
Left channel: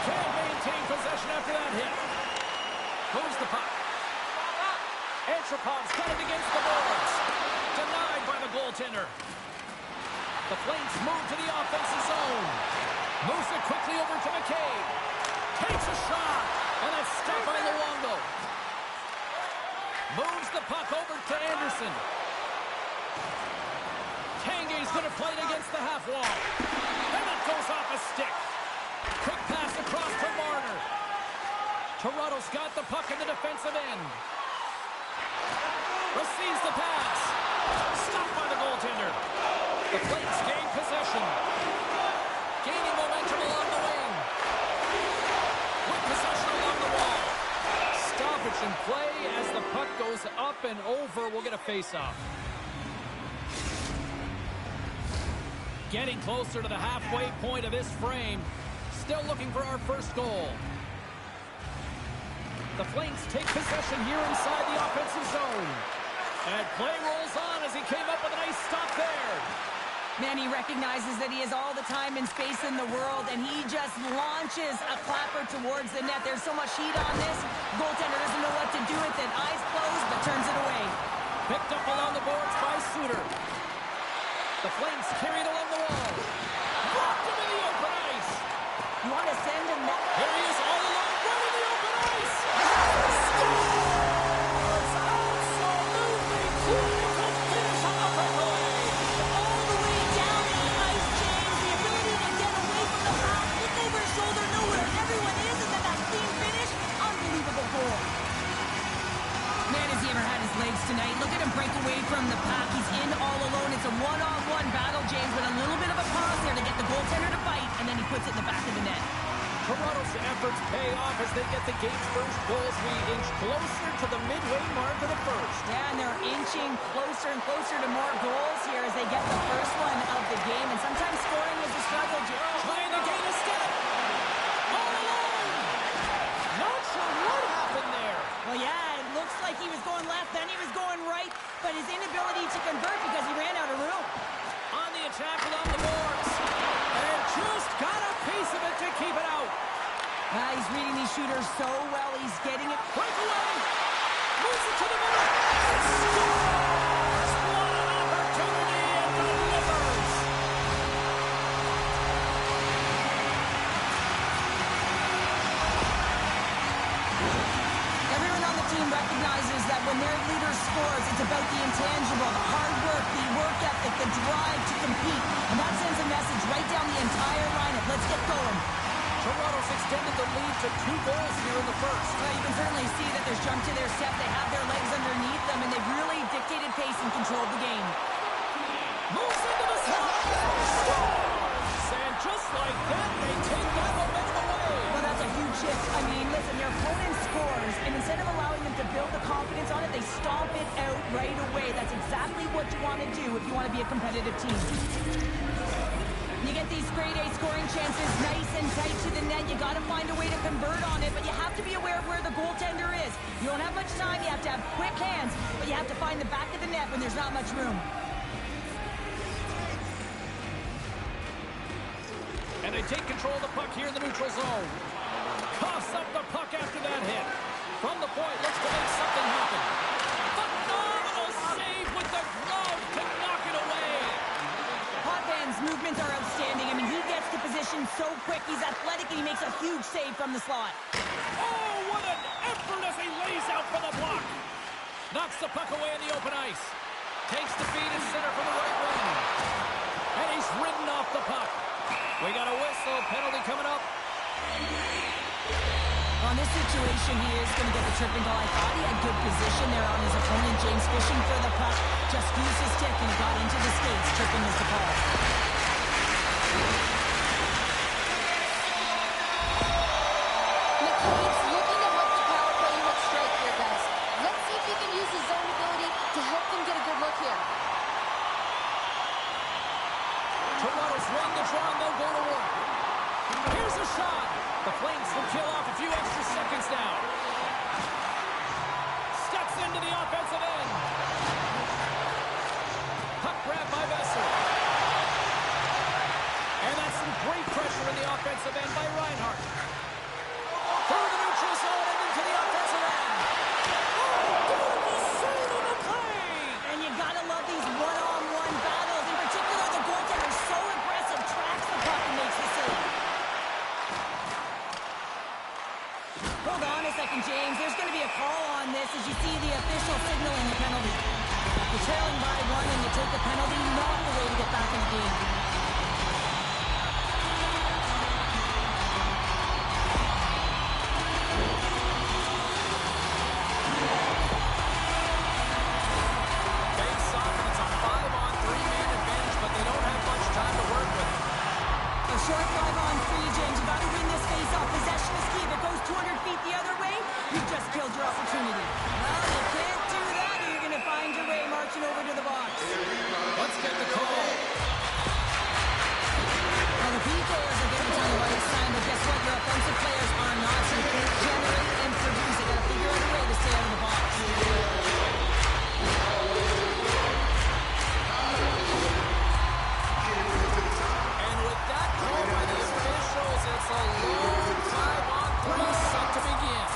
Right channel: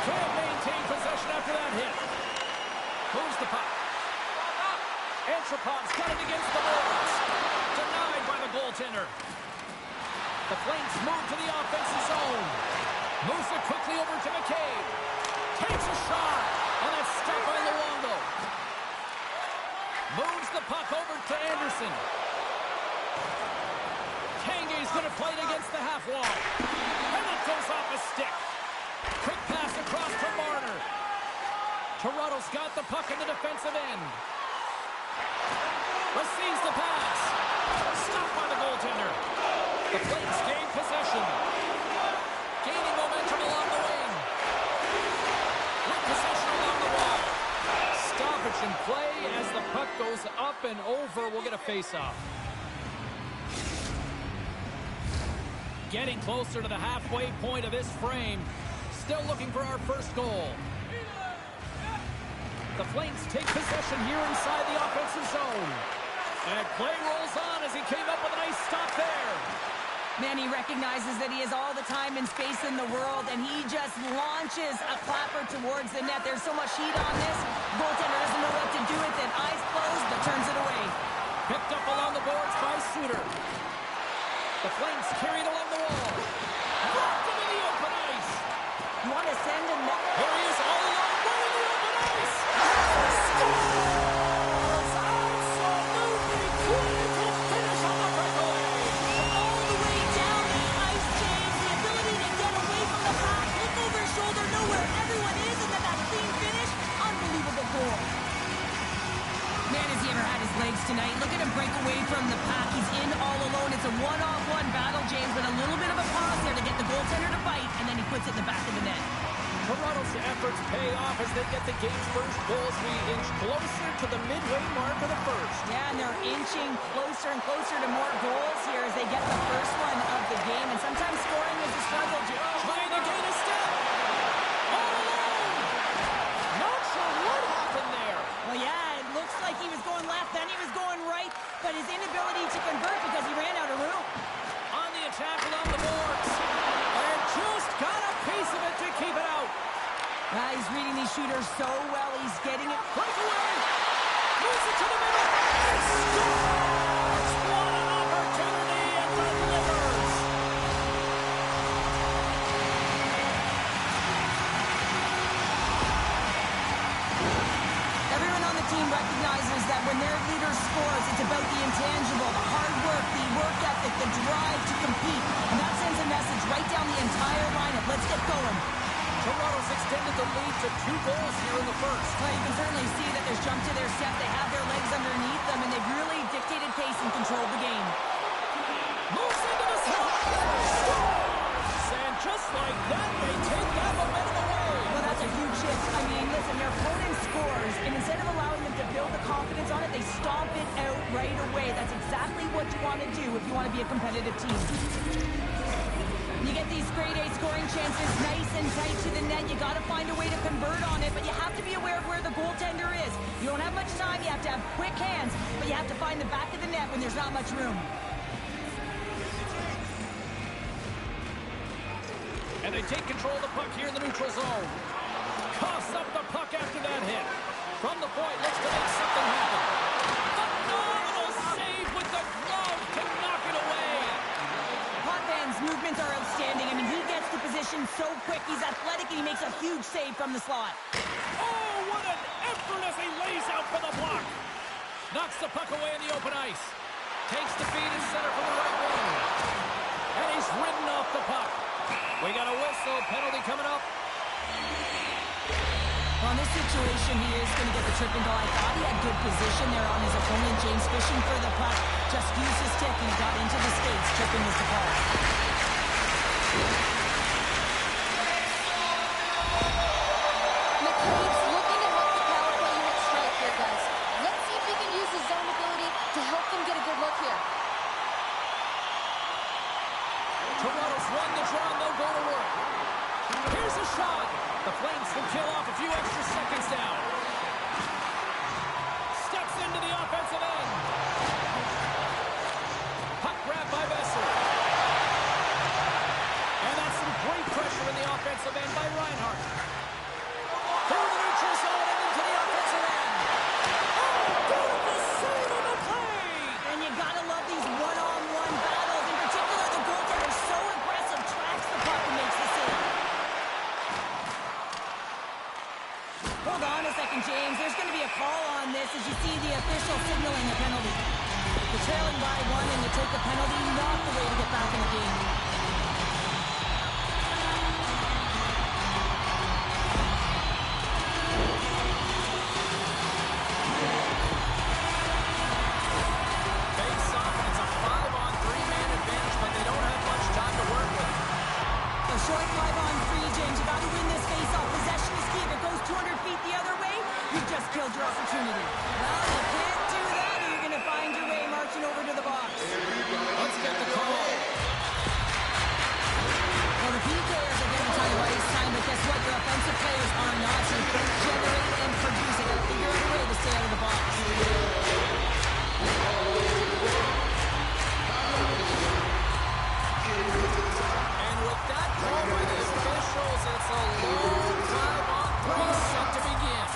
Can't maintain possession after that hit. Moves the puck. Antropov's got it against the boards. Denied by the goaltender. The Flames move to the offensive zone. Moves it quickly over to McCabe. Takes a shot. And that's stopped by Luongo. Moves the puck over to Anderson. Tanguay's going to play it against the half wall. And it goes off a stick. Quick pass across to Marner. Toronto's got the puck in the defensive end. Receives the pass. Stopped by the goaltender. The Flames gain possession. Gaining momentum along the wing. With possession along the wall. Stoppage in play as the puck goes up and over. We'll get a face-off. Getting closer to the halfway point of this frame. Still looking for our first goal. The Flames take possession here inside the offensive zone. And play rolls on as he came up with a nice stop there. Man, he recognizes that he has all the time and space in the world, and he just launches a clapper towards the net. There's so much heat on this. Goaltender doesn't know what to do with it. Eyes closed, but turns it away. Picked up along the boards by Suter. The Flames carried along the wall. Rocked him in the open ice. You want to send him that? Here he is all alone, right in the open ice. Scores! Absolutely clinical finish on the breakaway. All the way down the ice, James. The ability to get away from the pack, look over his shoulder, know where everyone is, and then that clean finish. Unbelievable goal. Man, has he ever had his legs tonight. Look at him break away from the pack. He's in all alone. It's a one-on-one battle, James, with a little bit of a pause there to get the goaltender to fight, and then he puts it in the back of the net. Toronto's efforts pay off as they get the game's first goals. We inch closer to the midway mark of the first. Yeah, and they're inching closer and closer to more goals here as they get the first one of the game. And sometimes scoring is a struggle, Joe. Trying to gain a step. All alone. Not sure what happened there. Well, yeah, it looks like he was going left, then he was going right, but his inability to convert because he ran out of room. On the attack along the boards. And just got a piece of it to keep it out. He's reading these shooters so well. He's getting it. Breakaway. Moves it to the middle. And scores. What an opportunity and delivers. Everyone on the team recognizes that when their leader scores, it's about the intangible, the hard work, the work ethic, the drive to compete. And that sends a message right down the entire lineup. Let's get going. Toronto's extended the lead to 2 goals here in the first. Well, you can certainly see that there's jump to their step. They have their legs underneath them, and they've really dictated pace and controlled the game. Moves into the slot. Scores! And just like that, they take that momentum away. Well, that's a huge shift. I mean, listen, their opponent scores, and instead of allowing them to build the confidence on it, they stomp it out right away. That's exactly what you want to do if you want to be a competitive team. You get these grade A scoring chances nice and tight to the net. You got to find a way to convert on it, but you have to be aware of where the goaltender is. You don't have much time. You have to have quick hands, but you have to find the back of the net when there's not much room. And they take control of the puck here in the neutral zone. Coughs up the puck after that hit. From the point, looks to make something happen. Phenomenal save with the glove to knock it away. Potvin movements are outstanding. I mean, he gets to position so quick. He's athletic, and he makes a huge save from the slot. Oh, what an effort as he lays out for the block. Knocks the puck away in the open ice. Takes the feed in center from the right wing. And he's ridden off the puck. We got a whistle. Penalty coming up. On this situation, he is going to get the tripping goal. I thought he had good position there on his opponent. James fishing for the puck. Just used his stick and it got into the skates. Tripping is the call. McCabe's looking to help the power play unit strike here, guys. Let's see if he can use his zone ability to help them get a good look here. Toronto's won the draw and they'll go to work. Here's a shot. The Flames will kill off a few extra seconds now. Steps into the offensive end. Puck grab by Besser. And that's some great pressure in the offensive end by Reinhart. Through the neutral zone and into the offensive end. Oh, beautiful save on the play. And you gotta love these one-on-one battles. In particular, the goaltender is so aggressive, tracks the puck and makes the save. Hold on a second, James. There's going to be a call on this as you see the official signaling a penalty. You're trailing by one and you take a penalty, not the way to get back in the game. Face off, and it's a 5-on-3 man advantage, but they don't have much time to work with. A short 5-on-3, James. You got to win this face-off. Possession is key. If it goes 200 feet the other way, you've just killed your opportunity. Well, you can't do that, or you're going to find your way marching over to the box. Let's get the call. Well, the PKers are getting a ton of ice time, but guess what? Your offensive players are not. So you can't generate and produce. They got to figure out a way to stay out of the box. And with that call by the officials, it's a long 5-on-3 set to begin.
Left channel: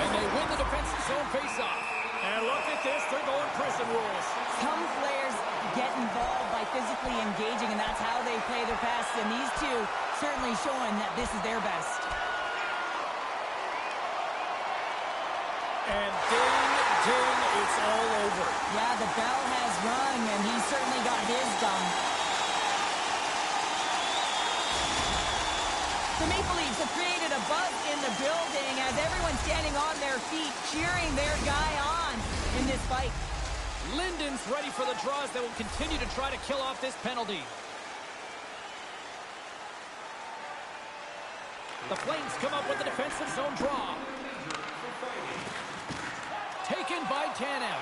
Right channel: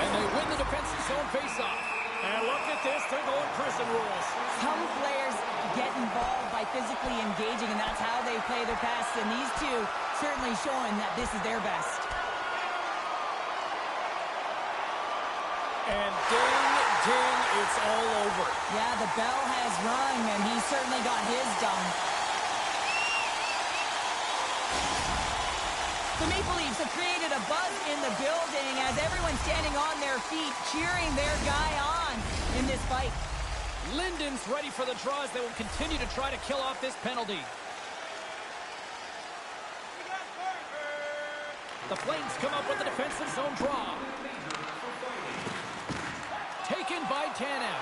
And they win the defensive zone faceoff. And look at this, they're going prison rules. Some players get involved by physically engaging, and that's how they play their best. And these two certainly showing that this is their best. And ding, ding, it's all over. Yeah, the bell has rung, and he certainly got his done. The Maple Leafs have created a buzz in the building as everyone's standing on their feet, cheering their guy on in this fight. Linden's ready for the draws. They will continue to try to kill off this penalty. The Flames come up with the defensive zone draw. Taken by Tanev.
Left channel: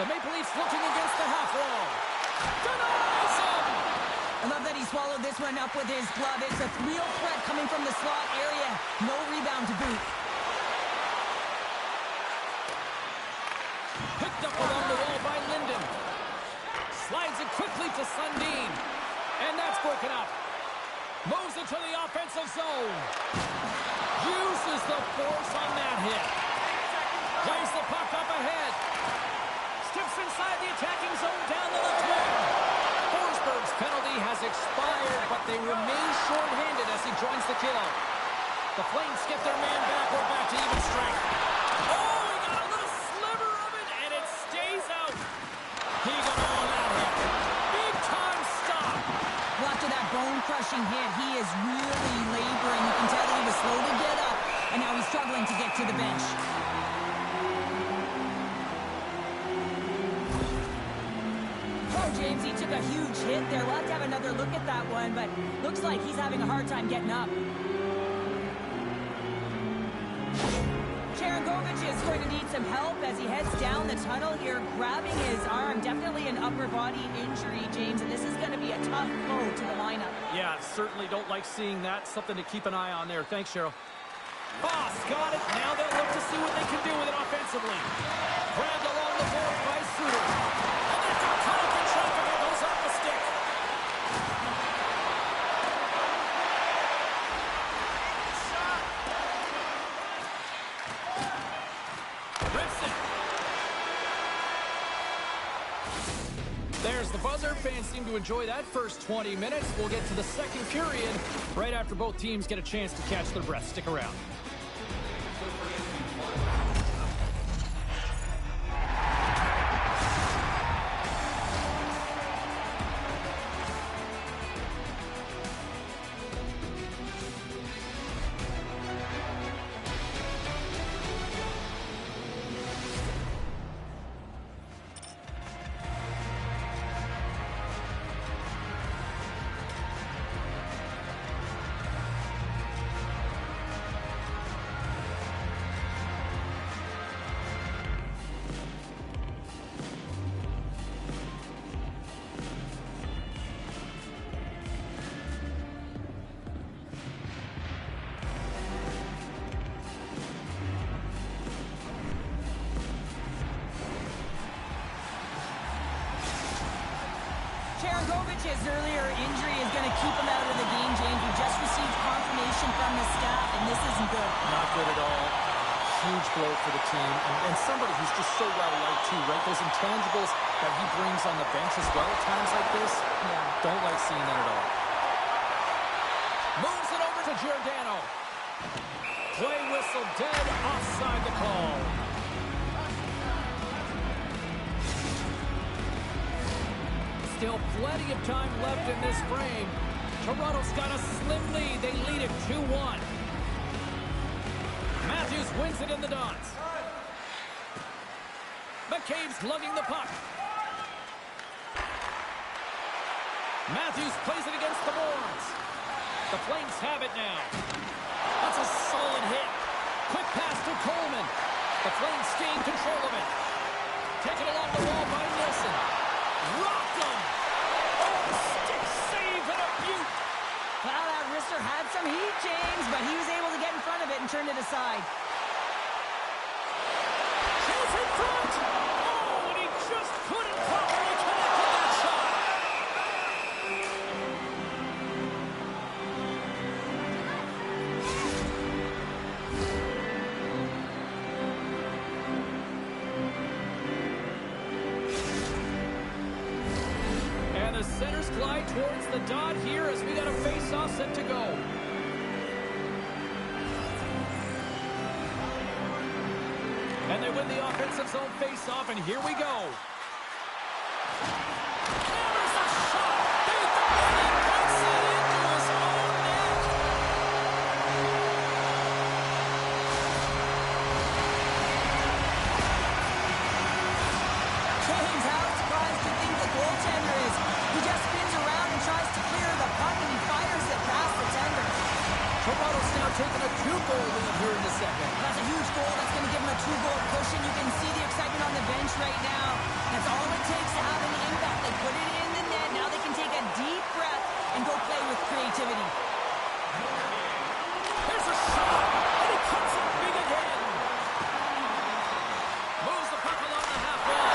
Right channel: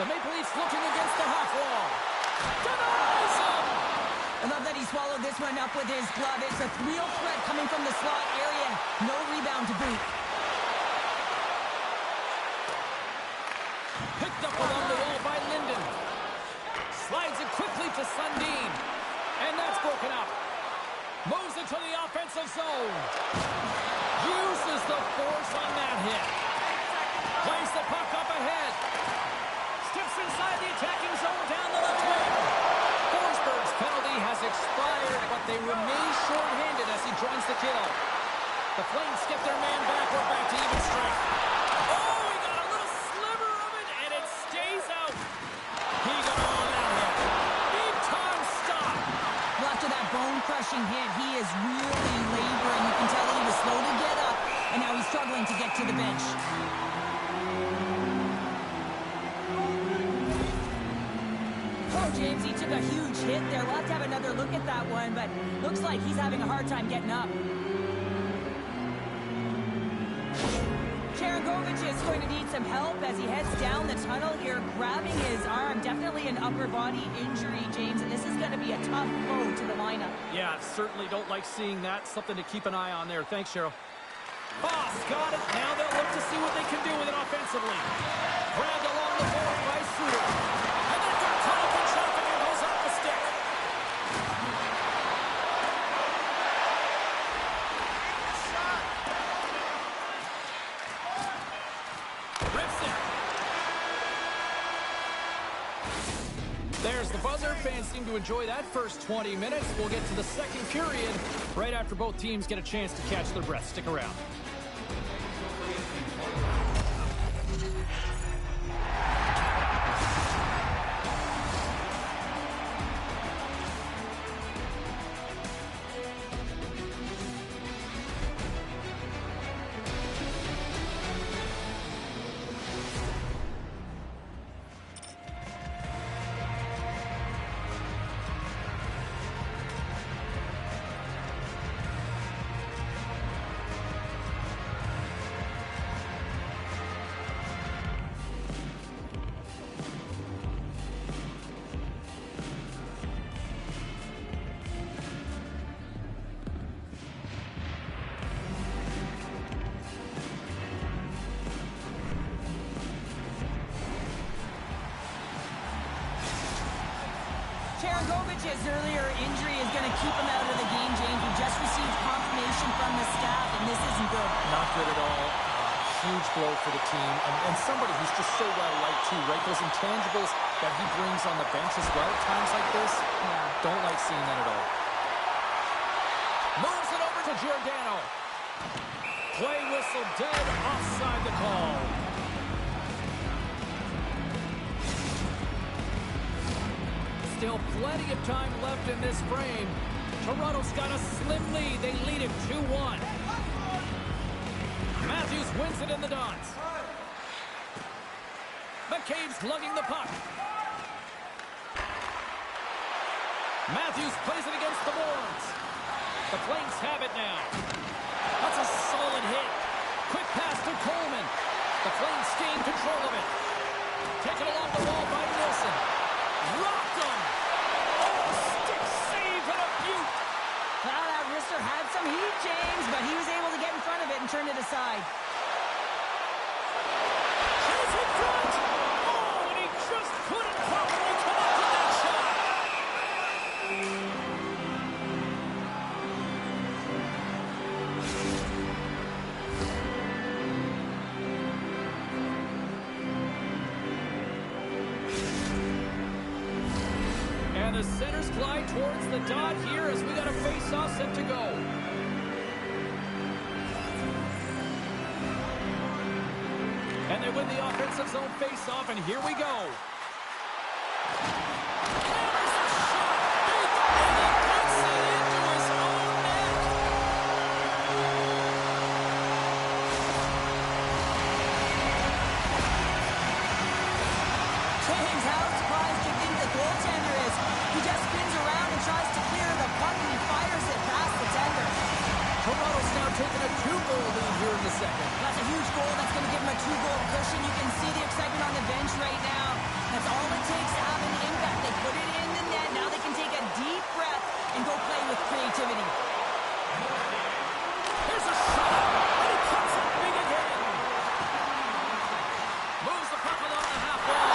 The Maple Leafs looking against the half wall. Denies him! I love that he swallowed this one up with his glove. It's a real threat coming from the slot area. No rebound to boot. Picked up along the wall by Linden. Slides it quickly to Sundin. And that's broken up. Moves it to the offensive zone. Uses the force on that hit. Plays the puck up ahead. Steps inside the attacking zone down the left wing. Forsberg's penalty has expired, but they remain short-handed as he joins the kill. The Flames skip their man back. We're back to even strength. Oh, he got a little sliver of it, and it stays out. He got all that hit. Big-time stop. Well, after that bone-crushing hit, he is really laboring. You can tell that he was slow to get up, and now he's struggling to get to the bench. Oh, James, he took a huge hit there. We'll have to have another look at that one, but looks like he's having a hard time getting up. Sharangovich is going to need some help as he heads down the tunnel here, grabbing his arm. Definitely an upper body injury, James, and this is going to be a tough blow to the lineup. Yeah, certainly don't like seeing that. Something to keep an eye on there. Thanks, Cheryl. Voss got it. Now they'll look to see what they can do with it offensively. Grabbed along the board by Suter. And that's a ton of traffic and goes off the stick. Rips it. There's the buzzer. Fans seem to enjoy that first 20 minutes. We'll get to the second period right after both teams get a chance to catch their breath. Stick around. Bogovic's earlier injury is going to keep him out of the game, James. We just received confirmation from the staff, and this isn't good. Not good at all. Huge blow for the team, and somebody who's just so well-liked too, right? Those intangibles that he brings on the bench as well at times like this. Yeah. Don't like seeing that at all. Moves it over to Giordano. Play whistle dead, offside the call. Still plenty of time left in this frame. Toronto's got a slim lead. They lead it 2-1. Matthews wins it in the dots. McCabe's lugging the puck. Matthews plays it against the boards. The Flames have it now. That's a solid hit. Quick pass to Coleman. The Flames gain control of it. Taken along the wall by Nilsson. Rocked him. Oh, stick save and a beaut. Well, that wrister had some heat, James, but he was able to get in front of it and turn it aside. Chase in front. Oh, and he just couldn't properly connect with that shot. And the centers glide towards the dot here as we got a face-off set to go. And they win the offensive zone face-off, and here we go. Hammers the shot. And he puts it into his own net. James, how surprised do you think the goaltender is? He just spins around and tries to clear the puck, and he fires it past the tender. Toronto's now taking a 2-goal lead here in the second. That's a huge goal. That's going to give him a 2-goal cushion. You can see the excitement on the bench right now. That's all it takes to have an impact. They put it in the net. Now they can take a deep breath and go play with creativity. Here's a shot, and he puts it big again. Moves the puck along the half wall.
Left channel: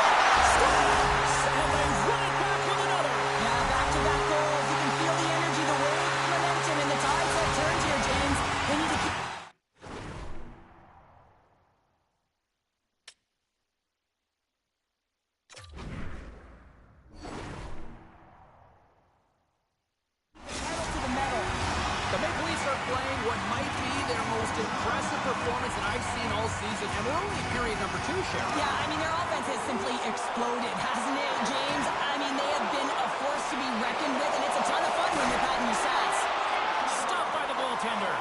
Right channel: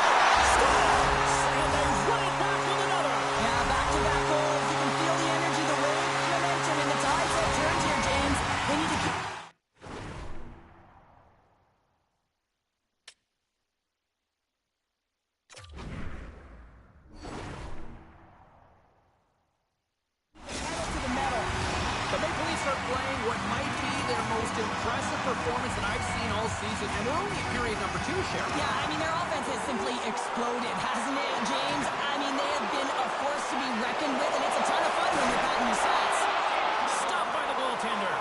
Scores, and they run it back with another. Yeah, back-to-back goals. You can feel the energy, the wave, momentum, and the tides have turned here, James. They need to keep... The Maple Leafs are playing what might be their most impressive performance that I've seen all season, and we're only in period number 2, Cheryl. Yeah, I mean, their offense has simply exploded, hasn't it, James? I mean, they have been a force to be reckoned with, and it's a ton of fun when you're patting your stats. Stopped by the goaltender.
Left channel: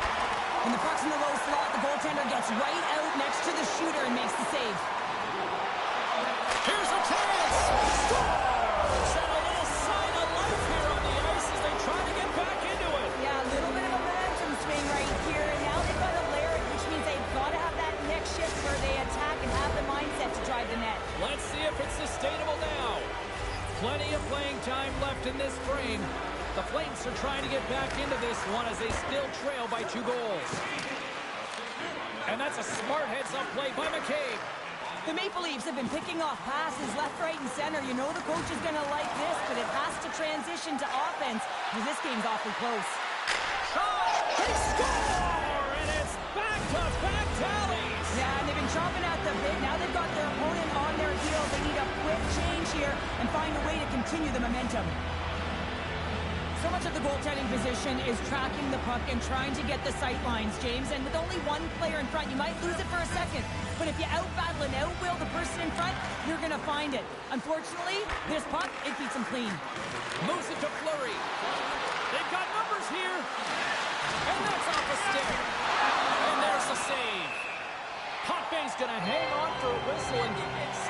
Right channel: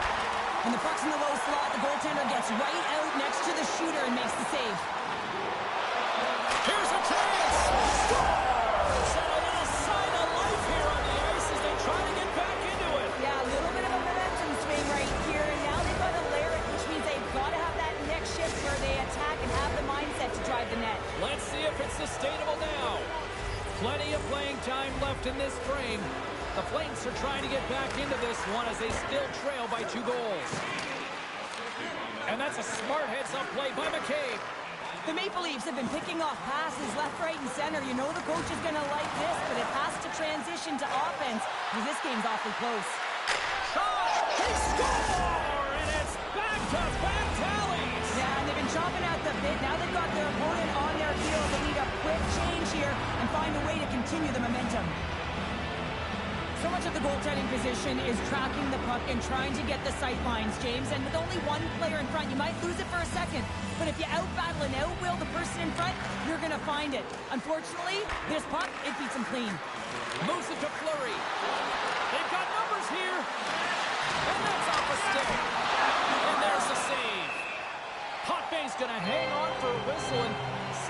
When the puck's in the low slot, the goaltender gets right out next to the shooter and makes the save. Here's a chance. Scores! And a little sign of life here on the ice as they try to get back into it. Yeah, a little bit of a momentum swing right here, and now they've got to layer it, which means they've got to have that next shift where they attack and have the mindset to drive the net. Let's see if it's sustainable now. Plenty of playing time left in this frame. The Flames are trying to get back into this one as they still trail by 2 goals. And that's a smart heads-up play by McCabe. The Maple Leafs have been picking off passes left, right, and center. You know the coach is going to like this, but it has to transition to offense because this game's awfully close. Shot! They score! And it's back-to-back tallies! Yeah, and they've been chomping at the bit. Now they've got their opponent on their heels. They need a quick change here and find a way to continue the momentum. So much of the goaltending position is tracking the puck and trying to get the sight lines, James. And with only one player in front, you might lose it for a second. But if you out-battle and out-will the person in front, you're going to find it. Unfortunately, this puck, it beats them clean. Moves it to Fleury. They've got numbers here. And that's off a stick. And there's the save. Potvay's going to hang on for a whistle, and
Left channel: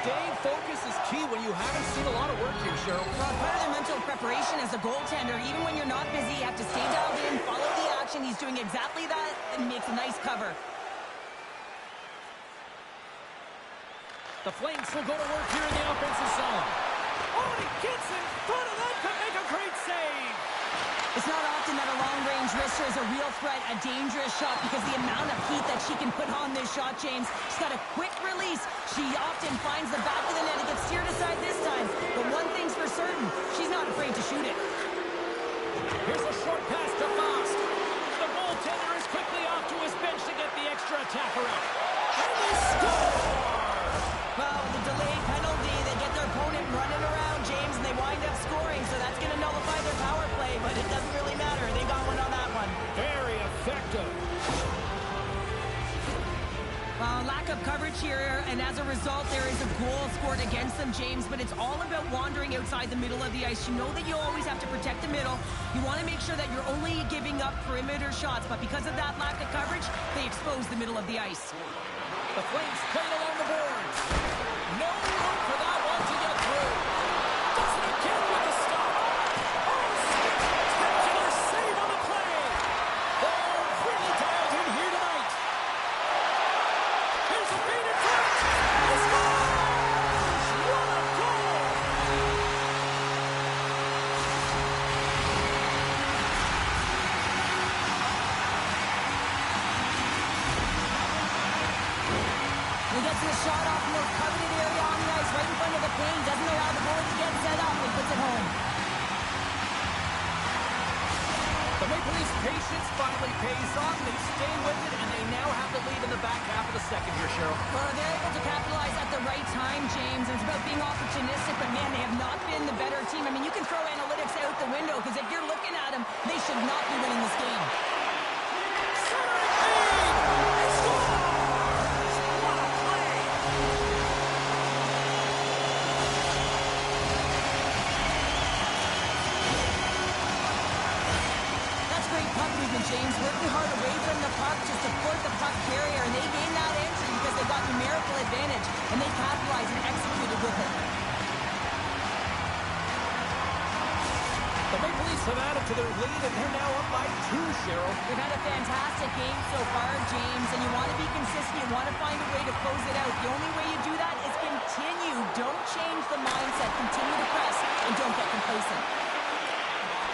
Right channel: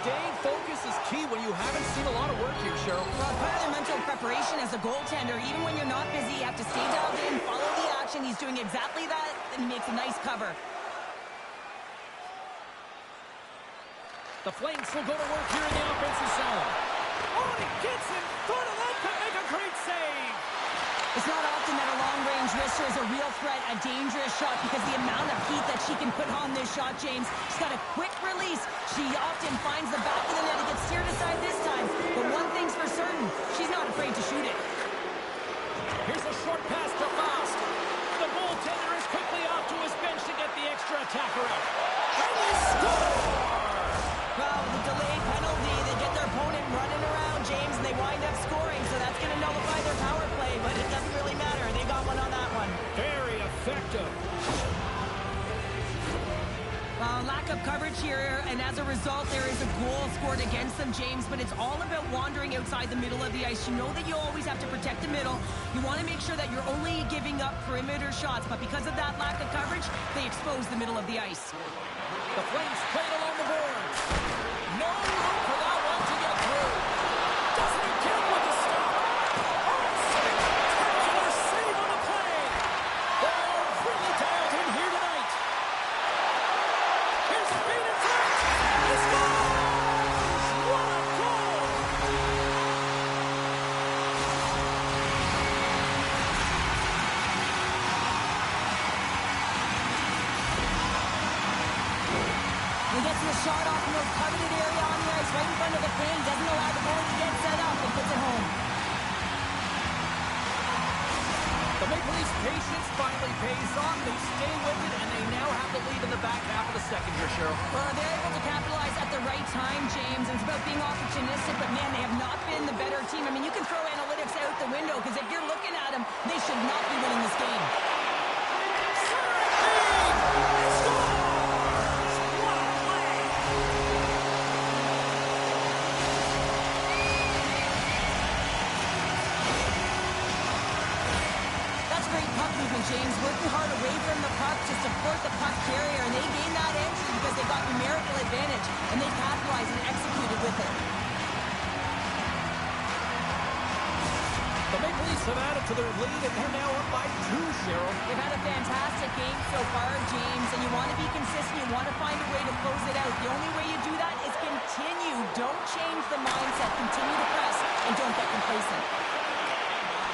staying focused is key when you haven't seen a lot of work here, Cheryl. Well, part of their mental preparation as a goaltender, even when you're not busy, you have to stay dialed in, follow the action. He's doing exactly that, and he makes a nice cover. The Flames will go to work here in the offensive zone. Oh, and he gets in front of that to make a great save. It's not often that a long-range wrister is a real threat, a dangerous shot, because the amount of heat that she can put on this shot, James. She's got a quick release. She often finds the back of the net. It gets steered aside this time. But one thing's for certain, she's not afraid to shoot it. Here's a short pass to Fast. The goaltender is quickly off to his bench to get the extra attacker out. And they score! Well, with the delayed penalty, they get their opponent running around, James, and they wind up scoring. So that's going to nullify their power play, but it doesn't really matter. They got one on that one. Very effective. Well, lack of coverage here, and as a result, there is a goal scored against them, James, but it's all about wandering outside the middle of the ice. You know that you always have to protect the middle. You want to make sure that you're only giving up perimeter shots, but because of that lack of coverage, they expose the middle of the ice. The Flames played along the boards. No room for that one to get through. Does it again with the stop. Oh, spectacular save on the play. They're really dialed in here tonight. Here's a feed in front. He scores! What a goal! He gets the shot off in the coveted area on the ice, right in front of the paint. Doesn't allow the goalie to get set up and puts it home. The Maple Leafs' patience finally pays off. They stay with it, and they now have the lead in the back half of the second here, Cheryl. Well, they're able to capitalize at the right time, James. It's about being opportunistic, but man, they have not been the better team. I mean, you can throw analytics out the window, because if you're looking at them, they should not be winning this game. Centering feed! He scores! What a play! That's great puck movement, James. Working hard away from the puck to support the puck carrier, and they gained that entry because they got numerical advantage, and they capitalized and executed with it. The Maple Leafs have added to their lead, and they're now up by 2, Cheryl. They've had a fantastic game so far, James, and you want to be consistent. You want to find a way to close it out. The only way you do that is continue. Don't change the mindset. Continue to press, and don't get complacent.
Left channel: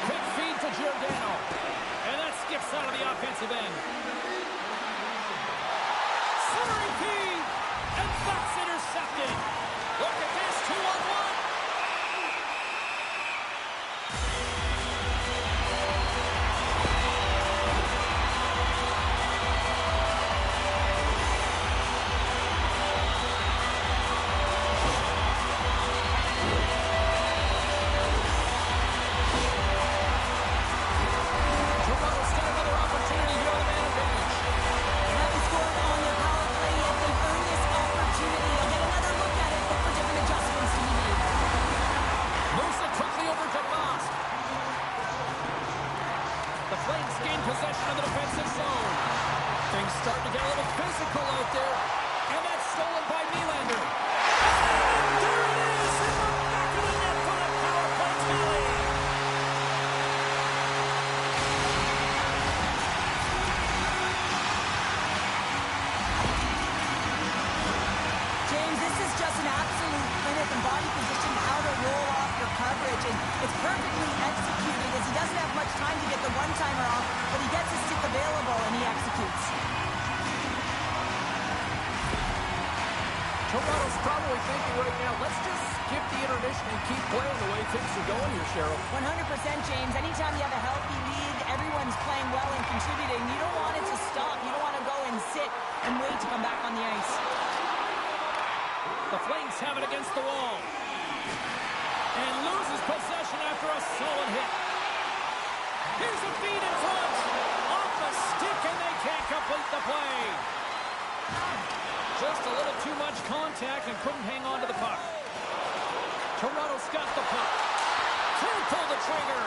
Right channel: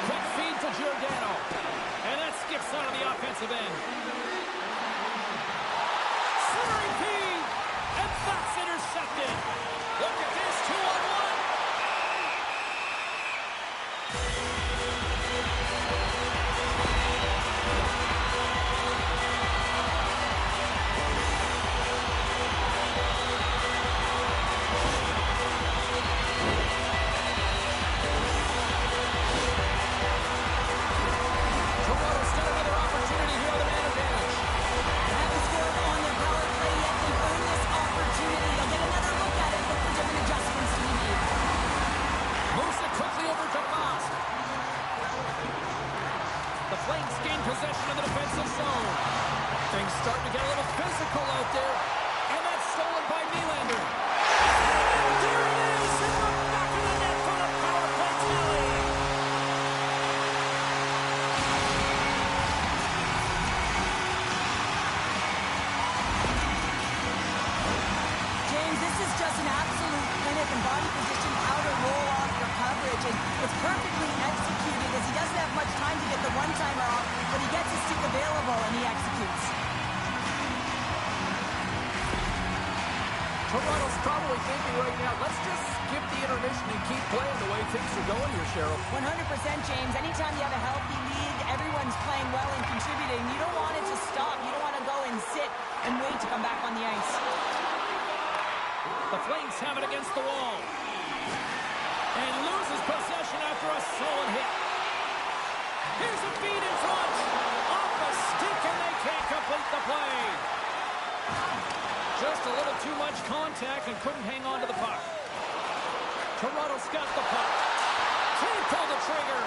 Quick feed to Giordano. And that skips out of the offensive end. Centering feed. And that's intercepted. Look at this, 2-on-1. Toronto's got another opportunity here on the man advantage. They haven't scored on their power play yet. They've earned this opportunity. They'll get another look at it. Look for different adjustments to be made. Moves it quickly over to Fast. The Flames gain possession of the defensive zone. Things starting to get a little physical out there. And that's stolen by Nylander. And there it is in the back of the net for the power play tally. James, this is just an absolute clinic and body position, how to roll off your coverage, and it's perfectly executed as he doesn't have much time to get the one-timer off, but he gets his stick available and he executes. Toronto's probably thinking right now, let's just skip the intermission and keep playing the way things are going here, Cheryl. 100%, James. Anytime you have a healthy lead, everyone's playing well and contributing. You don't want it to stop. You don't want to go and sit and wait to come back on the ice. The Flames have it against the wall. And loses possession after a solid hit. Here's a feed in front. Off the stick, and they can't complete the play. Just a little too much contact and couldn't hang on to the puck. Toronto's got the puck. Can't pull the trigger.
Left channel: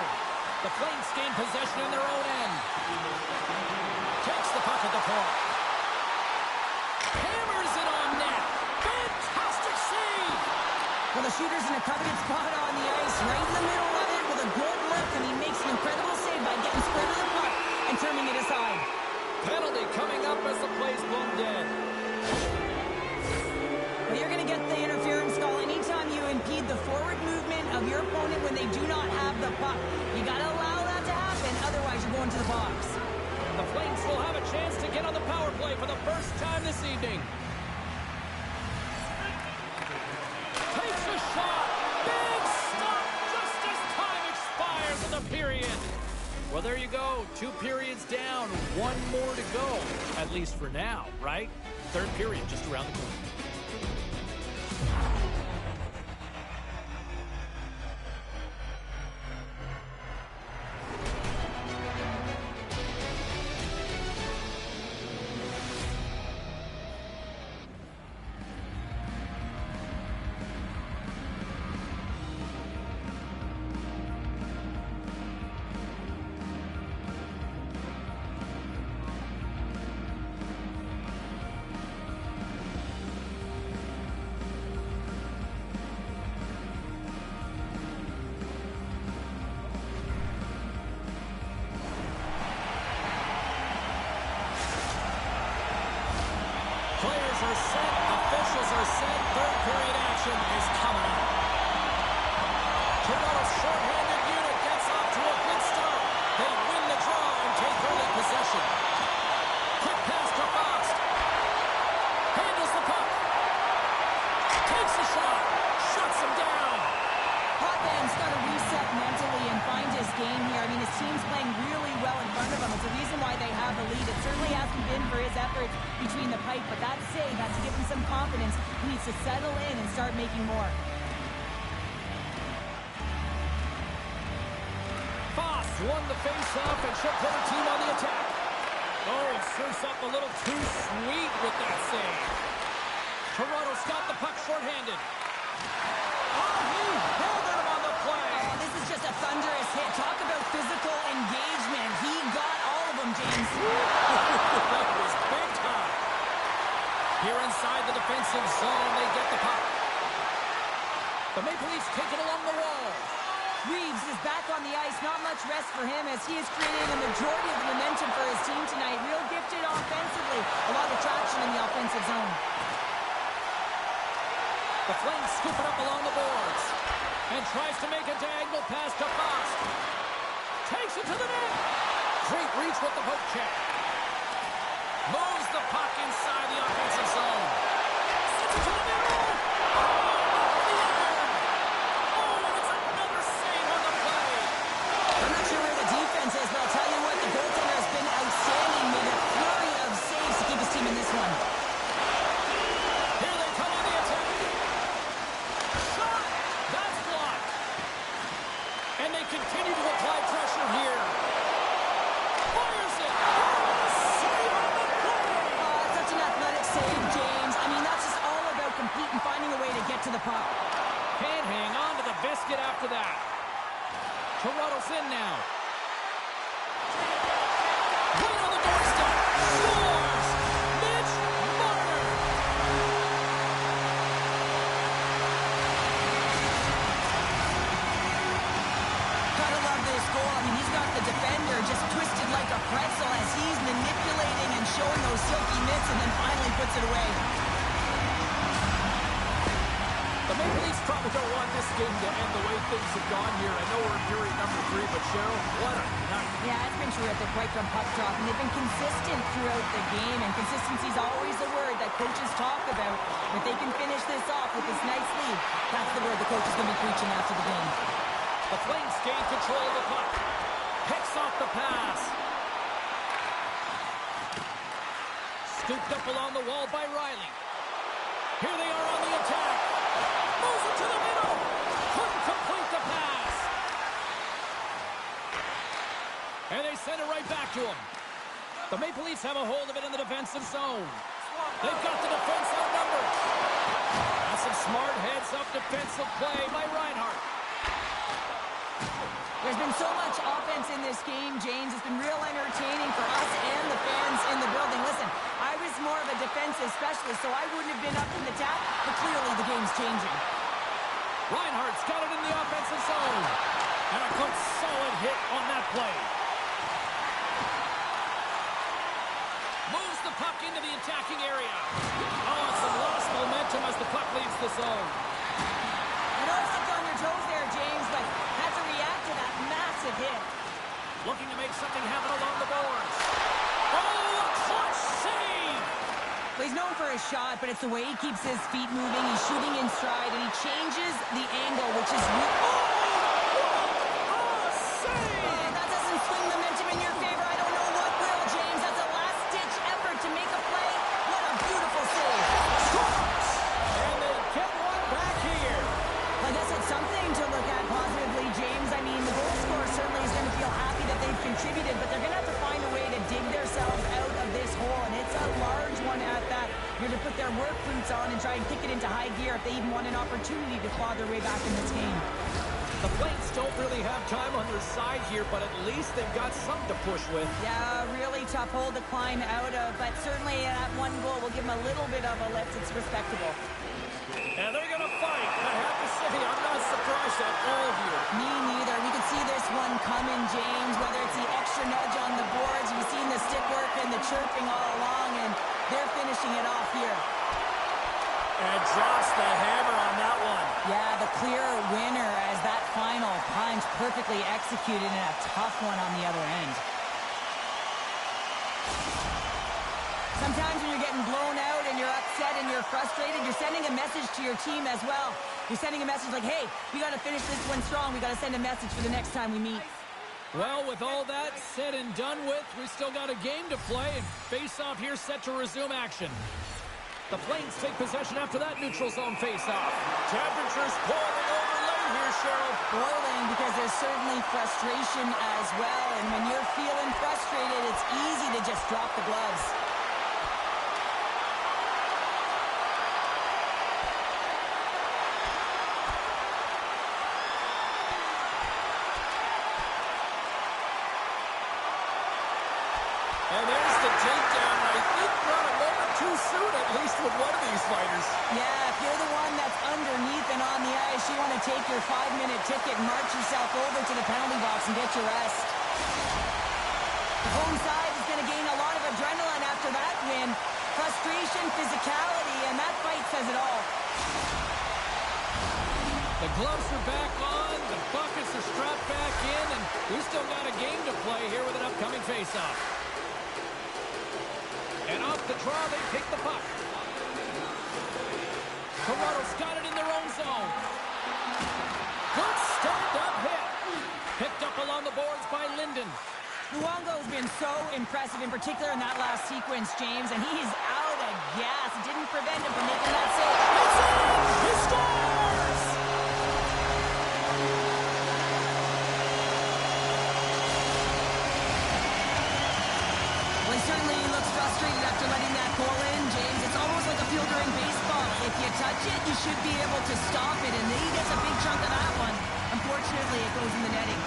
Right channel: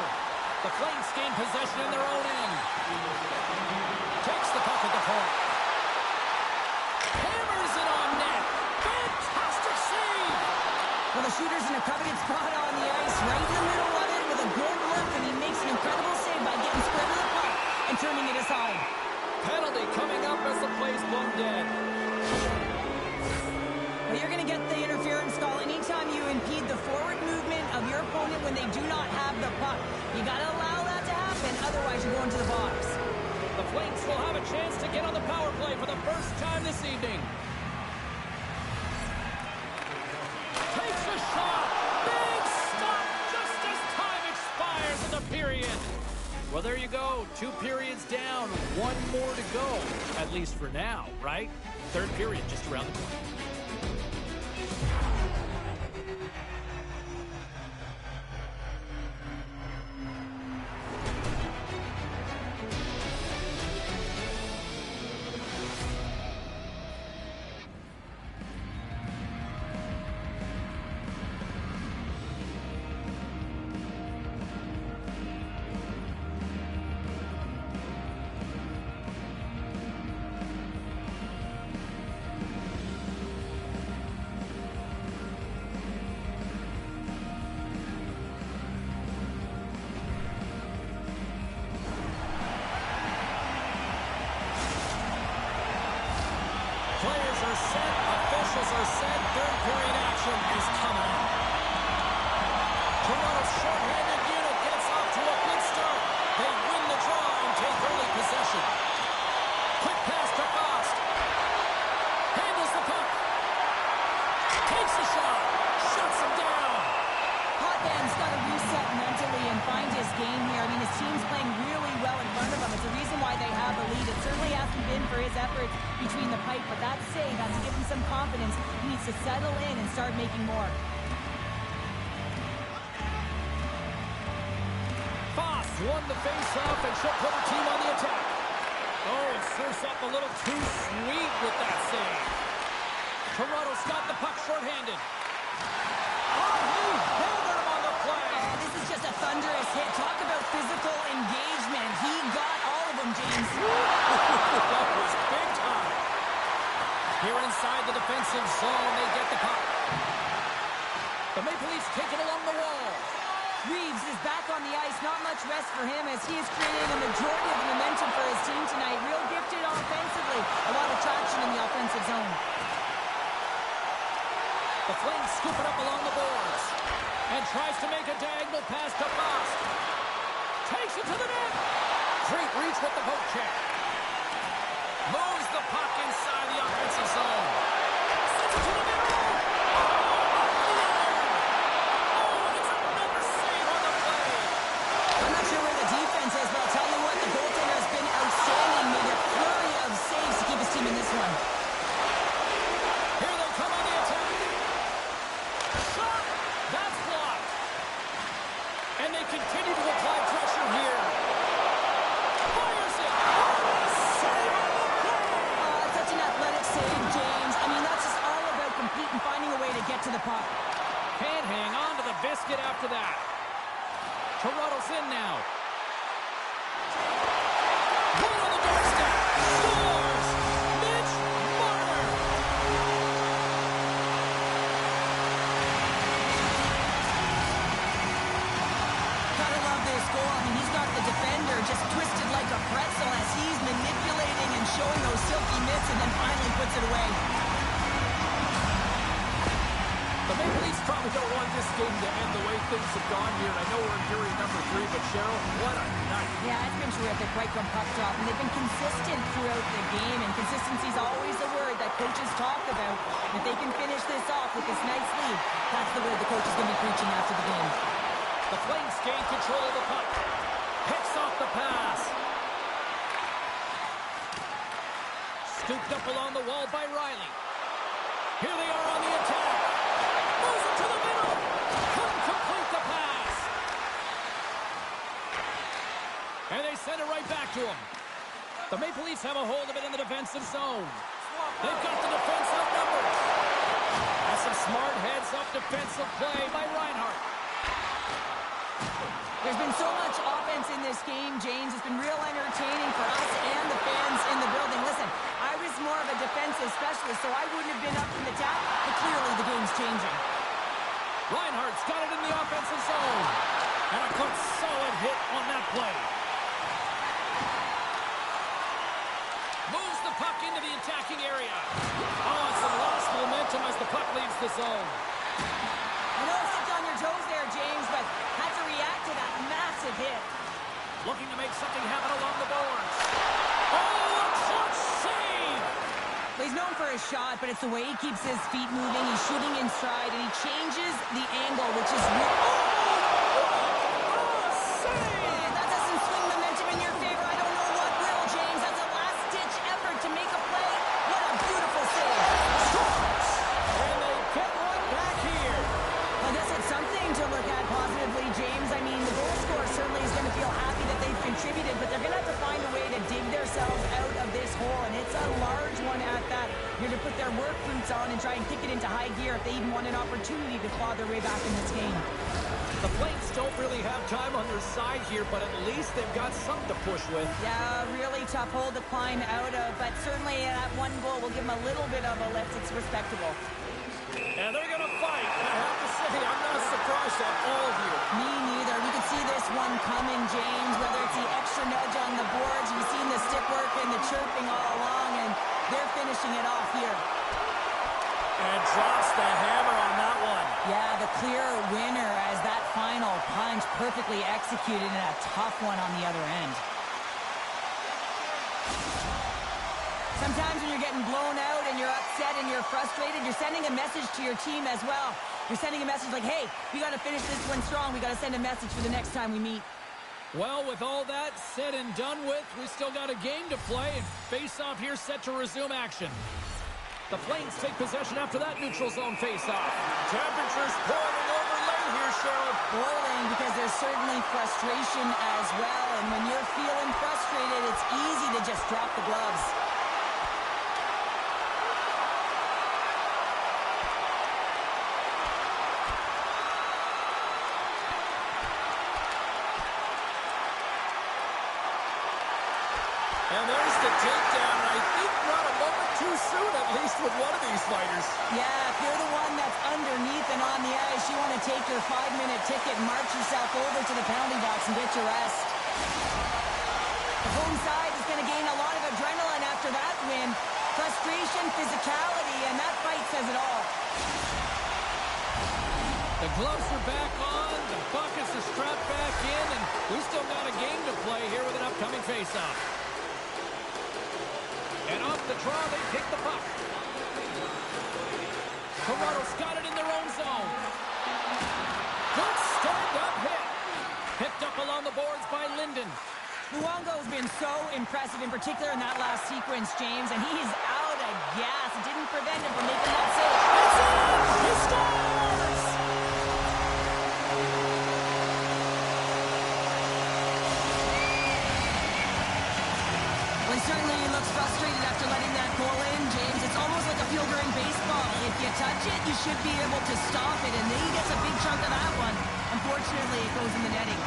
The Flames gain possession in their own end. Takes the puck at the point. Hammers it on net. Fantastic save. Well, the shooter's in a coveted spot on the ice, right in the middle of it with a good look, and he makes an incredible save by getting spread of the puck and turning it aside. Penalty coming up as the play's blown dead. Well, you're going to get the interference call anytime you impede the forward movement of your opponent when they do not have the puck. You got to allow that to happen. and otherwise you're going to the box. The Flames will have a chance to get on the power play for the first time this evening. Takes a shot. Big stop just as time expires in the period. Well, there you go. 2 periods down. 1 more to go. At least for now, right? Third period just around the corner. Players are set, officials are set, third period action is coming up. Toronto's shorthanded unit gets off to a good start. They win the draw and take early possession. Quick pass to Fast. Handles the puck. Takes a shot. Shuts him down. Hotman's got to reset mentally and find his game here. I mean, his team's playing really well in front of him. It's the reason why they have the lead. It certainly hasn't been for his efforts between the pipe, but that save has to give him some confidence. He needs to settle in and start making more. Foss won the face-off, and she'll put her team on the attack. Oh, serves up a little too sweet with that save. Toronto's got the puck shorthanded. Oh, he held him on the play. Oh, this is just a thunderous hit. Talk about physical engagement. He got all of them, James. That was big time. Here inside the defensive zone, they get the puck. The Maple Leafs take it along the wall. Reeves is back on the ice. Not much rest for him as he is creating a majority of the momentum for his team tonight. Real gifted offensively. A lot of traction in the offensive zone. The Flames scoop it up along the boards and tries to make a diagonal pass to Fast. Takes it to the net. Great reach with the poke check. Moves the puck inside the offensive zone. Sends it to the middle. Oh, off the iron. Oh, and it's another save on the play. I'm not sure where the defense is, but I'll tell you what, the goaltender has been outstanding. Made a flurry of saves to keep his team in this one. Here they come on the attack. Shot. That's blocked. And they continue to apply pressure here. Fires it. Oh, a save on the play. Such an athletic save, James. I mean, that's just all about competing, finding a way to get to the puck. Can't hang on to the biscuit after that. Toronto's in now. Right on the doorstep. Scores! Mitch Marner. Gotta love this goal. I mean, he's got the defender just twisted like a pretzel as he's manipulating and showing those silky mitts and then finally puts it away. The Maple Leafs probably don't want this game to end the way things have gone here. I know we're in period number 3, but Cheryl, what a night. Yeah, it's been terrific right from puck drop, and they've been consistent throughout the game, and consistency is always a word that coaches talk about. If they can finish this off with this nice lead, that's the word the coach is going to be preaching after the game. The Flames gain control of the puck. Picks off the pass. Scooped up along the wall by Riley. Here they are on the attack. Moves it to the middle. Couldn't complete the pass. And they send it right back to him. The Maple Leafs have a hold of it in the defensive zone. They've got the defense outnumbered. That's some smart heads-up defensive play by Reinhart. There's been so much offense in this game, James. It's been real entertaining for us and the fans in the building. Listen, I was more of a defensive specialist, so I wouldn't have been up in the tap, but clearly the game's changing. Reinhart's got it in the offensive zone. And a good solid hit on that play. Moves the puck into the attacking area. Oh, and some lost momentum as the puck leaves the zone. I know I stepped on your toes there, James, but had to react to that massive hit. Looking to make something happen along the boards. Oh, a clutch save! Well, he's known for his shot, but it's the way he keeps his feet moving. He's shooting in stride, and he changes the angle, which is... that doesn't swing momentum in your favor. I don't know what will, James. That's a last-ditch effort to make a play. What a beautiful save. And they get one back here. I guess it's something to look at positively, James. I mean, the goal scorer certainly is going to feel happy that they've contributed, but they're going to have to find a way to dig themselves out of this hole, and it's a large one at that. You're to put their work boots on and try and kick it into high gear if they even want an opportunity to claw their way back in this game. The Flames don't really have time on their side here, but at least they've got some to push with. Yeah, really tough hole to climb out of, but certainly that one goal will give them a little bit of a lift. It's respectable. And they're going to fight, and I have to say, I'm not surprised at all here. Me neither. We could see this one coming, James, whether it's the extra nudge on the boards. You've seen the stick work and the chirping all along, and they're finishing it off here. And drops the hammer on that one. Yeah, the clear winner as that final punch perfectly executed and a tough one on the other end. Sometimes when you're getting blown out and you're upset and you're frustrated, you're sending a message to your team as well. You're sending a message like, hey, we got to finish this one strong. We got to send a message for the next time we meet. Well, with all that said and done with, we still got a game to play, and face-off here set to resume action. The Flames take possession after that neutral zone face-off. Temperatures boiling over late here, Cheryl. Boiling because there's certainly frustration as well, and when you're feeling frustrated, it's easy to just drop the gloves. And there's the takedown, and I think not a moment too soon, at least with one of these fighters. Yeah, if you're the one that's underneath and on the ice, you want to take your 5-minute ticket and march yourself over to the penalty box and get your rest. The home side is going to gain a lot of adrenaline after that win. Frustration, physicality, and that fight says it all. The gloves are back on, the buckets are strapped back in, and we still got a game to play here with an upcoming face-off. And off the draw, they pick the puck. Toronto's got it in their own zone. Good stand-up hit. Picked up along the boards by Linden. Luongo's been so impressive, in particular in that last sequence, James, and he's out of gas. It didn't prevent him from making that save. It's in! He scores! Well, he certainly looks frustrated after letting that goal in, James. It's almost like a fielder in baseball. If you touch it, you should be able to stop it, and then he gets a big chunk of that one. Unfortunately, it goes in the netting.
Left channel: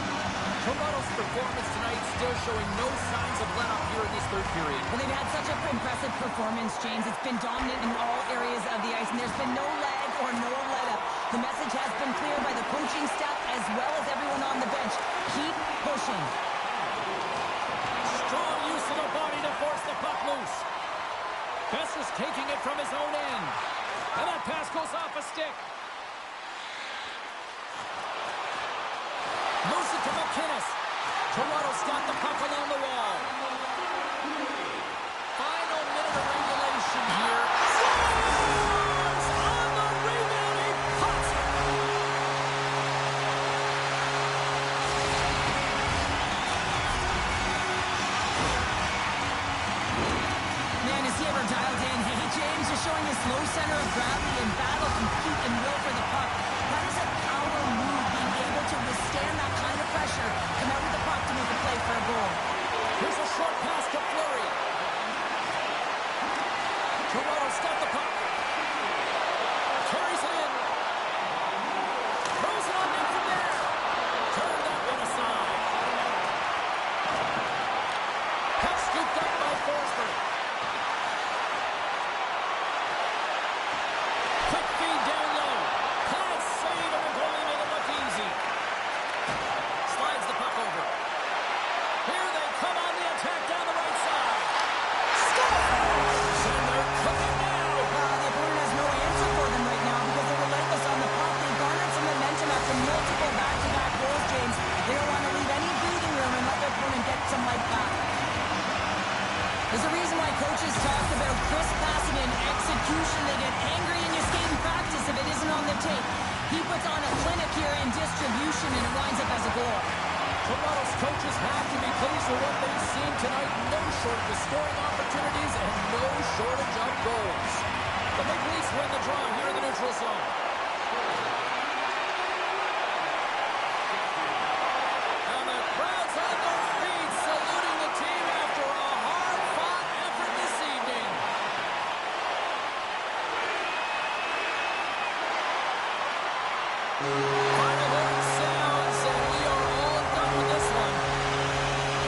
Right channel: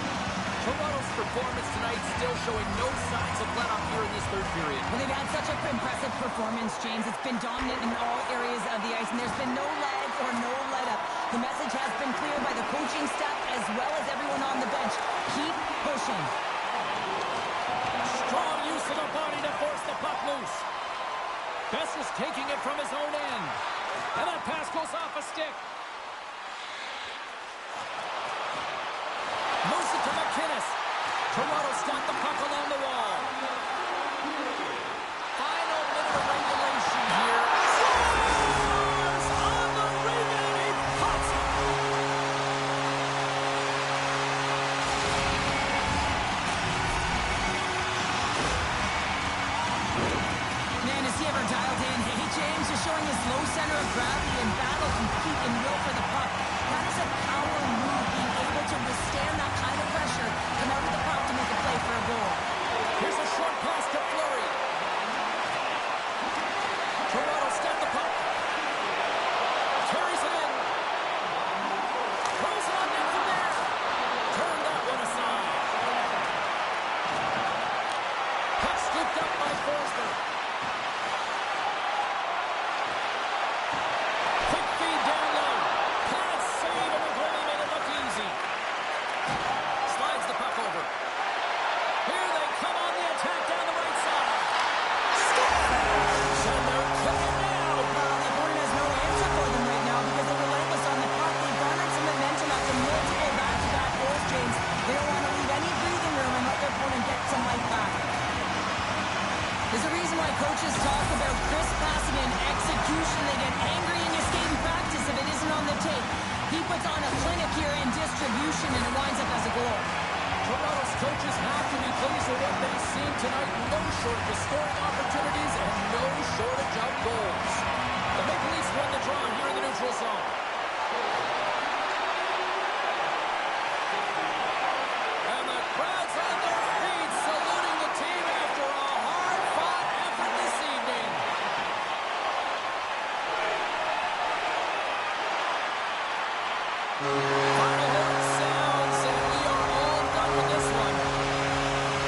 Toronto's performance tonight still showing no signs of let-up here in this third period. Well, they've had such an impressive performance, James. It's been dominant in all areas of the ice, and there's been no lag or no let-up. The message has been clear by the coaching staff as well as everyone on the bench. Keep pushing. Strong use of the body to force the puck loose. Bess is taking it from his own end. And that pass goes off a stick. Moves it to McInnes. Toronto's got the puck along the wall. Final minute of regulation here. Scores! On the rebound, he pots it. Man, is he ever dialed in? Hey, James is showing his low center of gravity and battle, compete, and will for the puck. That is a power move, being able to withstand that kind of pressure, come out with the puck to make a play for a goal. Here's a short pass to Fleury. Toronto's got the puck. Carries it in. Throws it on net from there. Turn that one aside. Puck scooped up by Forsberg. Quick feed down low. Pad save, and the goalie made it look easy. Slides the puck over. Here they come on the attack down the right side. Scores! And they're cooking now. The opponent has no answer for them right now because they're relentless on the puck. They garnered some momentum after multiple back-to-back goals, James. They don't want to leave any breathing room and let their opponent some life back. There's a reason why coaches talk about crisp passing and execution. They get angry in your skating practice if it isn't on the tape. He puts on a clinic here in distribution, and it winds up as a goal. Toronto's coaches have to be pleased with what they've seen tonight. No shortage of scoring opportunities and no shortage of goals. The Maple Leafs win the draw here in the neutral zone. And the crowd's on their feet, saluting the team after a hard-fought effort this evening. Final horn sounds, and we are all done with this one.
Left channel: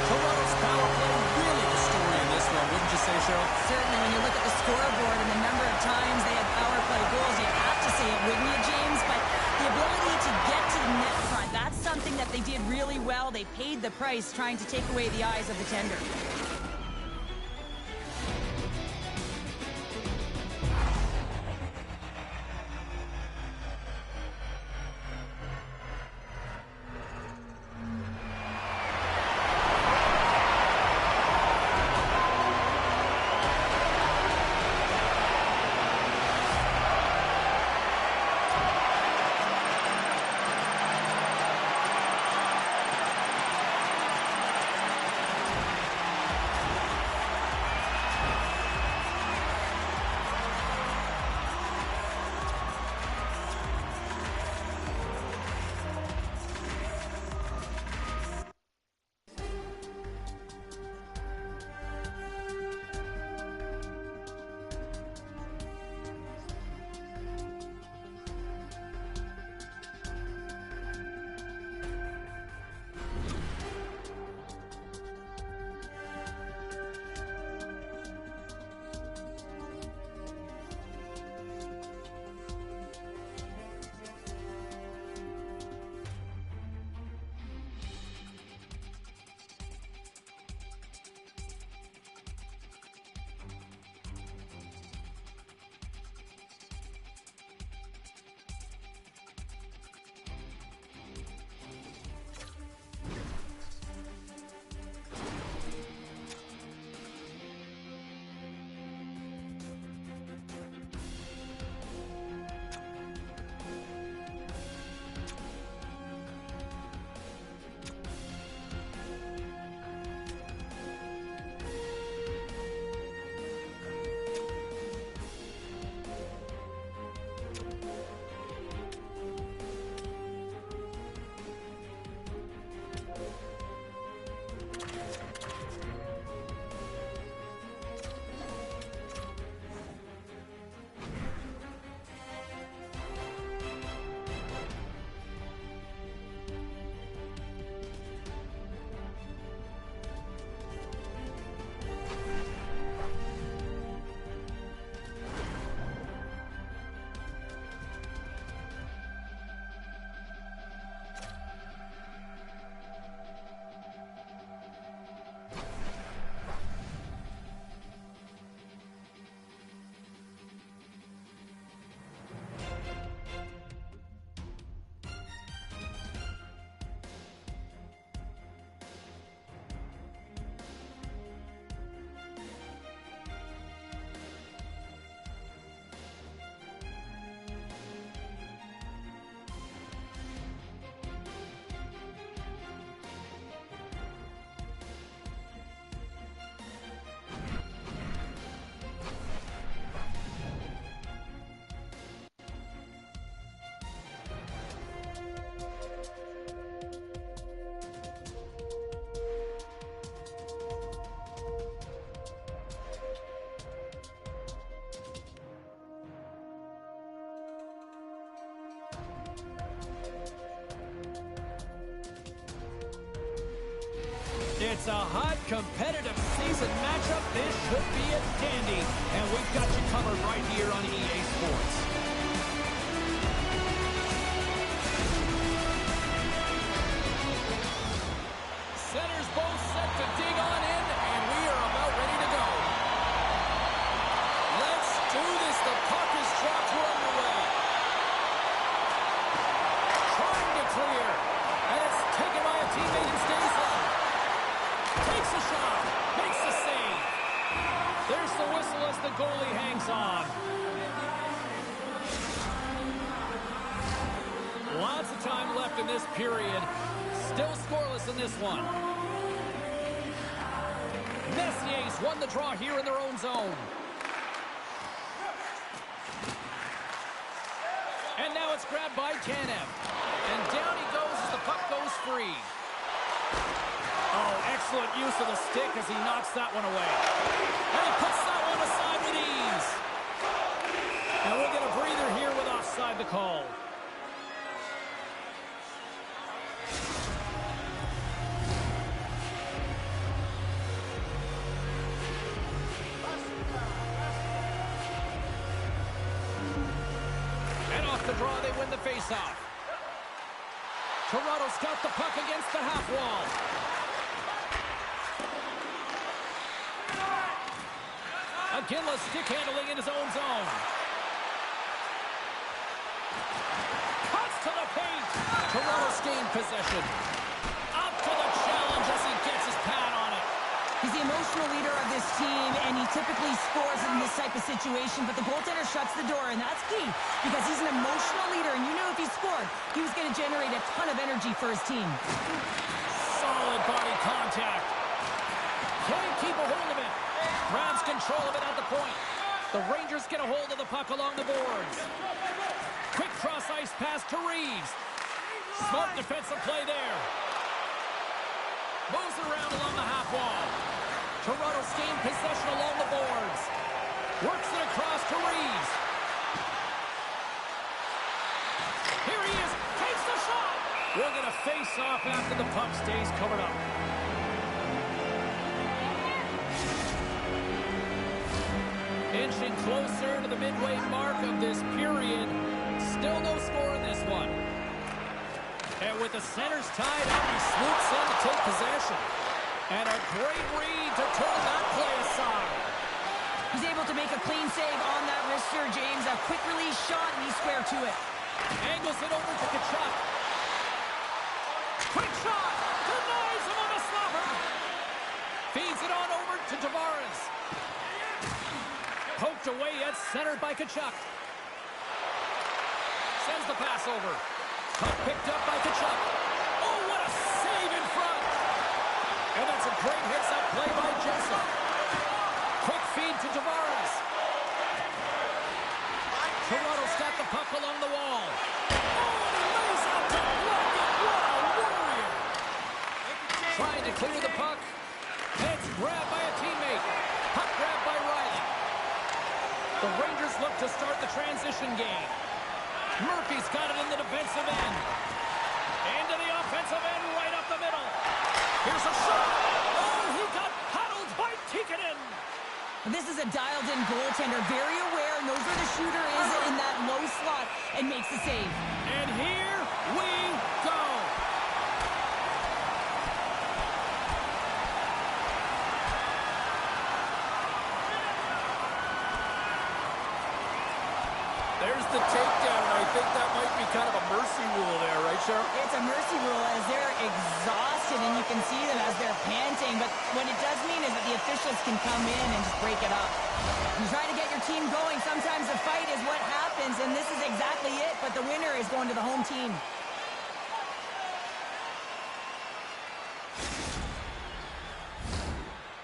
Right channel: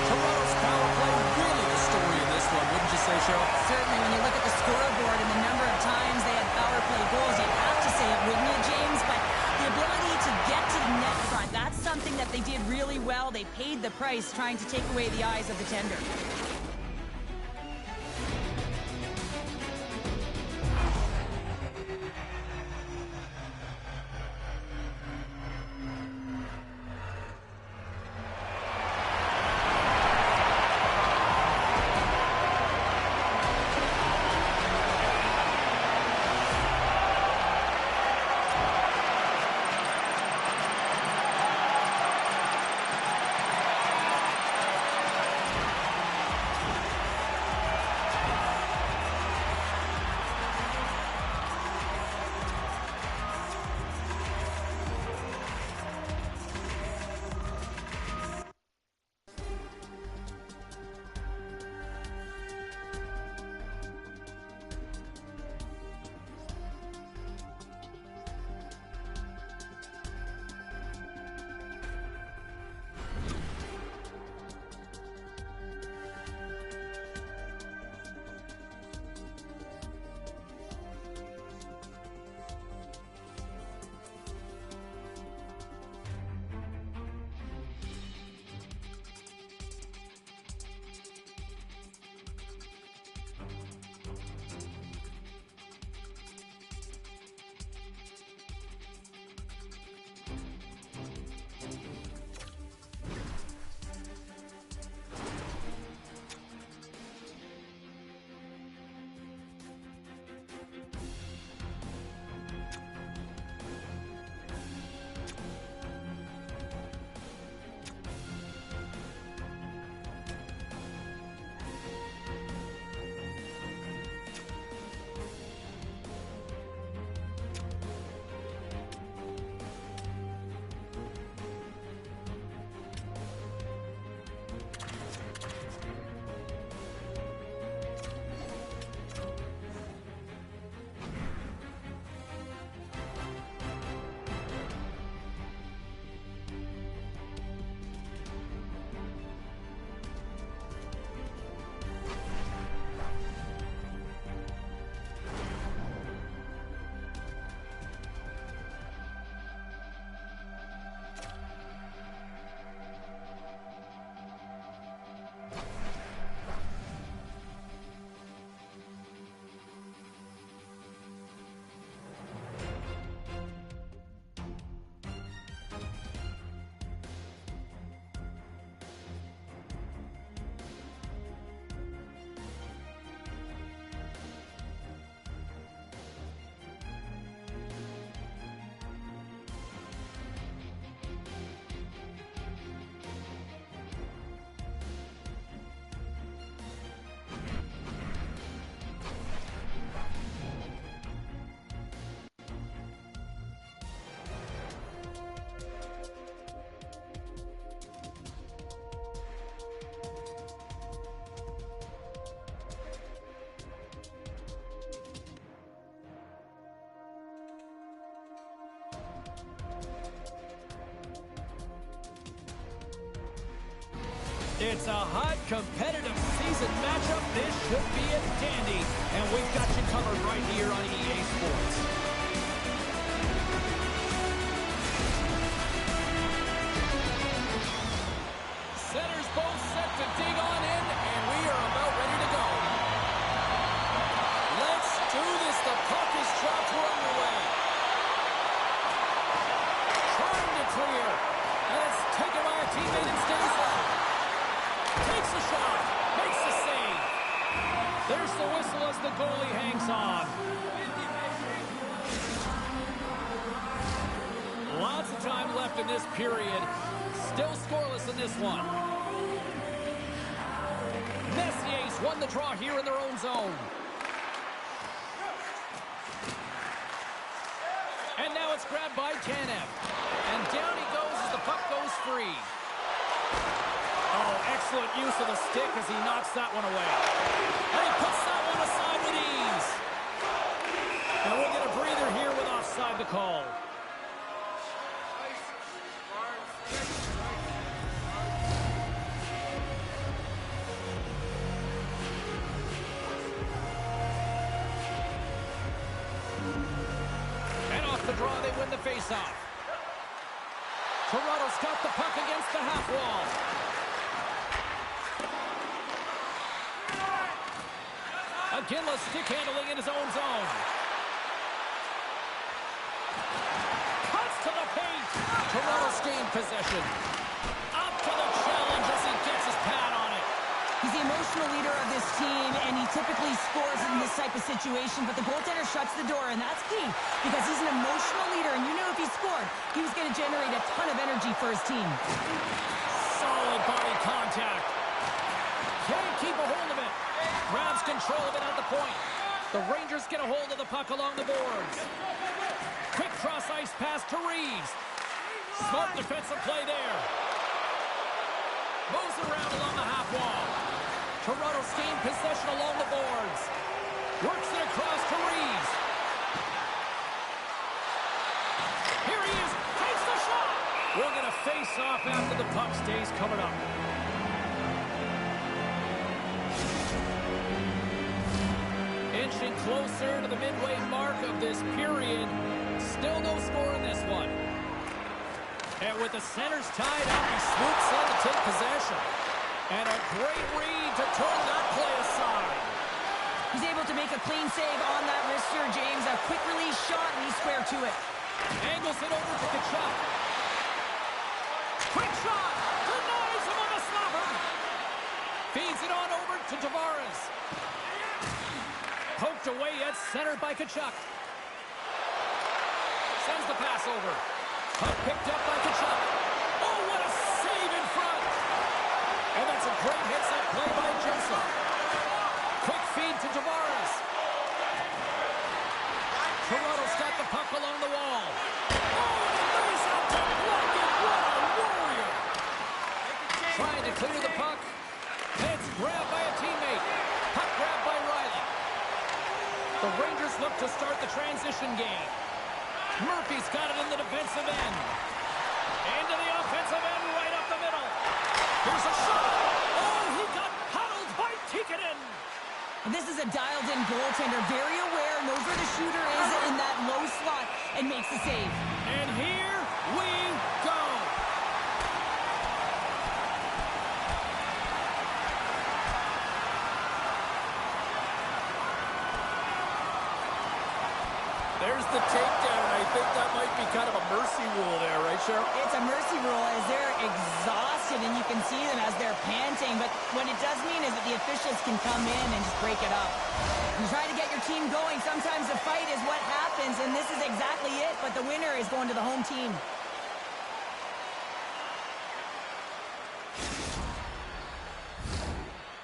Toronto's power play really the story in this one, wouldn't you say, Cheryl? Certainly, when you look at the scoreboard and the number of times they had power play goals, you'd have to say it, wouldn't you, James? But the ability to get to the net front, that's something that they did really well. They paid the price trying to take away the eyes of the tender. It's a hot, competitive season matchup. This should be a dandy. And we've got you covered right here on EA Sports. Centers both set to dig on in, and we are about ready to go. Let's do this. The puck is dropped. We're underway. Trying to clear. And it's taken by a teammate and stays on. Takes a shot. Makes the save. There's the whistle as the goalie hangs on. Lots of time left in this period. Still scoreless in this one. Messier's won the draw here in their own zone. And now it's grabbed by Tanev. And down he goes as the puck goes free. Oh, excellent use of the stick as he knocks that one away. And he puts that one aside with ease. And we'll get a breather here with offside to call. And off the draw, they win the faceoff. Toronto's got the puck against the half wall. Aginla stick handling in his own zone. Cuts to the paint. Toronto's gained possession. Up to the challenge as he gets his pad on it. He's the emotional leader of this team, and he typically scores in this type of situation, but the goaltender shuts the door, and that's key because he's an emotional leader, and you knew if he scored, he was going to generate a ton of energy for his team. Solid body contact. Can't keep a hold of it. Grabs control of it at the point. The Rangers get a hold of the puck along the boards. Quick cross-ice pass to Reeves. Smart defensive play there. Moves around along the half wall. Toronto's gained possession along the boards. Works it across to Reeves. Here he is. Takes the shot. We'll get a face-off after the puck stays covered up. Inching closer to the midway mark of this period. Still no score in this one. And with the centers tied up, he swoops in to take possession. And a great read to turn that play aside. He's able to make a clean save on that wrister, James. A quick release shot, and he's square to it. Angles it over to Tkachuk. Quick shot! Denies him on the slapper! Feeds it on over to Tavares. Poked away yet centered by Tkachuk. Sends the pass over. Puck picked up by Tkachuk. Oh, what a save in front! And that's a great hits-up play by Joseph. Quick feed to Tavares. Toronto's got the puck along the wall. Oh, and he lays out to block it. What a warrior! Trying to clear the puck. And it's grabbed by a teammate. Puck grabbed by Riley. The Rangers look to start the transition game. Murphy's got it in the defensive end. Into the offensive end, right up the middle. Here's a shot. Oh, he got paddled by Tikkanen. This is a dialed-in goaltender, very aware, knows where the shooter is in that low slot, and makes the save. And here we go. There's the takedown, and I think that might be kind of a mercy rule there, right, Cheryl? It's a mercy rule as they're exhausted, and you can see them as they're panting. But what it does mean is that the officials can come in and just break it up. You try to get your team going. Sometimes the fight is what happens, and this is exactly it. But the winner is going to the home team.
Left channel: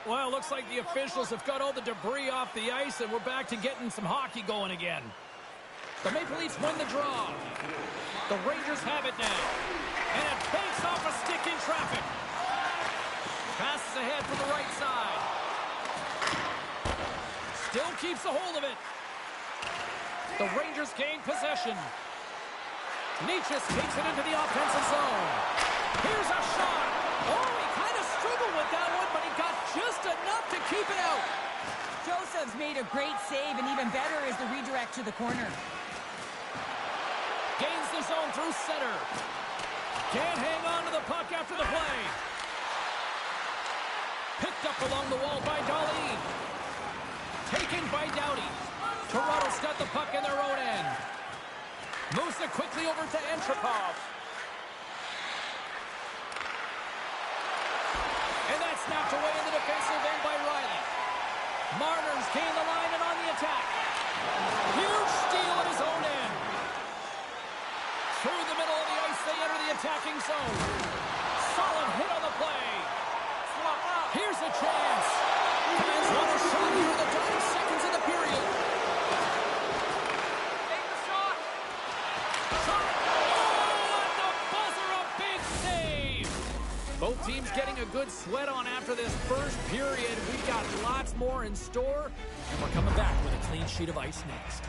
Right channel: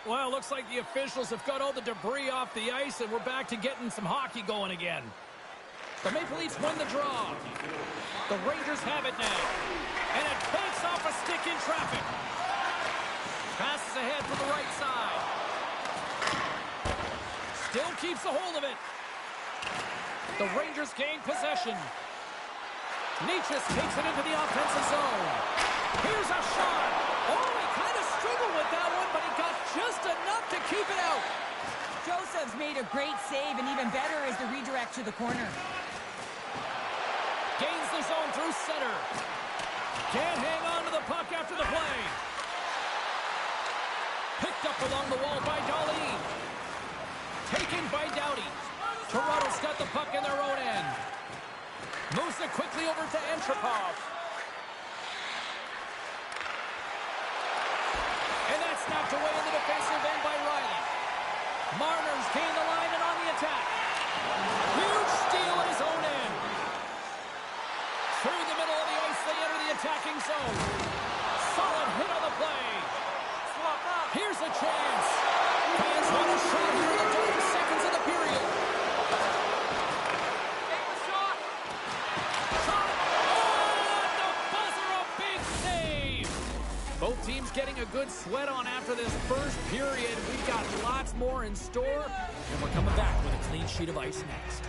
Well, it looks like the officials have got all the debris off the ice, and we're back to getting some hockey going again. The Maple Leafs win the draw. The Rangers have it now. And it banks off a stick in traffic. Passes ahead from the right side. Still keeps a hold of it. The Rangers gain possession. Nietzsche takes it into the offensive zone. Here's a shot. Oh, he kind of struggled with that one, but he got just enough to keep it out. Joseph's made a great save, and even better is the redirect to the corner. Gains the zone through center. Can't hang on to the puck after the play. Picked up along the wall by Dahlin. Taken by Doughty. Toronto's got the puck in their own end. Moves it quickly over to Antropov. And that's snapped away in the defensive end by Riley. Marner's gained the line and on the attack. Huge steal at his own end. Through the middle of the ice, they enter the attacking zone. Solid hit on the play. Swap up. Here's a chance. Fans want a shot here in the dying seconds of the period. Take the shot. Shot. Oh, at the buzzer, a big save. Both teams getting a good sweat on after this first period. We've got lots more in store, and we're coming back with a clean sheet of ice next.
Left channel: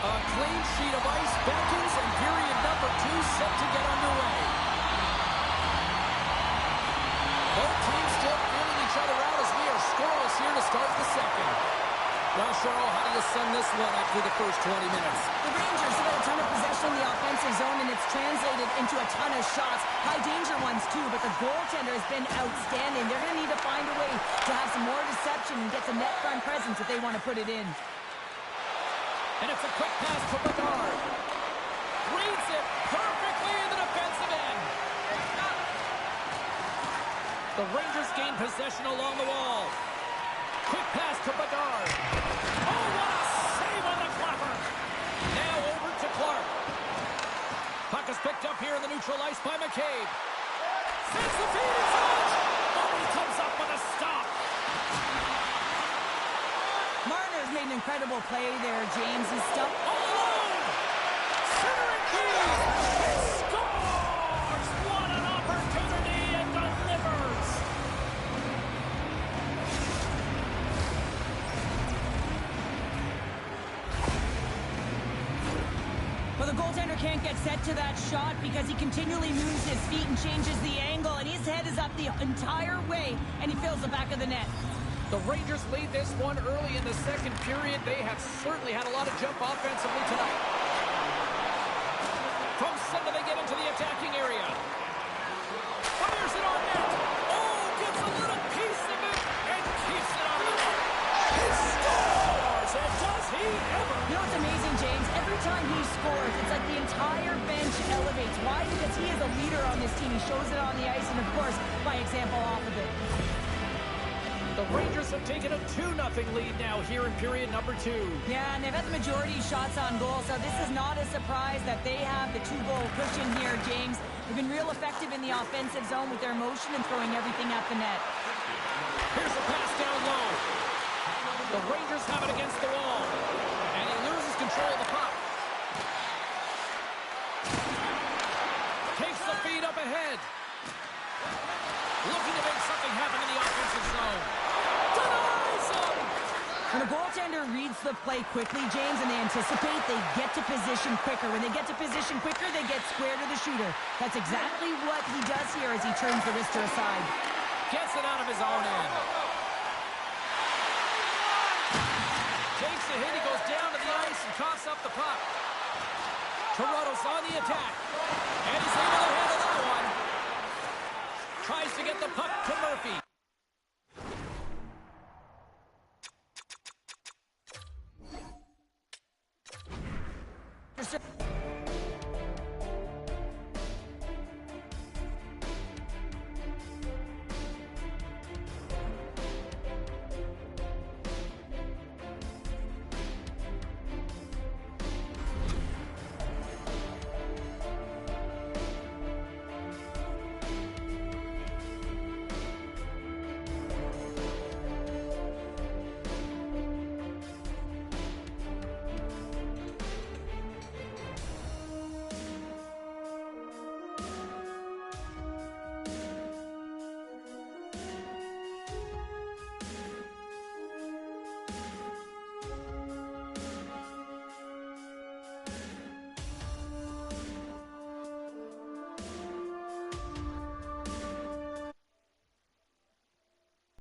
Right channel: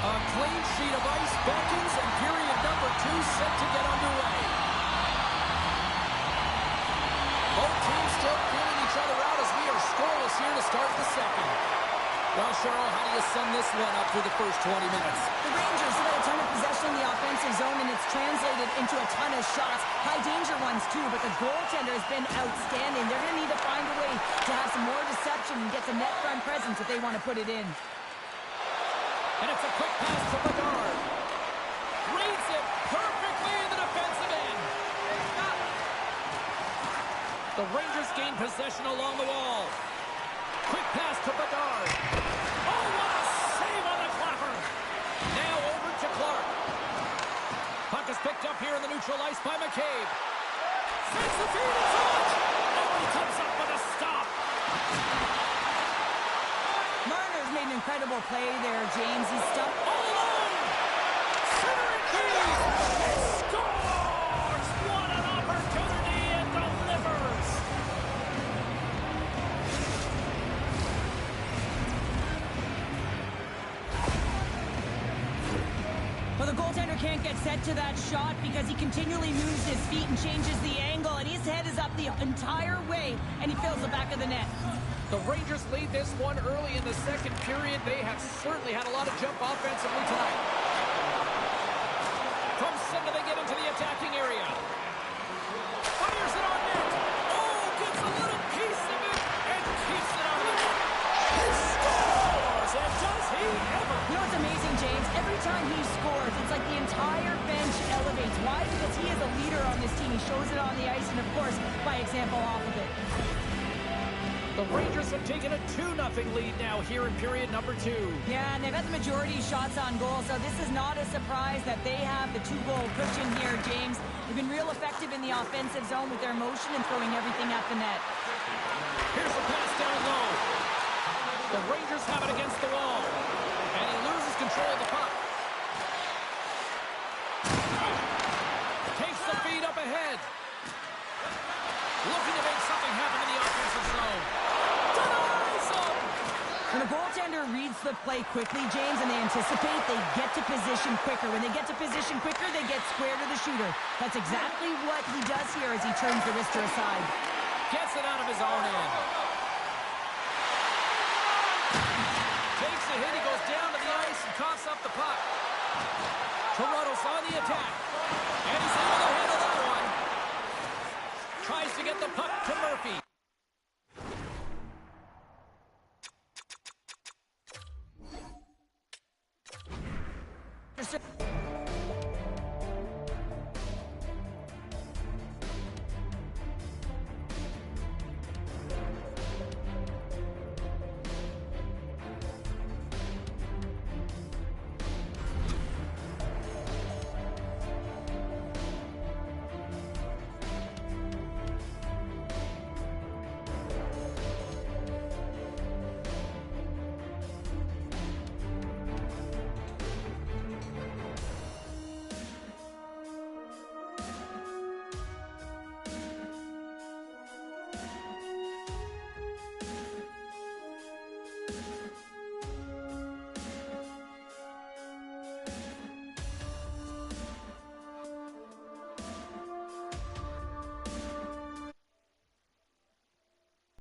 A clean sheet of ice beckons, and period number 2 set to get underway. Both teams still feeling each other out as we are scoreless here to start the second. Well, Cheryl, how do you sum this one up through the first 20 minutes? The Rangers have had a ton of possession in the offensive zone, and it's translated into a ton of shots. High-danger ones, too, but the goaltender has been outstanding. They're going to need to find a way to have some more deception and get some net front presence if they want to put it in. And it's a quick pass to Bedard. Reads it perfectly in the defensive end. The Rangers gain possession along the wall. Quick pass to Bedard. Oh, what a save on the clapper. Now over to Clark. Puck is picked up here in the neutral ice by McCabe. Sends the feed in front. Oh, he comes up with a stop. Marner's made an incredible play there, James. He's stumped All alone! Centering feed! It scores! What an opportunity! It delivers! Well, the goaltender can't get set to that shot because he continually moves his feet and changes the angle, and his head is up the entire way, and he fills the back of the net. The Rangers lead this one early in the second period. They have certainly had a lot of jump offensively tonight. From center, they get into the attacking area. Fires it on net. Oh, gets a little piece of it and keeps it out of the net. He scores! And does he ever? You know what's amazing, James? Every time he scores, it's like the entire bench elevates. Why? Because he is a leader on this team. He shows it on the ice and, of course, by example off of it. The Rangers have taken a 2-0 lead now here in period number 2. Yeah, and they've had the majority of shots on goal, so this is not a surprise that they have the 2-goal cushion here, James. They've been real effective in the offensive zone with their motion and throwing everything at the net. Here's a pass down low. The Rangers have it against the wall, and he loses control of the puck. Takes the feed up ahead. Looking to make something happen in the offensive zone. Denies him! When a goaltender reads the play quickly, James, and they anticipate, they get to position quicker. When they get to position quicker, they get square to the shooter. That's exactly what he does here as he turns the wrister aside. Gets it out of his own end. Takes a hit, he goes down to the ice and coughs up the puck. Toronto's on the attack. And he's able to handle that one. Tries to get the puck to Murphy.